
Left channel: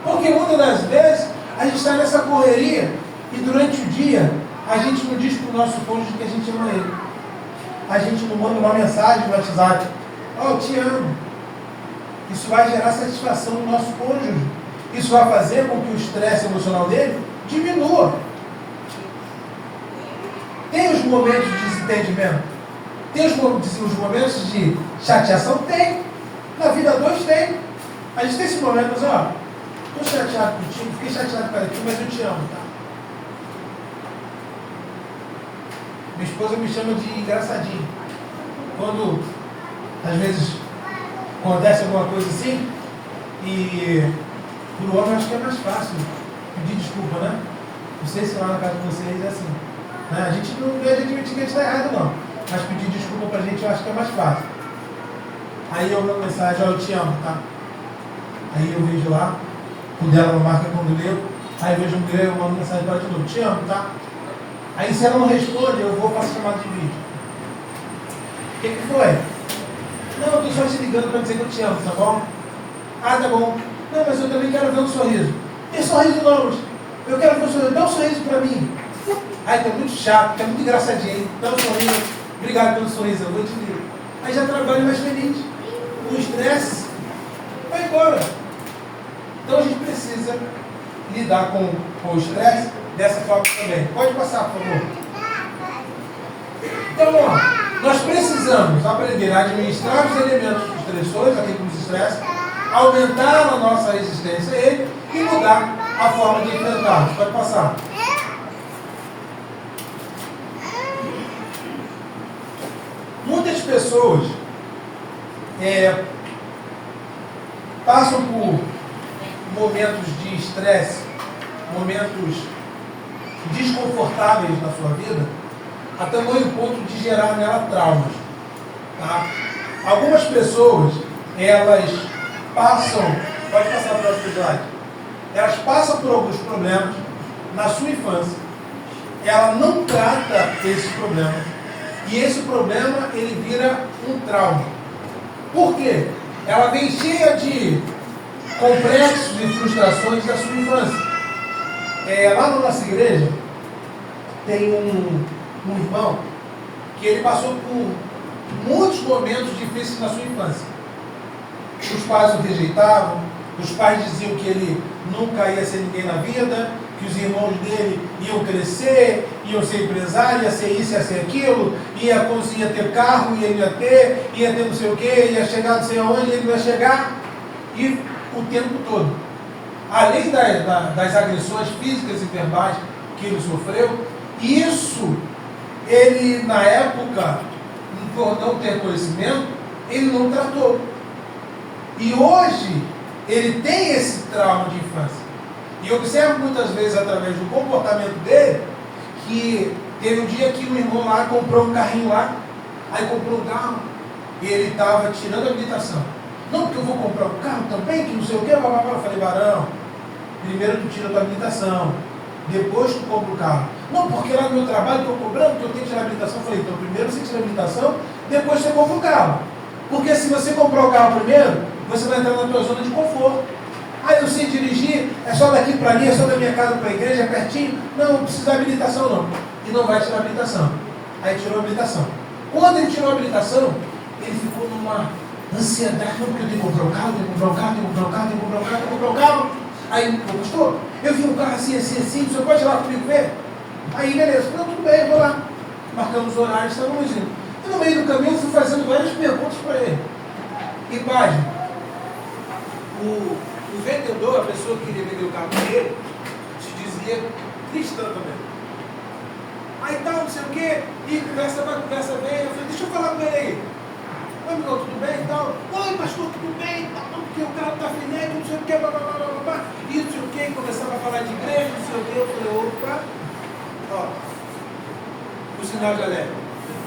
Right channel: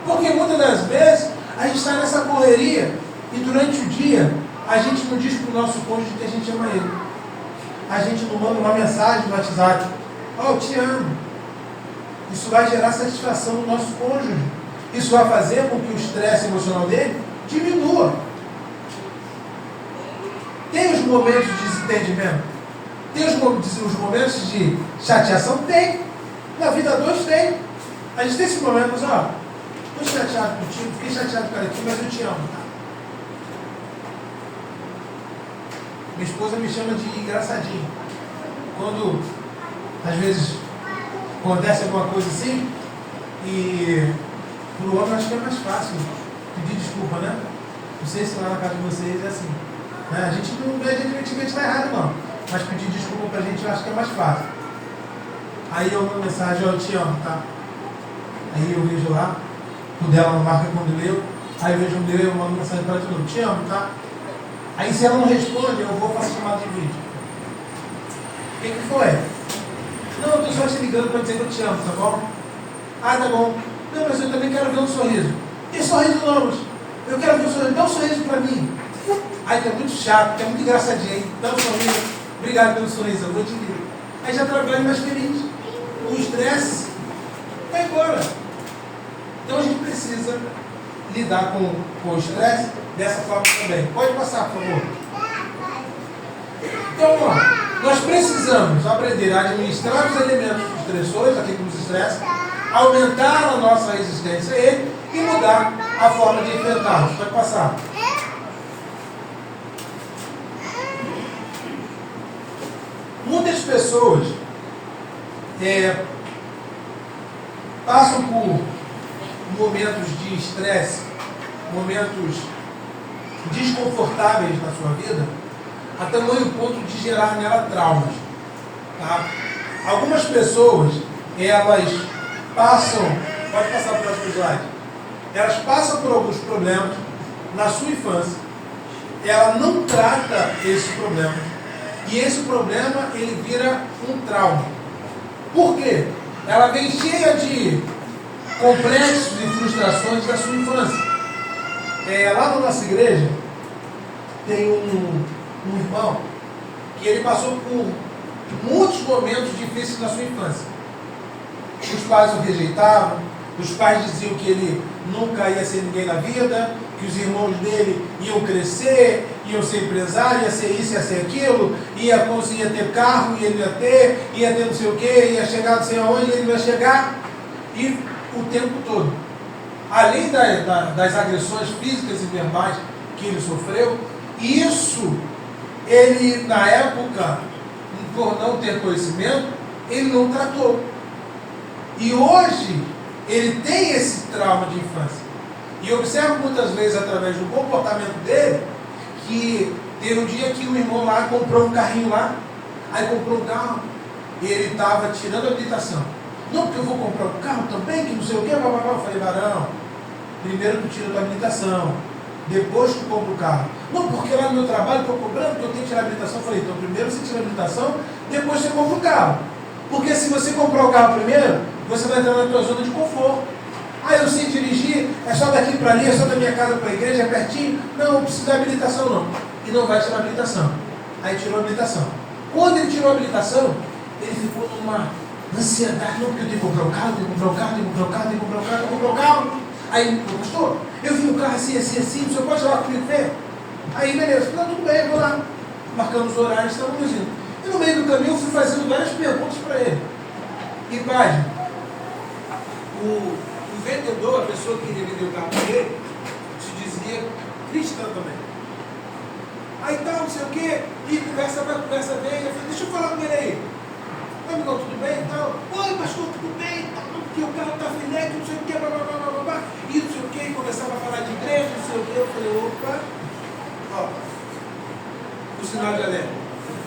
Porque muitas das vezes a gente está nessa correria e durante o dia a gente não diz para o nosso cônjuge que a gente ama ele. A gente não manda uma mensagem no WhatsApp: "Oh, eu te amo". Isso vai gerar satisfação no nosso cônjuge. Isso vai fazer com que o estresse emocional dele diminua. Tem os momentos de desentendimento? Tem os momentos de chateação? Tem. Na vida dois tem. A gente tem esse momento, mas estou chateado contigo, fiquei chateado com aqui, mas eu te amo, tá? Minha esposa me chama de engraçadinho. Quando, às vezes, acontece alguma coisa assim, e para o homem acho que é mais fácil pedir desculpa, né? Não sei se lá na casa de vocês é assim. Né? A gente não é de admitir que a gente está errado, não. Mas pedir desculpa para a gente eu acho que é mais fácil. Aí eu mando mensagem: eu te amo, tá? Aí eu vejo lá, o dela não marca quando leu. Aí eu vejo o meu, eu mando mensagem para ela de novo: te amo, tá? Aí se ela não responde, eu vou fazer chamada de vídeo. O que foi? Não, eu estou só te ligando para dizer que eu te amo, tá bom? Ah, tá bom. Não, mas eu também quero ver um sorriso. Tem sorriso não, mas eu quero ver um sorriso. Dá um sorriso para mim. Ai, tá muito chato, tá muito engraçadinho, hein? Dá um sorriso. Obrigado pelo sorriso, eu vou te ligar. Aí já trabalho mais feliz. O estresse vai embora. Então a gente precisa lidar com o estresse dessa forma também. Pode passar, por favor. Então, nós precisamos aprender a administrar os elementos estressores, aqui como os estresse, aumentar a nossa resistência a ele e mudar a forma de enfrentá-los. Pode passar. Muitas pessoas passam por momentos de estresse, momentos desconfortáveis na sua vida, a tamanho ponto de gerar nela traumas. Tá? Algumas pessoas, elas passam, pode passar para o próximo slide, elas passam por alguns problemas na sua infância, ela não trata esse problema, e esse problema ele vira um trauma. Por quê? Ela vem cheia de complexos e frustrações da sua infância. Lá na nossa igreja tem um irmão que ele passou por muitos momentos difíceis na sua infância. Os pais o rejeitavam, os pais diziam que ele nunca ia ser ninguém na vida, que os irmãos dele iam crescer, iam ser empresários, ia ser isso, ia ser aquilo, ia ter carro, ia ter não sei o que, ia chegar não sei aonde, ele vai chegar, e o tempo todo. Além das agressões físicas e verbais que ele sofreu, isso, ele na época, por não ter conhecimento, ele não tratou. E hoje, ele tem esse trauma de infância. E eu observo muitas vezes, através do comportamento dele, que teve um dia que o irmão lá comprou um carrinho lá, aí comprou um carro, e ele estava tirando a habilitação. Não, porque eu vou comprar um carro também, que não sei o que, blá, blá, blá. Eu falei, varão, primeiro tu tira a tua habilitação, depois tu compra o carro. Não, porque lá no meu trabalho estou cobrando que eu tenho que tirar a habilitação. Eu falei, então primeiro você tira a habilitação, depois você compra o carro. Porque se você comprar o carro primeiro, você vai entrar na tua zona de conforto. Ah, eu sei dirigir, é só daqui para ali, é só da minha casa para a igreja, é pertinho. Não, não precisa da habilitação não. E não vai tirar a habilitação. Aí tirou a habilitação. Quando ele tirou a habilitação, ele ficou numa ansiedade. Não, porque eu tenho que comprar um carro, tenho que comprar um carro, tenho que comprar um carro, tenho que comprar um carro, tenho que comprar um carro. Aí, pastor, eu vi um carro assim, você pode ir lá comigo ver? Aí, beleza, não, tudo bem, eu vou lá. Marcamos o horário, estávamos indo. E no meio do caminho eu fui fazendo várias perguntas para ele. E página, o vendedor, a pessoa que queria vender o carro para ele, se dizia cristã também. Aí tal, não sei o quê, e conversa vai, conversa vem. Eu falei, deixa eu falar com ele aí. Oi, amigão, tudo bem e tal? Oi, pastor, tudo bem? Não, porque o carro está filete, não sei o quê, blá, blá, blá, blá, blá. E não sei o quê, começava a falar de igreja, não sei o quê. Eu falei, opa, ó, o sinal de alerta.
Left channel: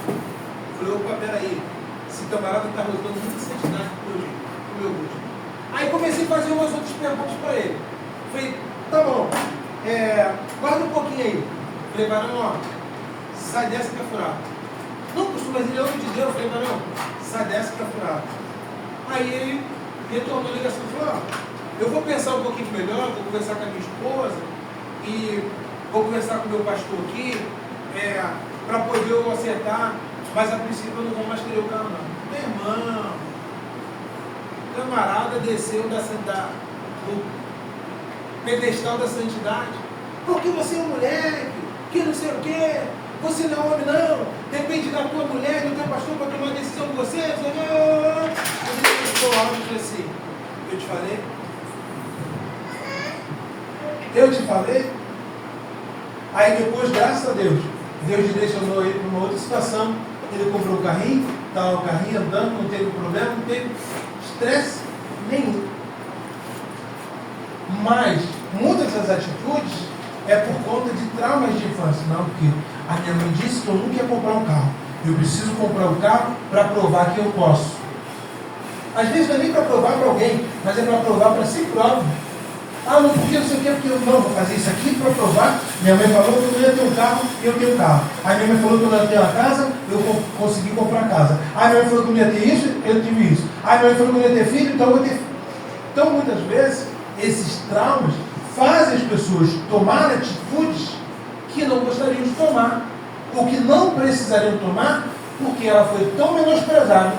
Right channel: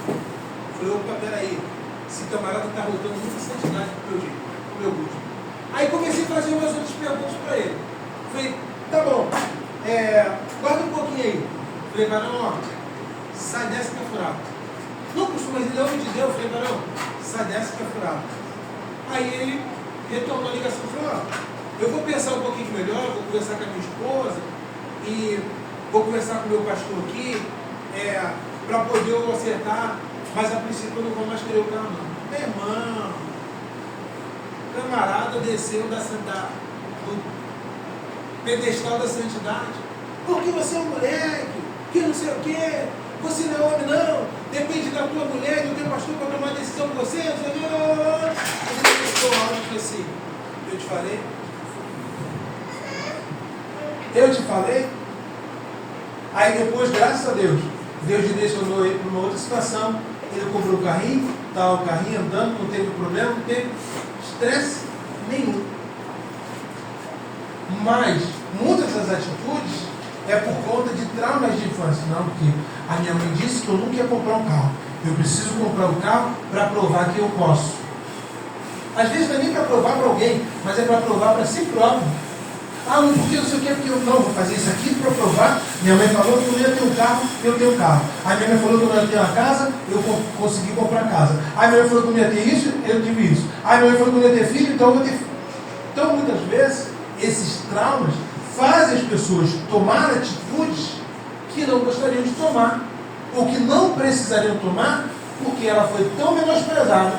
Eu falei, opa, peraí, esse camarada está rodando muita santidade pro meu gosto. Aí comecei a fazer umas outras perguntas para ele. Falei, tá bom, guarda um pouquinho aí. Falei, varão, ó, sai dessa que é furado. Não, pastor, mas ele é homem de Deus. Eu falei, varão, sai dessa que é furado. Aí ele retornou a ligação e falou, ó, eu vou pensar um pouquinho melhor, vou conversar com a minha esposa e vou conversar com o meu pastor aqui, para poder eu acertar, mas a princípio eu não vou mais querer o carro não. Meu irmão, o camarada desceu do pedestal da santidade, porque você é um moleque, que não sei o quê, você não é homem não, depende da tua mulher e do teu pastor para tomar decisão com você, não sei o quê. Ele ficou alto e disse assim, eu te falei? Eu te falei? Aí depois, graças a Deus, Deus direcionou ele para uma outra situação. Ele comprou o carrinho, estava o carrinho andando, não teve problema, não teve estresse nenhum. Mas muitas das atitudes é por conta de traumas de infância. Não, porque a minha mãe disse que eu nunca ia comprar um carro. Eu preciso comprar um carro para provar que eu posso. Às vezes não é nem para provar para alguém, mas é para provar para si próprio. Ah, não, porque não sei o que, porque eu não vou fazer isso aqui para provar. Minha mãe falou que eu não ia ter um carro, eu tenho um carro. Aí minha mãe falou que eu não ia ter uma casa, eu consegui comprar casa. Aí minha mãe falou que eu não ia ter isso, eu tive isso. Aí minha mãe falou que eu não ia ter filho, então eu vou ter filho. Então, muitas vezes, esses traumas fazem as pessoas tomar atitudes que não gostariam de tomar, ou que não precisariam tomar, porque ela foi tão menosprezada,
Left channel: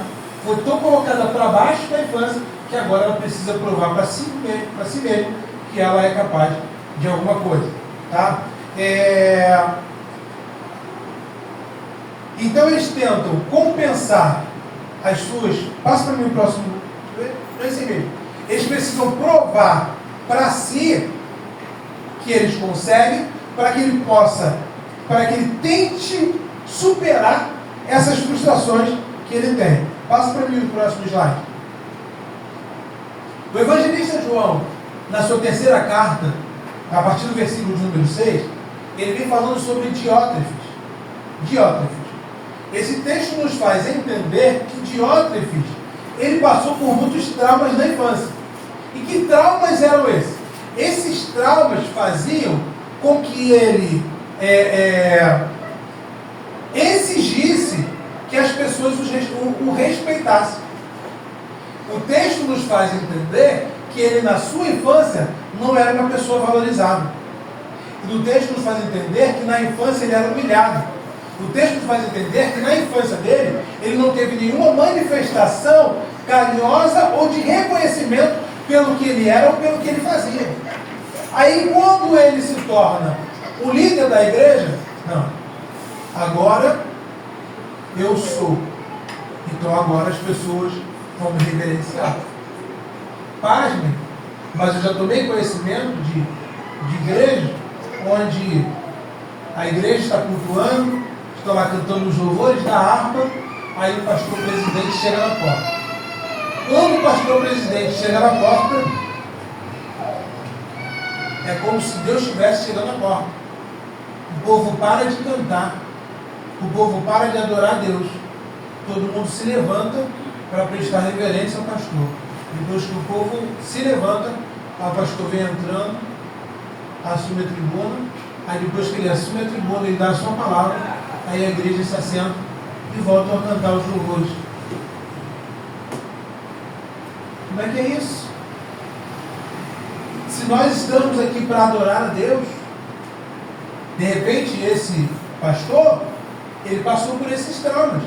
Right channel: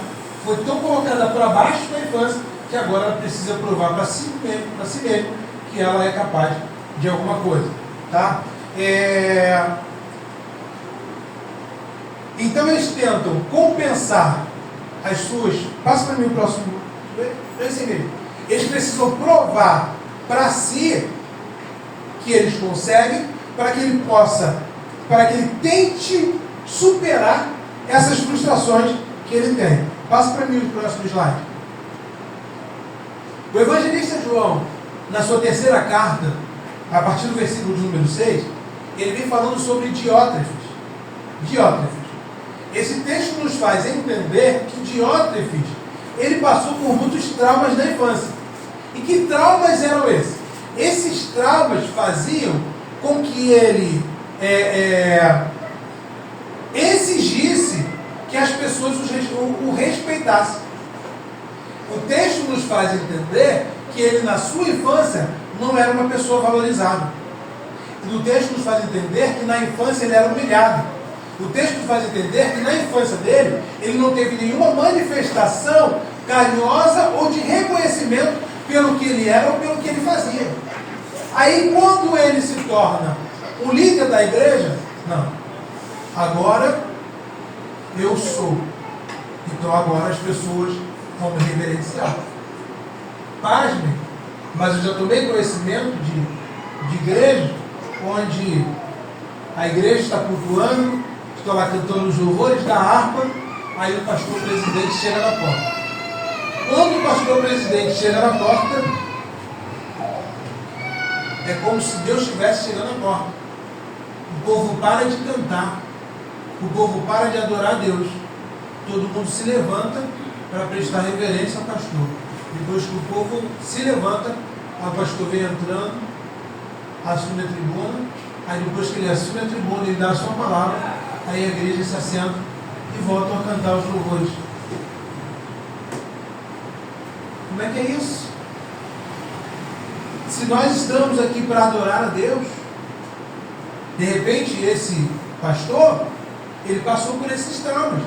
foi tão colocada para baixo da infância, que agora ela precisa provar para si mesmo que ela é capaz de alguma coisa, tá? Então eles tentam compensar as suas... Passa para mim o próximo. É assim mesmo. Eles precisam provar para si que eles conseguem, para que ele tente superar essas frustrações que ele tem. Passa para mim o próximo slide. O evangelista João, na sua terceira carta, a partir do versículo de número 6, ele vem falando sobre Diótrefes. Esse texto nos faz entender que Diótrefes, ele passou por muitos traumas na infância. E que traumas eram esses? Esses traumas faziam com que ele exigisse que as pessoas o respeitassem. O texto nos faz entender que ele, na sua infância, não era uma pessoa valorizada. O texto nos faz entender que na infância ele era humilhado. O texto nos faz entender que na infância dele, ele não teve nenhuma manifestação carinhosa ou de reconhecimento pelo que ele era ou pelo que ele fazia. Aí, quando ele se torna o líder da igreja, não, agora eu sou. Então agora as pessoas vão me reverenciar. Pasmem, mas eu já tomei conhecimento de igreja onde a igreja está cultuando, estão lá cantando os louvores da harpa, Aí o pastor presidente chega na porta. Quando o pastor presidente chega na porta, é como se Deus estivesse chegando na porta. O povo para de cantar. O povo para de adorar a Deus. Todo mundo se levanta para prestar reverência ao pastor. Depois que o povo se levanta, o pastor vem entrando, assume a tribuna. Aí depois que ele assume a tribuna, ele dá a sua palavra. Aí a igreja se assenta e volta a cantar os louvores. Como é que é isso? Se nós estamos aqui para adorar a Deus, de repente esse pastor, ele passou por esses traumas.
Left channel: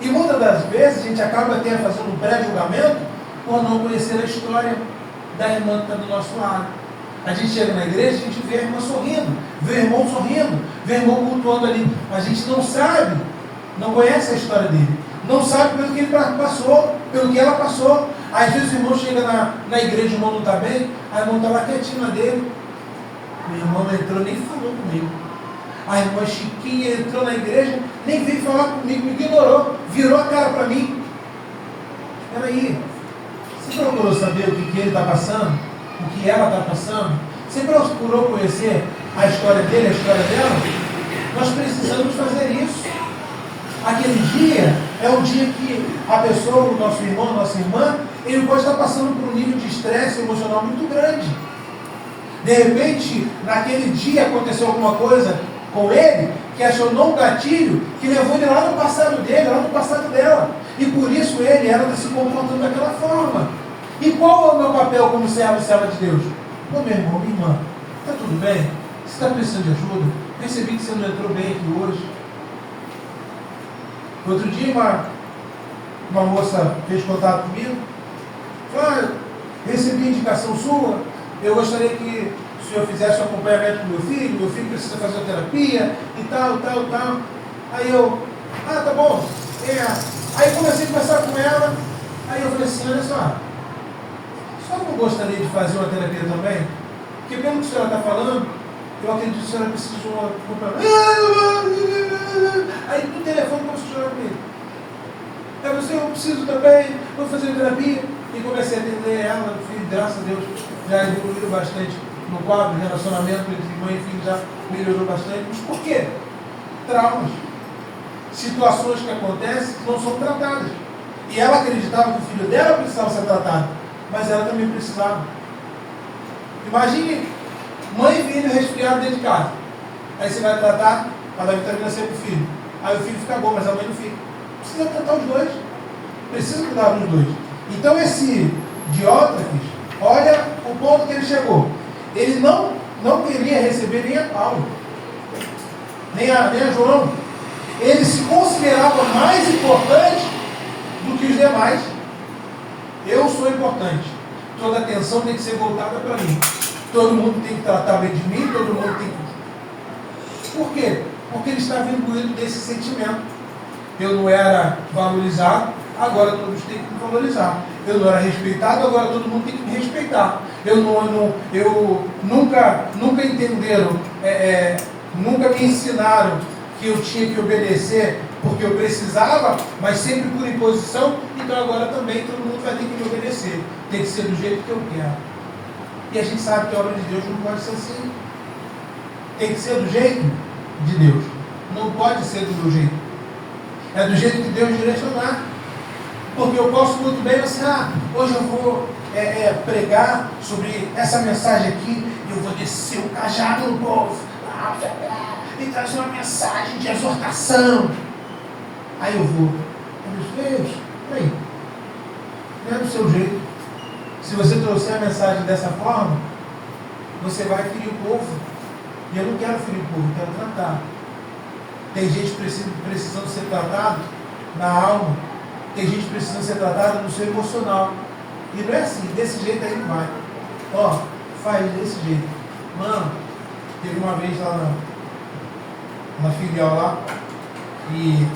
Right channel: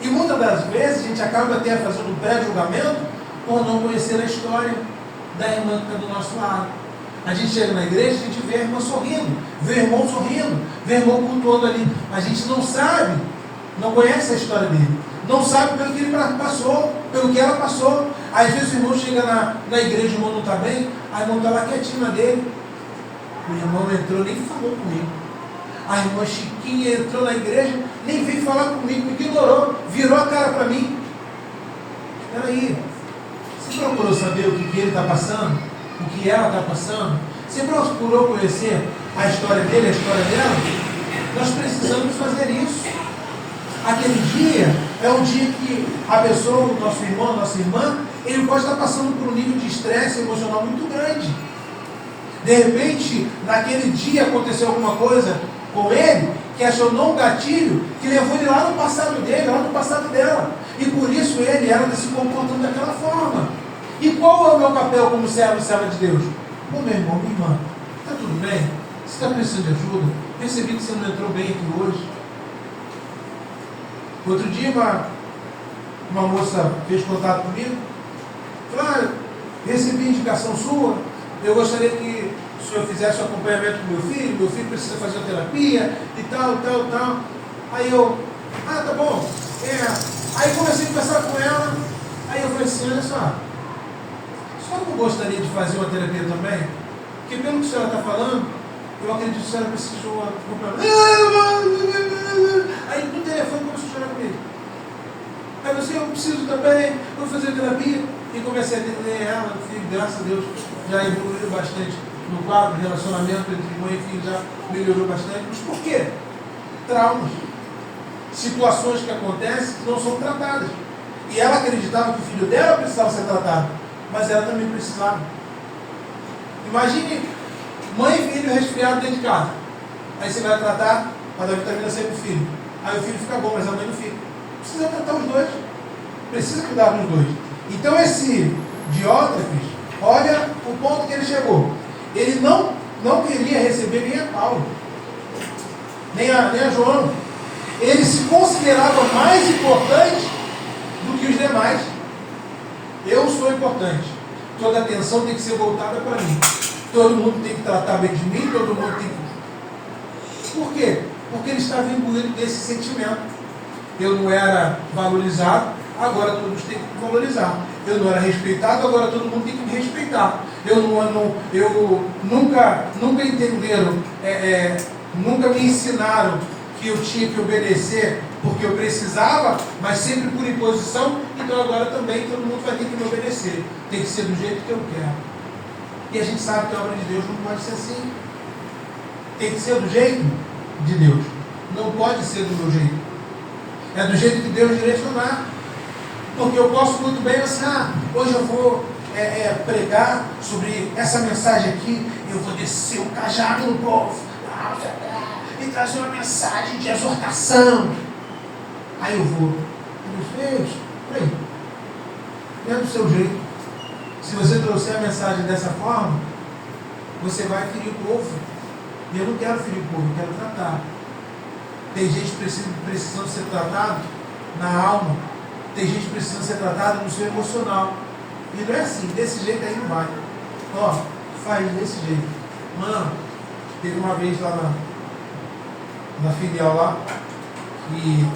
E muitas das vezes a gente acaba até fazendo um pré-julgamento por não conhecer a história da irmã que está do nosso lado. A gente chega na igreja, a gente vê a irmã sorrindo, vê o irmão sorrindo, vê o irmão cultuando ali. Mas a gente não sabe, não conhece a história dele. Não sabe pelo que ele passou, pelo que ela passou. Às vezes o irmão chega na igreja, o irmão não está bem, a irmã está lá quietinho na dele. O irmão não entrou, nem falou comigo. A irmã Chiquinha entrou na igreja, nem veio falar comigo, me ignorou, virou a cara para mim. Espera aí, você procurou saber o que ele está passando? O que ela está passando? Você procurou conhecer a história dele, a história dela? Nós precisamos fazer isso. Aquele dia é um dia que a pessoa, o nosso irmão, a nossa irmã, ele pode estar passando por um nível de estresse emocional muito grande. De repente, naquele dia aconteceu alguma coisa com ele, que acionou um gatilho, que levou ele lá no passado dele, lá no passado dela. E por isso ela está se comportando daquela forma. E qual é o meu papel como servo e serva de Deus? Ô meu irmão, minha irmã, está tudo bem? Você está precisando de ajuda? Percebi que você não entrou bem aqui hoje. Outro dia uma moça fez contato comigo. Falou, recebi indicação sua, eu gostaria que o senhor fizesse um acompanhamento com meu filho precisa fazer terapia e tal. Aí eu, tá bom. Aí comecei a conversar com ela, aí eu falei assim, olha só, a senhora não gostaria de fazer uma terapia também? Porque pelo que a senhora está falando, eu acredito que a senhora precisa de uma acompanhamento. Aí no telefone começou a chorar comigo. Aí eu disse, eu preciso também, vou fazer terapia. E comecei a atender ela, filho, graças a Deus, já evoluiu bastante no quadro, o relacionamento entre mãe e filho já melhorou bastante. Mas por quê? Traumas. Situações que acontecem que não são tratadas. E ela acreditava que o filho dela precisava ser tratado, mas ela também precisava. Imagine mãe e filho resfriado dentro de casa. Aí você vai tratar para dar vitamina C para o filho. Aí o filho fica bom, mas a mãe não fica. Precisa tratar os dois. Precisa cuidar dos dois. Então esse Diótrefes, olha o ponto que ele chegou. Ele não queria receber nem a Paulo, nem a João. Ele se considerava mais importante do que os demais. Eu sou importante. Toda a atenção tem que ser voltada para mim. Todo mundo tem que tratar bem de mim, todo mundo tem que... Por quê? Porque ele estava imbuído desse sentimento. Eu não era valorizado, agora todos têm que me valorizar. Eu não era respeitado, agora todo mundo tem que me respeitar. Eu nunca entenderam, nunca me ensinaram que eu tinha que obedecer porque eu precisava, mas sempre por imposição. Então agora também todo mundo vai ter que me obedecer. Tem que ser do jeito que eu quero. E a gente sabe que a obra de Deus não pode ser assim. Tem que ser do jeito de Deus. Não pode ser do meu jeito. É do jeito que Deus direcionar. Porque eu posso muito bem assim, hoje eu vou pregar sobre essa mensagem aqui, e eu vou descer o cajado no povo, e trazer uma mensagem de exortação. Aí eu vou. Deus, peraí. Não é do seu jeito. Se você trouxer a mensagem dessa forma, você vai ferir o povo. E eu não quero ferir o povo, eu quero tratar. Tem gente precisando ser tratado na alma. Tem gente precisando ser tratada no seu emocional. E não é assim, desse jeito aí não vai. Faz desse jeito. Mano, teve uma vez lá na filial lá, e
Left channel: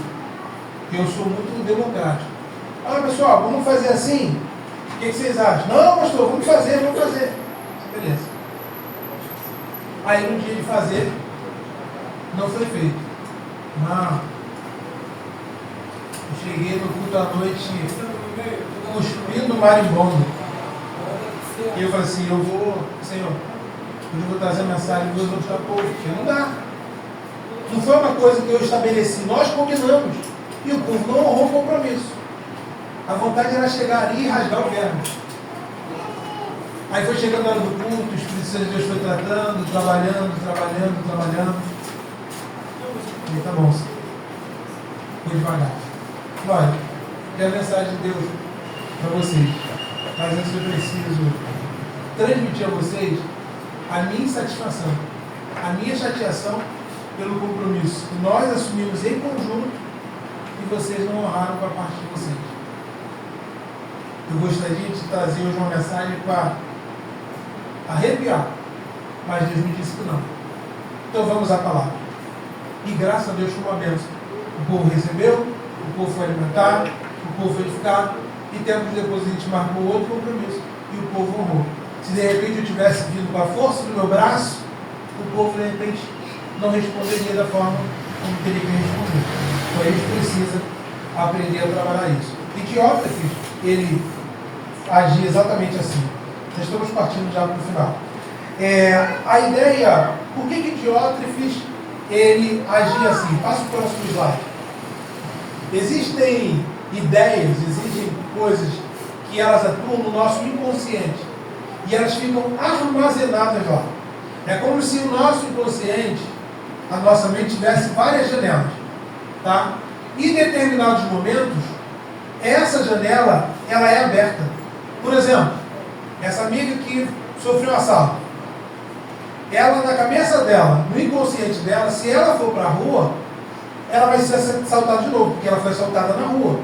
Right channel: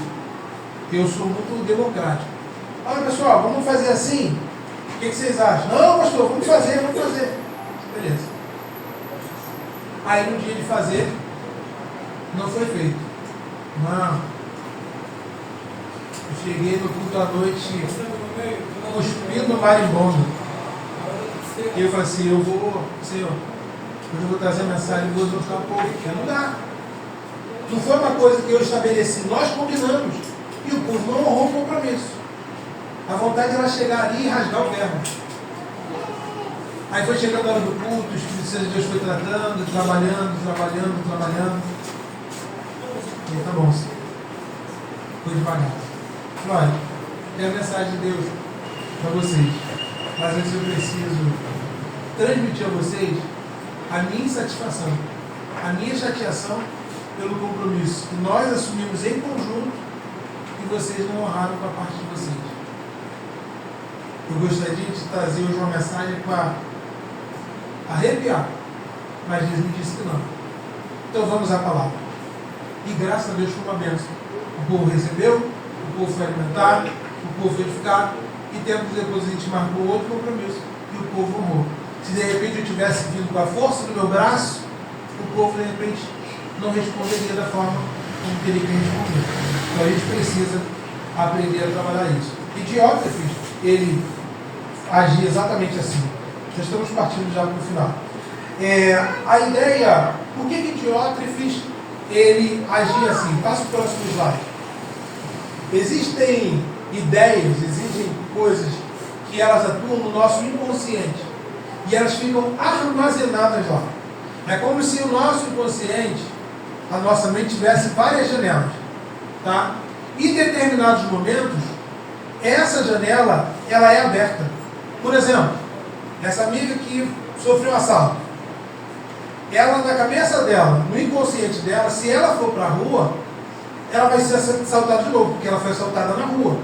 eu sou muito democrático. Olha pessoal, vamos fazer assim? O que vocês acham? Não, pastor, vamos fazer. Beleza. Aí no dia de fazer, não foi feito. Não. Eu cheguei no culto à noite cuspindo marimbondo. E eu falei assim, Senhor, hoje eu vou trazer a mensagem e vou exortar o povo, porque não dá. Não foi uma coisa que eu estabeleci, nós combinamos. E o povo não honrou o compromisso. A vontade era chegar ali e rasgar o verbo. Aí foi chegando a hora do culto, o Espírito Santo de Deus foi tratando, trabalhando. E tá bom, Senhor. Foi devagar. Olha, tem a mensagem de Deus para vocês. Mas antes eu preciso transmitir a vocês a minha insatisfação, a minha chateação pelo compromisso que nós assumimos em conjunto e vocês não honraram com a parte de vocês. Eu gostaria de trazer hoje uma mensagem para arrepiar, mas Deus me disse que não. Então vamos à palavra. E graças a Deus foi uma bênção. O povo recebeu, o povo foi alimentado, o povo foi edificado, e tempos depois a gente marcou outro compromisso e o povo honrou. Se de repente eu tivesse vindo com a força do meu braço, o povo de repente não responderia da forma como teria que responder. Então a gente precisa aprender a trabalhar isso. E Diótrefes, ele agia exatamente assim. Já estamos partindo já para o final. A ideia, por que Diótrefes ele agia assim? Passa o próximo slide. Existem ideias, existem coisas que elas atuam no nosso inconsciente e elas ficam armazenadas lá. É como se o nosso inconsciente, a nossa mente tivesse várias janelas, tá? E em determinados momentos, essa janela, ela é aberta. Por exemplo, essa amiga que sofreu um assalto, ela na cabeça dela, no inconsciente dela, se ela for para a rua, ela vai ser assaltada de novo, porque ela foi assaltada na rua.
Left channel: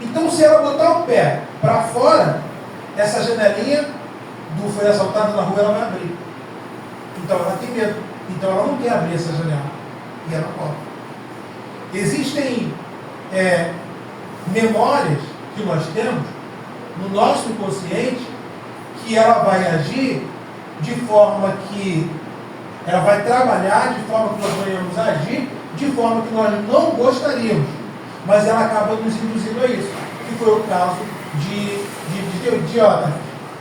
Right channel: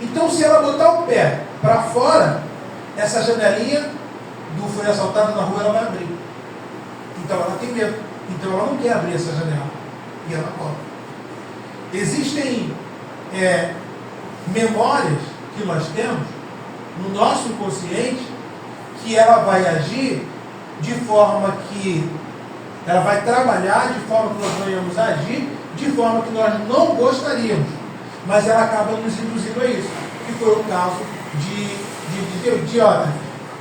Então, se ela botar o pé para fora, essa janelinha do foi assaltado na rua, ela vai abrir. Então, ela tem medo. Então, ela não quer abrir essa janela. E ela corre. Existem memórias que nós temos no nosso inconsciente que ela vai agir de forma que ela vai trabalhar de forma que nós venhamos a agir de forma que nós não gostaríamos, mas ela acaba nos induzindo a isso, que foi o caso de Diótrefes,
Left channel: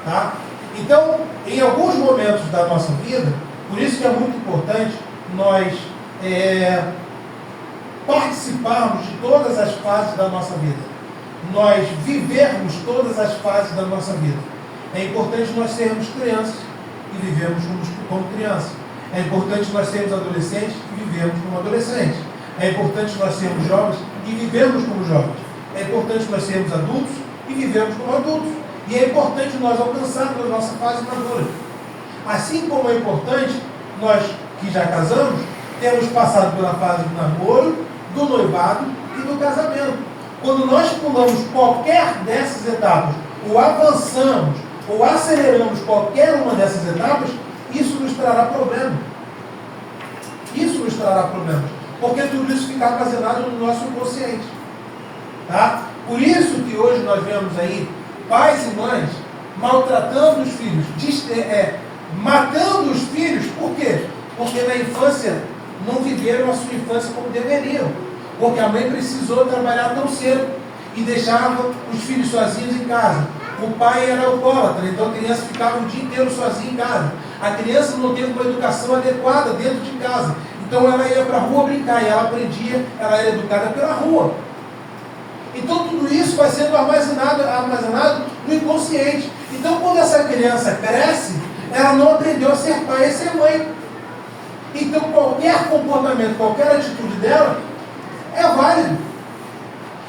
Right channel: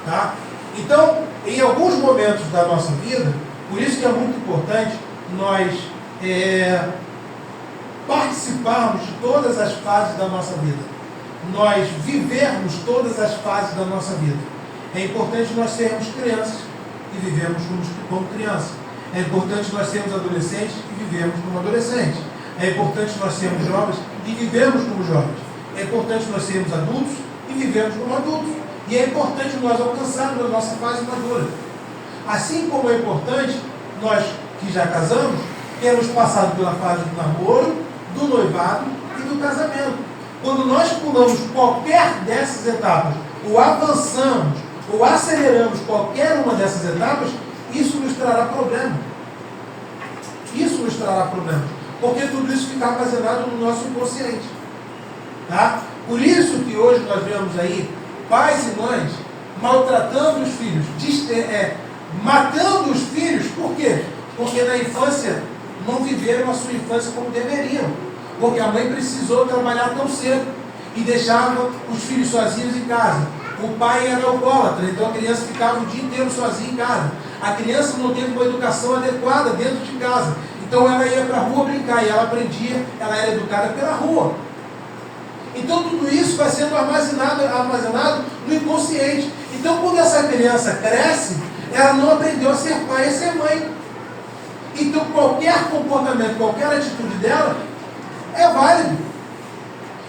tá? Então, em alguns momentos da nossa vida, por isso que é muito importante nós participarmos de todas as fases da nossa vida, nós vivermos todas as fases da nossa vida. É importante nós sermos crianças e vivermos como criança. É importante nós sermos adolescentes e vivermos como adolescentes. É importante nós sermos jovens e vivermos como jovens. É importante nós sermos adultos e vivermos como adultos. E é importante nós alcançarmos a nossa fase madura. Assim como é importante nós que já casamos, termos passado pela fase do namoro, do noivado e do casamento. Quando nós pulamos qualquer dessas etapas, ou avançamos, ou aceleramos qualquer uma dessas etapas, isso nos trará problema. Isso nos trará problemas. Porque tudo isso fica armazenado no nosso inconsciente. Tá? Por isso que hoje nós vemos aí pais e mães maltratando os filhos, matando os filhos. Por quê? Porque na infância não viveram a sua infância como deveriam. Porque a mãe precisou trabalhar tão cedo e deixava os filhos sozinhos em casa. O pai era alcoólatra, então a criança ficava o dia inteiro sozinha em casa. A criança não teve uma educação adequada dentro de casa. Então ela ia para a rua brincar e ela aprendia, ela era educada pela rua. Então tudo isso vai sendo armazenado no inconsciente. Então quando essa criança cresce, ela não aprendeu a ser pai e a ser mãe. Então qualquer comportamento, qualquer atitude dela é válido.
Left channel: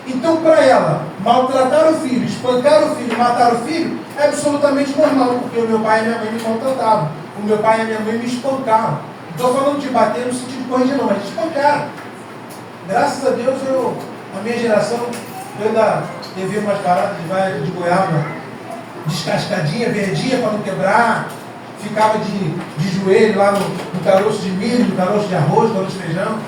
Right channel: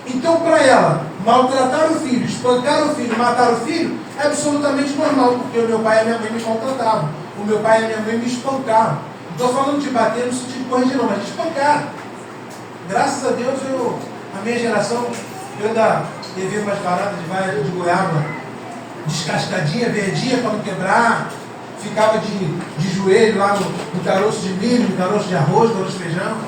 Então para ela, maltratar o filho, espancar o filho, matar o filho, é absolutamente normal, porque o meu pai e a minha mãe me maltratavam. O meu pai e a minha mãe me espancaram. Não estou falando de bater no sentido de corrigir não, mas de espancar. Graças a Deus, a minha geração, eu ainda levei umas paradas de goiaba descascadinha, verdinha para não quebrar, ficava de joelho lá no caroço de milho, no caroço de arroz, caroço de feijão.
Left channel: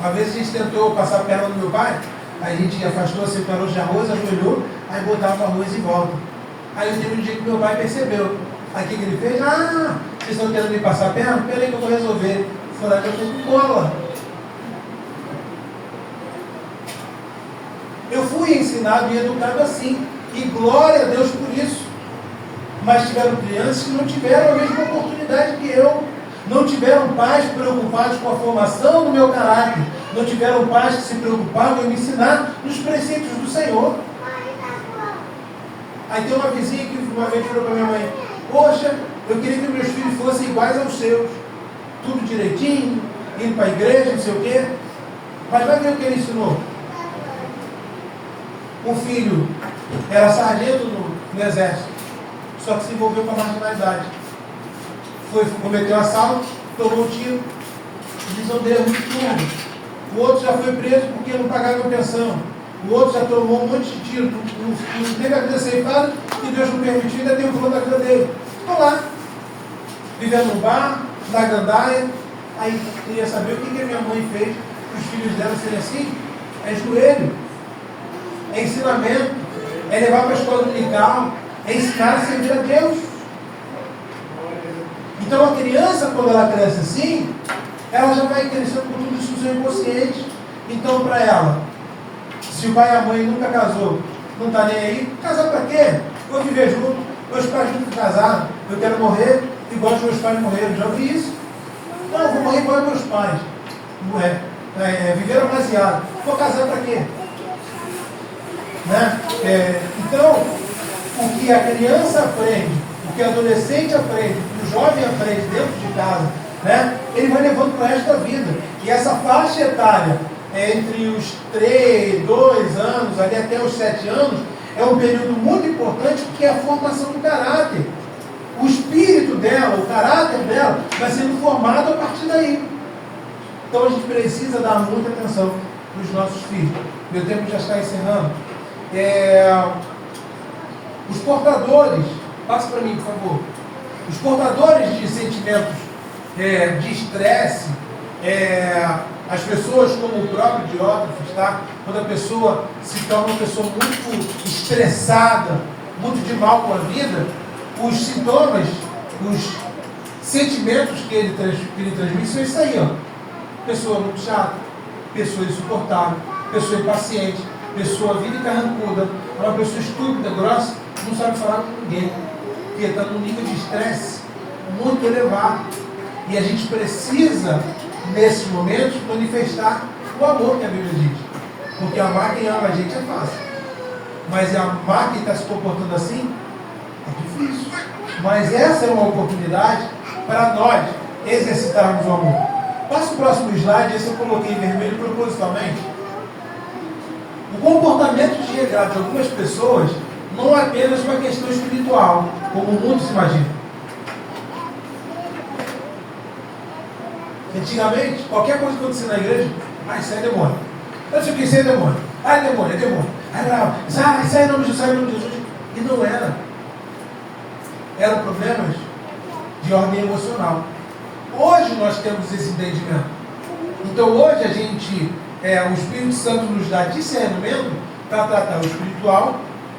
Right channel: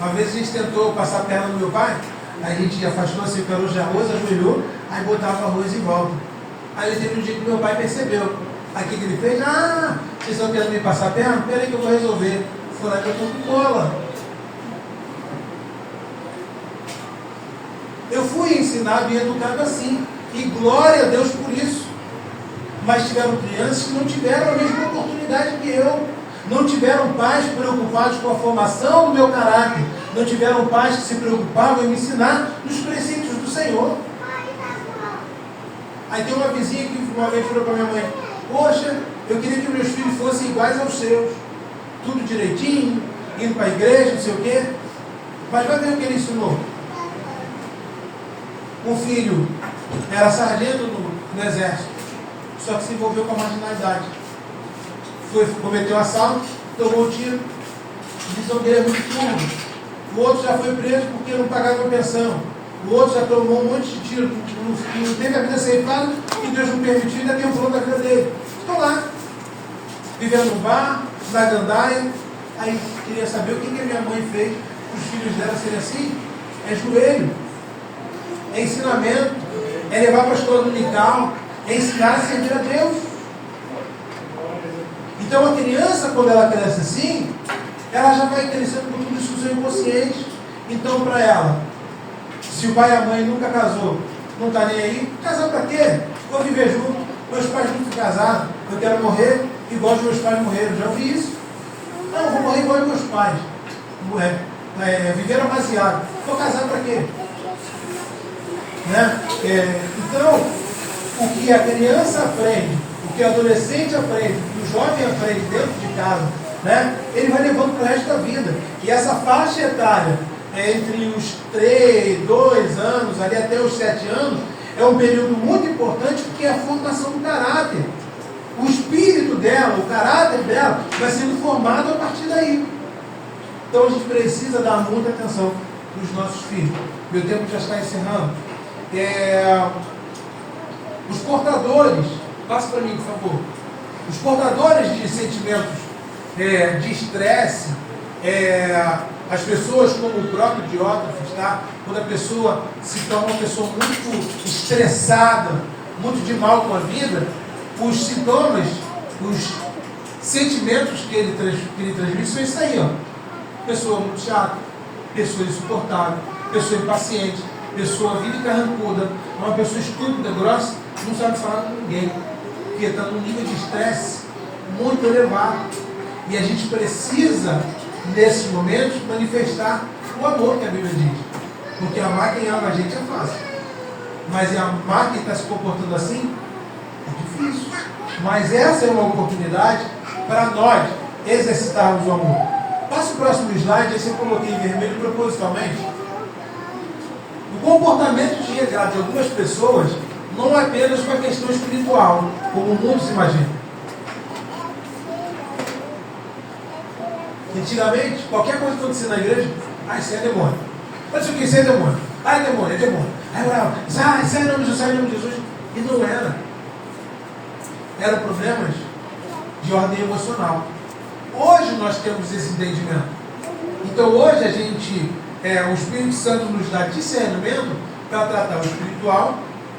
Uma vez a gente tentou passar a perna no meu pai, aí a gente afastou assim o caroço de arroz, ajoelhou, aí botava o arroz em volta. Aí teve um dia que meu pai percebeu. Aí o que ele fez? Vocês estão querendo me passar a perna? Peraí que eu vou resolver. Foi lá que eu estou com cola. Eu fui ensinado e educado assim. E glória a Deus por isso. Mas tiveram crianças que não tiveram a mesma oportunidade que eu. Não tiveram pais preocupados com a formação do meu caráter. Não tiveram pais que se preocupavam em me ensinar nos preceitos do Senhor. Aí tem uma vizinha que uma vez falou para minha mãe: poxa, eu queria que meus filhos fossem iguais aos seus. Tudo direitinho, indo para a igreja, não sei o quê. Mas vai ver o que ele ensinou. Um filho era sargento no exército, só que se envolveu com a marginalidade. Cometeu um assalto, tomou um tiro, desobeia muito turno. O outro já foi preso porque não pagava pensão. O outro já tomou um monte de tiro, não teve a vida ceifada, e Deus não permitiu, ainda tem um plano da vida dele. Estou lá, vivendo no bar, na gandaia. Aí queria saber o que a minha mãe fez para os filhos dela serem assim. É joelho, é ensinamento, é levar para a escola dominical, é ensinar a servir a Deus. Então a criança, quando ela cresce assim, ela já vai crescendo com tudo isso no seu inconsciente. Então, para ela, se o pai e a mãe nunca casou, não está nem aí, casar para quê? Vou viver junto, meus pais nunca casaram, eu quero morrer igual os meus pais morreram. Já ouvi isso? Não, vou morrer igual os meus pais. Viveram demasiado. Vou casar para quê? Né? Então, o que a criança aprende, o que o adolescente aprende, o que o jovem aprende dentro de casa, né? Ele vai levando para o resto da vida. E essa faixa etária, entre os 2 anos, ali até os 7 anos, é um período muito importante, porque é a formação do caráter. O espírito dela, o caráter dela, vai sendo formado a partir daí. Então a gente precisa dar muita atenção para os nossos filhos. Meu tempo já está encerrando. Os portadores, passa para mim, por favor. Os portadores de sentimentos de estresse, as pessoas como o próprio Diótrefes, tá? Quando a pessoa se torna uma pessoa muito estressada, muito de mal com a vida, os sintomas, os sentimentos que ele transmite são isso aí, ó. Pessoa muito chata, pessoa insuportável, pessoa impaciente, pessoa vive carrancuda, uma pessoa estúpida, grossa, não sabe falar com ninguém, porque está num nível de estresse muito elevado. E a gente precisa, nesses momentos, manifestar o amor que a Bíblia diz. Porque amar quem ama a gente é fácil. Mas amar quem está se comportando assim é difícil. Mas essa é uma oportunidade para nós exercitarmos o amor. Passa o próximo slide, esse eu coloquei em vermelho propositalmente. O comportamento desregrado de algumas pessoas não é apenas uma questão espiritual, como muitos imaginam. Antigamente, qualquer coisa que acontecia na igreja, isso é demônio. Mas o que isso é demônio? É demônio, é demônio. Sai em nome de Jesus, sai em nome de Jesus. E não era. Eram problemas de ordem emocional. Hoje nós temos esse entendimento. Então hoje a gente, o Espírito Santo nos dá discernimento para tratar o espiritual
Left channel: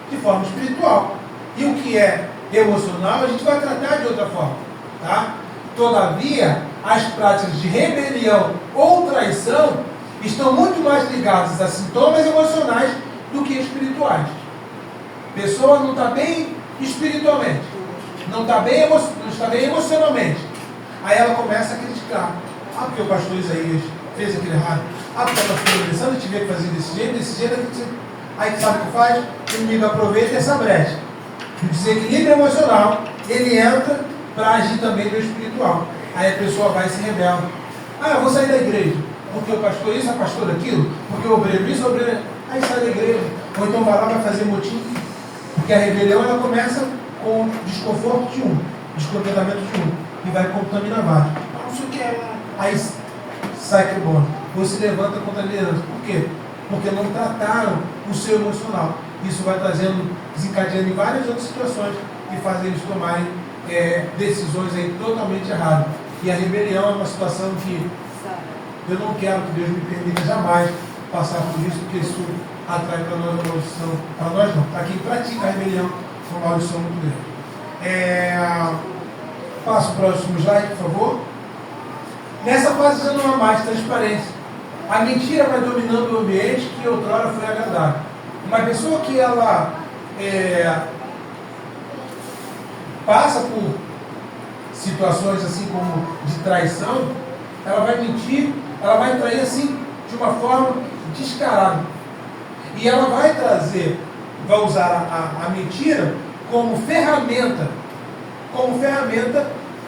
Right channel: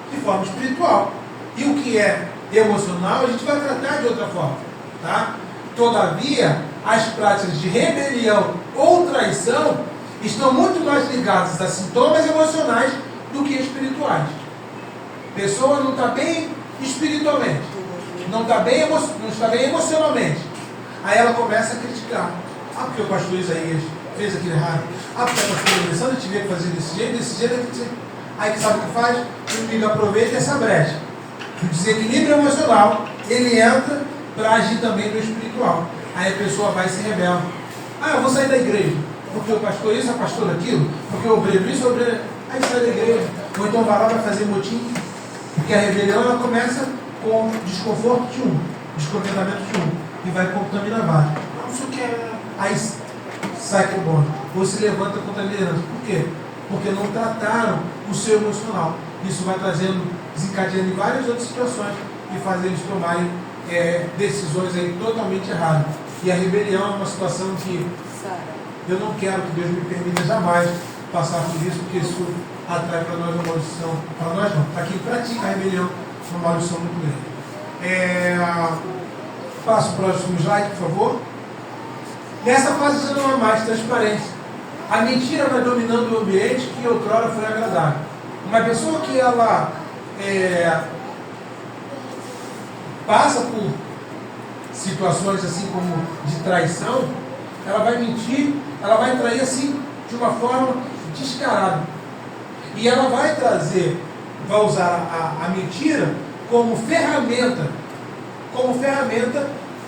de forma espiritual. E o que é emocional a gente vai tratar de outra forma. Tá? Todavia, as práticas de rebelião ou traição estão muito mais ligadas a sintomas emocionais do que espirituais. A pessoa não está bem espiritualmente, não está bem emocionalmente. Aí ela começa a criticar. Porque o pastor Isaías fez aquilo errado. Porque a pastora Alessandra tiver que fazer desse jeito. Aí que sabe o que faz? O inimigo aproveita essa brecha. O desequilíbrio emocional, ele entra para agir também no espiritual. Aí a pessoa vai e se rebela. Eu vou sair da igreja. Porque o pastor isso, a pastora aquilo. Porque o obreiro isso, o obreiro... Aí sai da igreja. Ou então vai lá, vai fazer motim. Porque a rebelião, ela começa com desconforto de um. Descontentamento de um. E vai contaminar vários. Não sei o que é. Aí sai que bom. Ou se levanta contaminando. Por quê? Porque não trataram o seu emocional. Isso vai desencadeando em várias outras situações e faz eles tomarem decisões aí totalmente erradas. E a rebelião é uma situação que eu não quero que Deus me permita jamais passar por isso, porque isso atrai para nós uma maldição. Para nós não. Para quem pratica a rebelião, uma maldição muito grande. Passa o próximo slide, por favor. Nessa fase já não há mais transparência. A mentira vai dominando o ambiente que outrora foi agradável. Uma pessoa que ela passa por situações assim como de traição, ela vai mentir, ela vai trair assim de uma forma descarada. E ela vai usar a mentira como ferramenta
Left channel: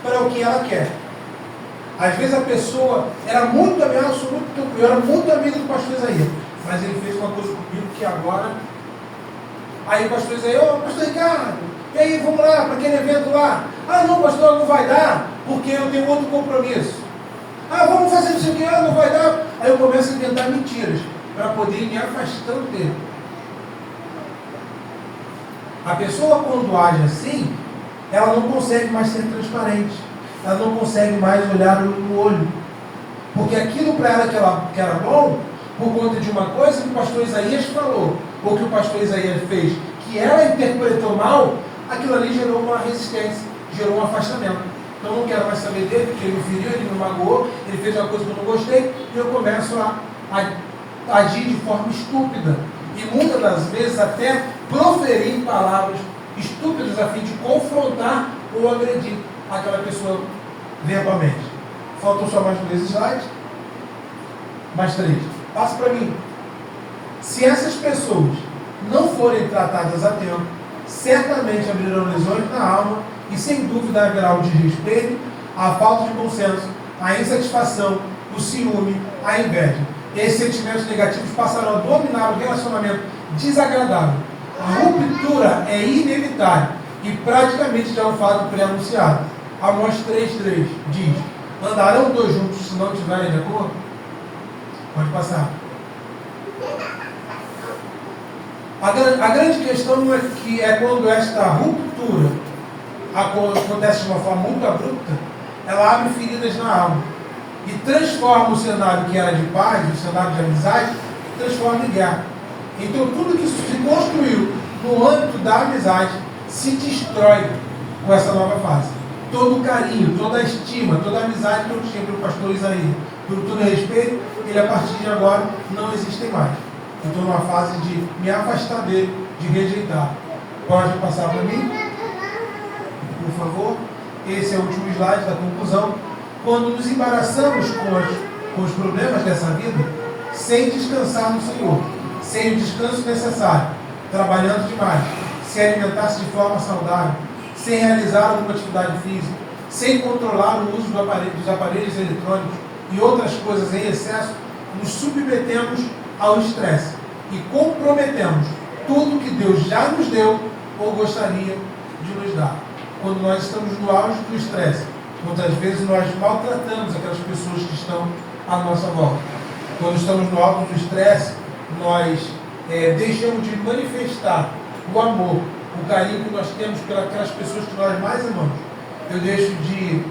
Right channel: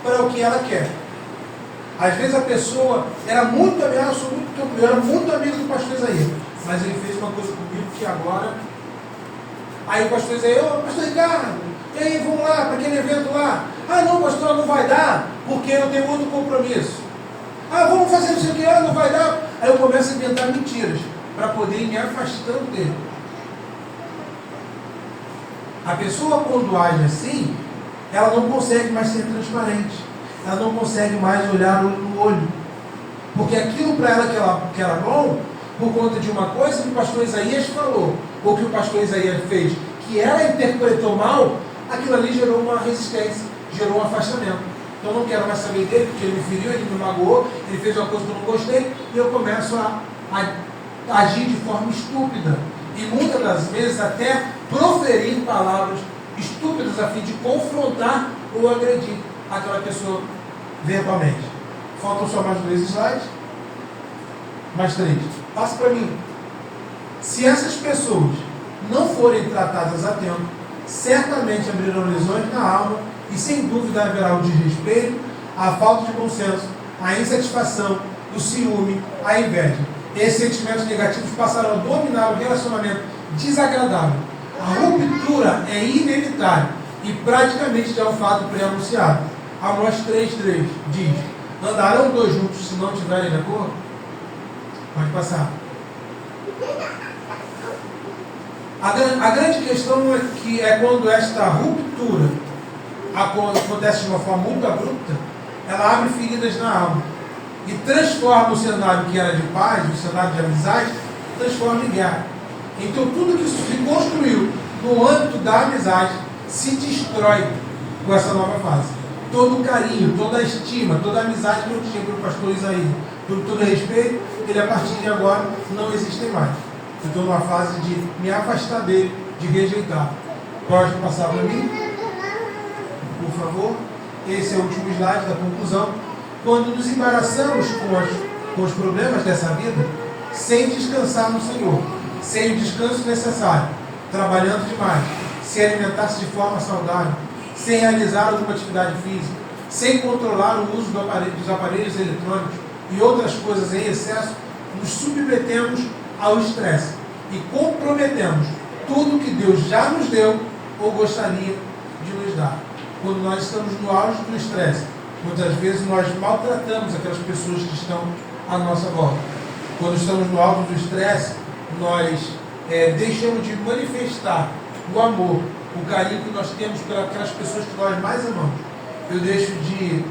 para o que ela quer. Às vezes a pessoa era muito amiga, eu era muito amigo do pastor Isaías, mas ele fez uma coisa comigo que agora. Aí o pastor Isaías, pastor Ricardo, e aí, vamos lá para aquele evento lá. Ah, não, pastor, não vai dar, porque eu tenho outro compromisso. Ah, vamos fazer isso aqui, não vai dar. Aí eu começo a inventar mentiras para poder ir me afastando dele. A pessoa, quando age assim, ela não consegue mais ser transparente. Ela não consegue mais olhar olho no olho. Porque aquilo para ela que era bom, por conta de uma coisa que o pastor Isaías falou, ou que o pastor Isaías fez, que ela interpretou mal, aquilo ali gerou uma resistência, gerou um afastamento. Então eu não quero mais saber dele, porque ele me feriu, ele me magoou, ele fez uma coisa que eu não gostei, e eu começo a agir de forma estúpida. E muitas das vezes até proferir palavras estúpidas a fim de confrontar ou agredir aquela pessoa verbalmente. Faltam só mais 2 slides. Mais 3. Passa para mim. Se essas pessoas não forem tratadas a tempo, certamente abrirão lesões na alma e sem dúvida haverá o desrespeito, a falta de bom senso, a insatisfação, o ciúme, a inveja. Esses sentimentos negativos passarão a dominar o relacionamento desagradável. A ruptura é inevitável e praticamente já é um fato pré-anunciado. Amós 3,3 diz: andarão 2 juntos se não estiverem de acordo? Pode passar. A grande questão é que quando esta ruptura acontece de uma forma muito abrupta, ela abre feridas na alma e transforma o cenário que era de paz, o cenário de amizade, transforma em guerra. Então tudo que se construiu no âmbito da amizade se destrói com essa nova fase. Todo o carinho, toda a estima, toda a amizade que eu tinha pelo pastor Isaías, por todo respeito, ele a partir de agora não existem mais. Eu estou numa fase de me afastar dele, de rejeitar. Pode passar para mim? Por favor. Esse é o último slide da conclusão. Quando nos embaraçamos com os problemas dessa vida, sem descansar no Senhor, sem o descanso necessário, trabalhando demais, sem alimentar-se de forma saudável, sem realizar alguma atividade física, sem controlar o uso dos aparelhos eletrônicos e outras coisas em excesso, nos submetemos ao estresse e comprometemos tudo que Deus já nos deu ou gostaria de nos dar. Quando nós estamos no auge do estresse, muitas vezes nós maltratamos aquelas pessoas que estão à nossa volta. Quando estamos no alto do estresse, nós deixamos de manifestar o amor, o carinho que nós temos pelas pessoas que nós mais amamos. Eu deixo de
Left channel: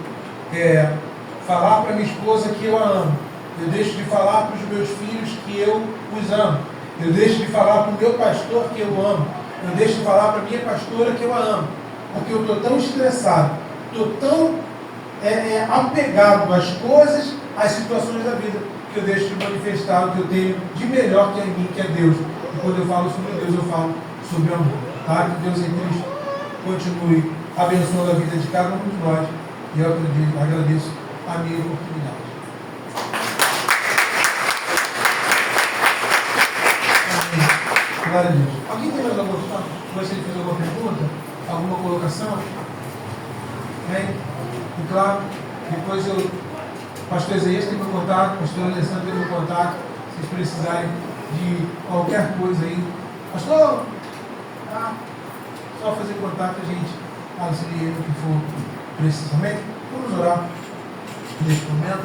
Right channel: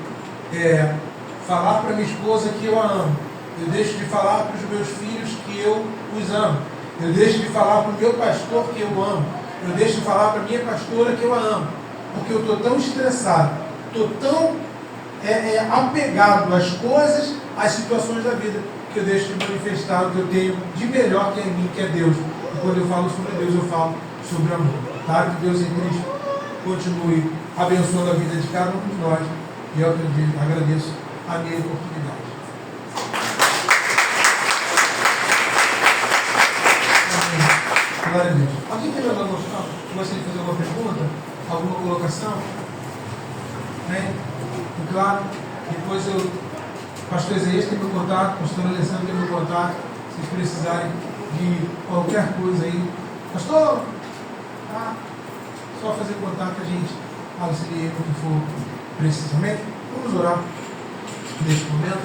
falar para minha esposa que eu a amo. Eu deixo de falar para os meus filhos que eu os amo. Eu deixo de falar para o meu pastor que eu amo. Eu deixo de falar para a minha pastora que eu a amo. Porque eu estou tão estressado, estou tão apegado às coisas, às situações da vida, que eu deixo de manifestar o que eu tenho de melhor que é em mim, que é Deus. E quando eu falo sobre Deus, eu falo sobre amor. Tá? Que Deus em Cristo continue abençoando a vida de cada um de nós. E eu agradeço a minha oportunidade. Glória a Deus. Alguém tem mais alguma coisa? Gostaria de fazer alguma pergunta? Alguma colocação? Bem, e claro, depois o pastor Isaías tem meu contato, o pastor Alessandro tem meu contato, se vocês precisarem de qualquer coisa aí. Pastor, só fazer contato, a gente auxilia no que for precisamente. Vamos orar neste momento.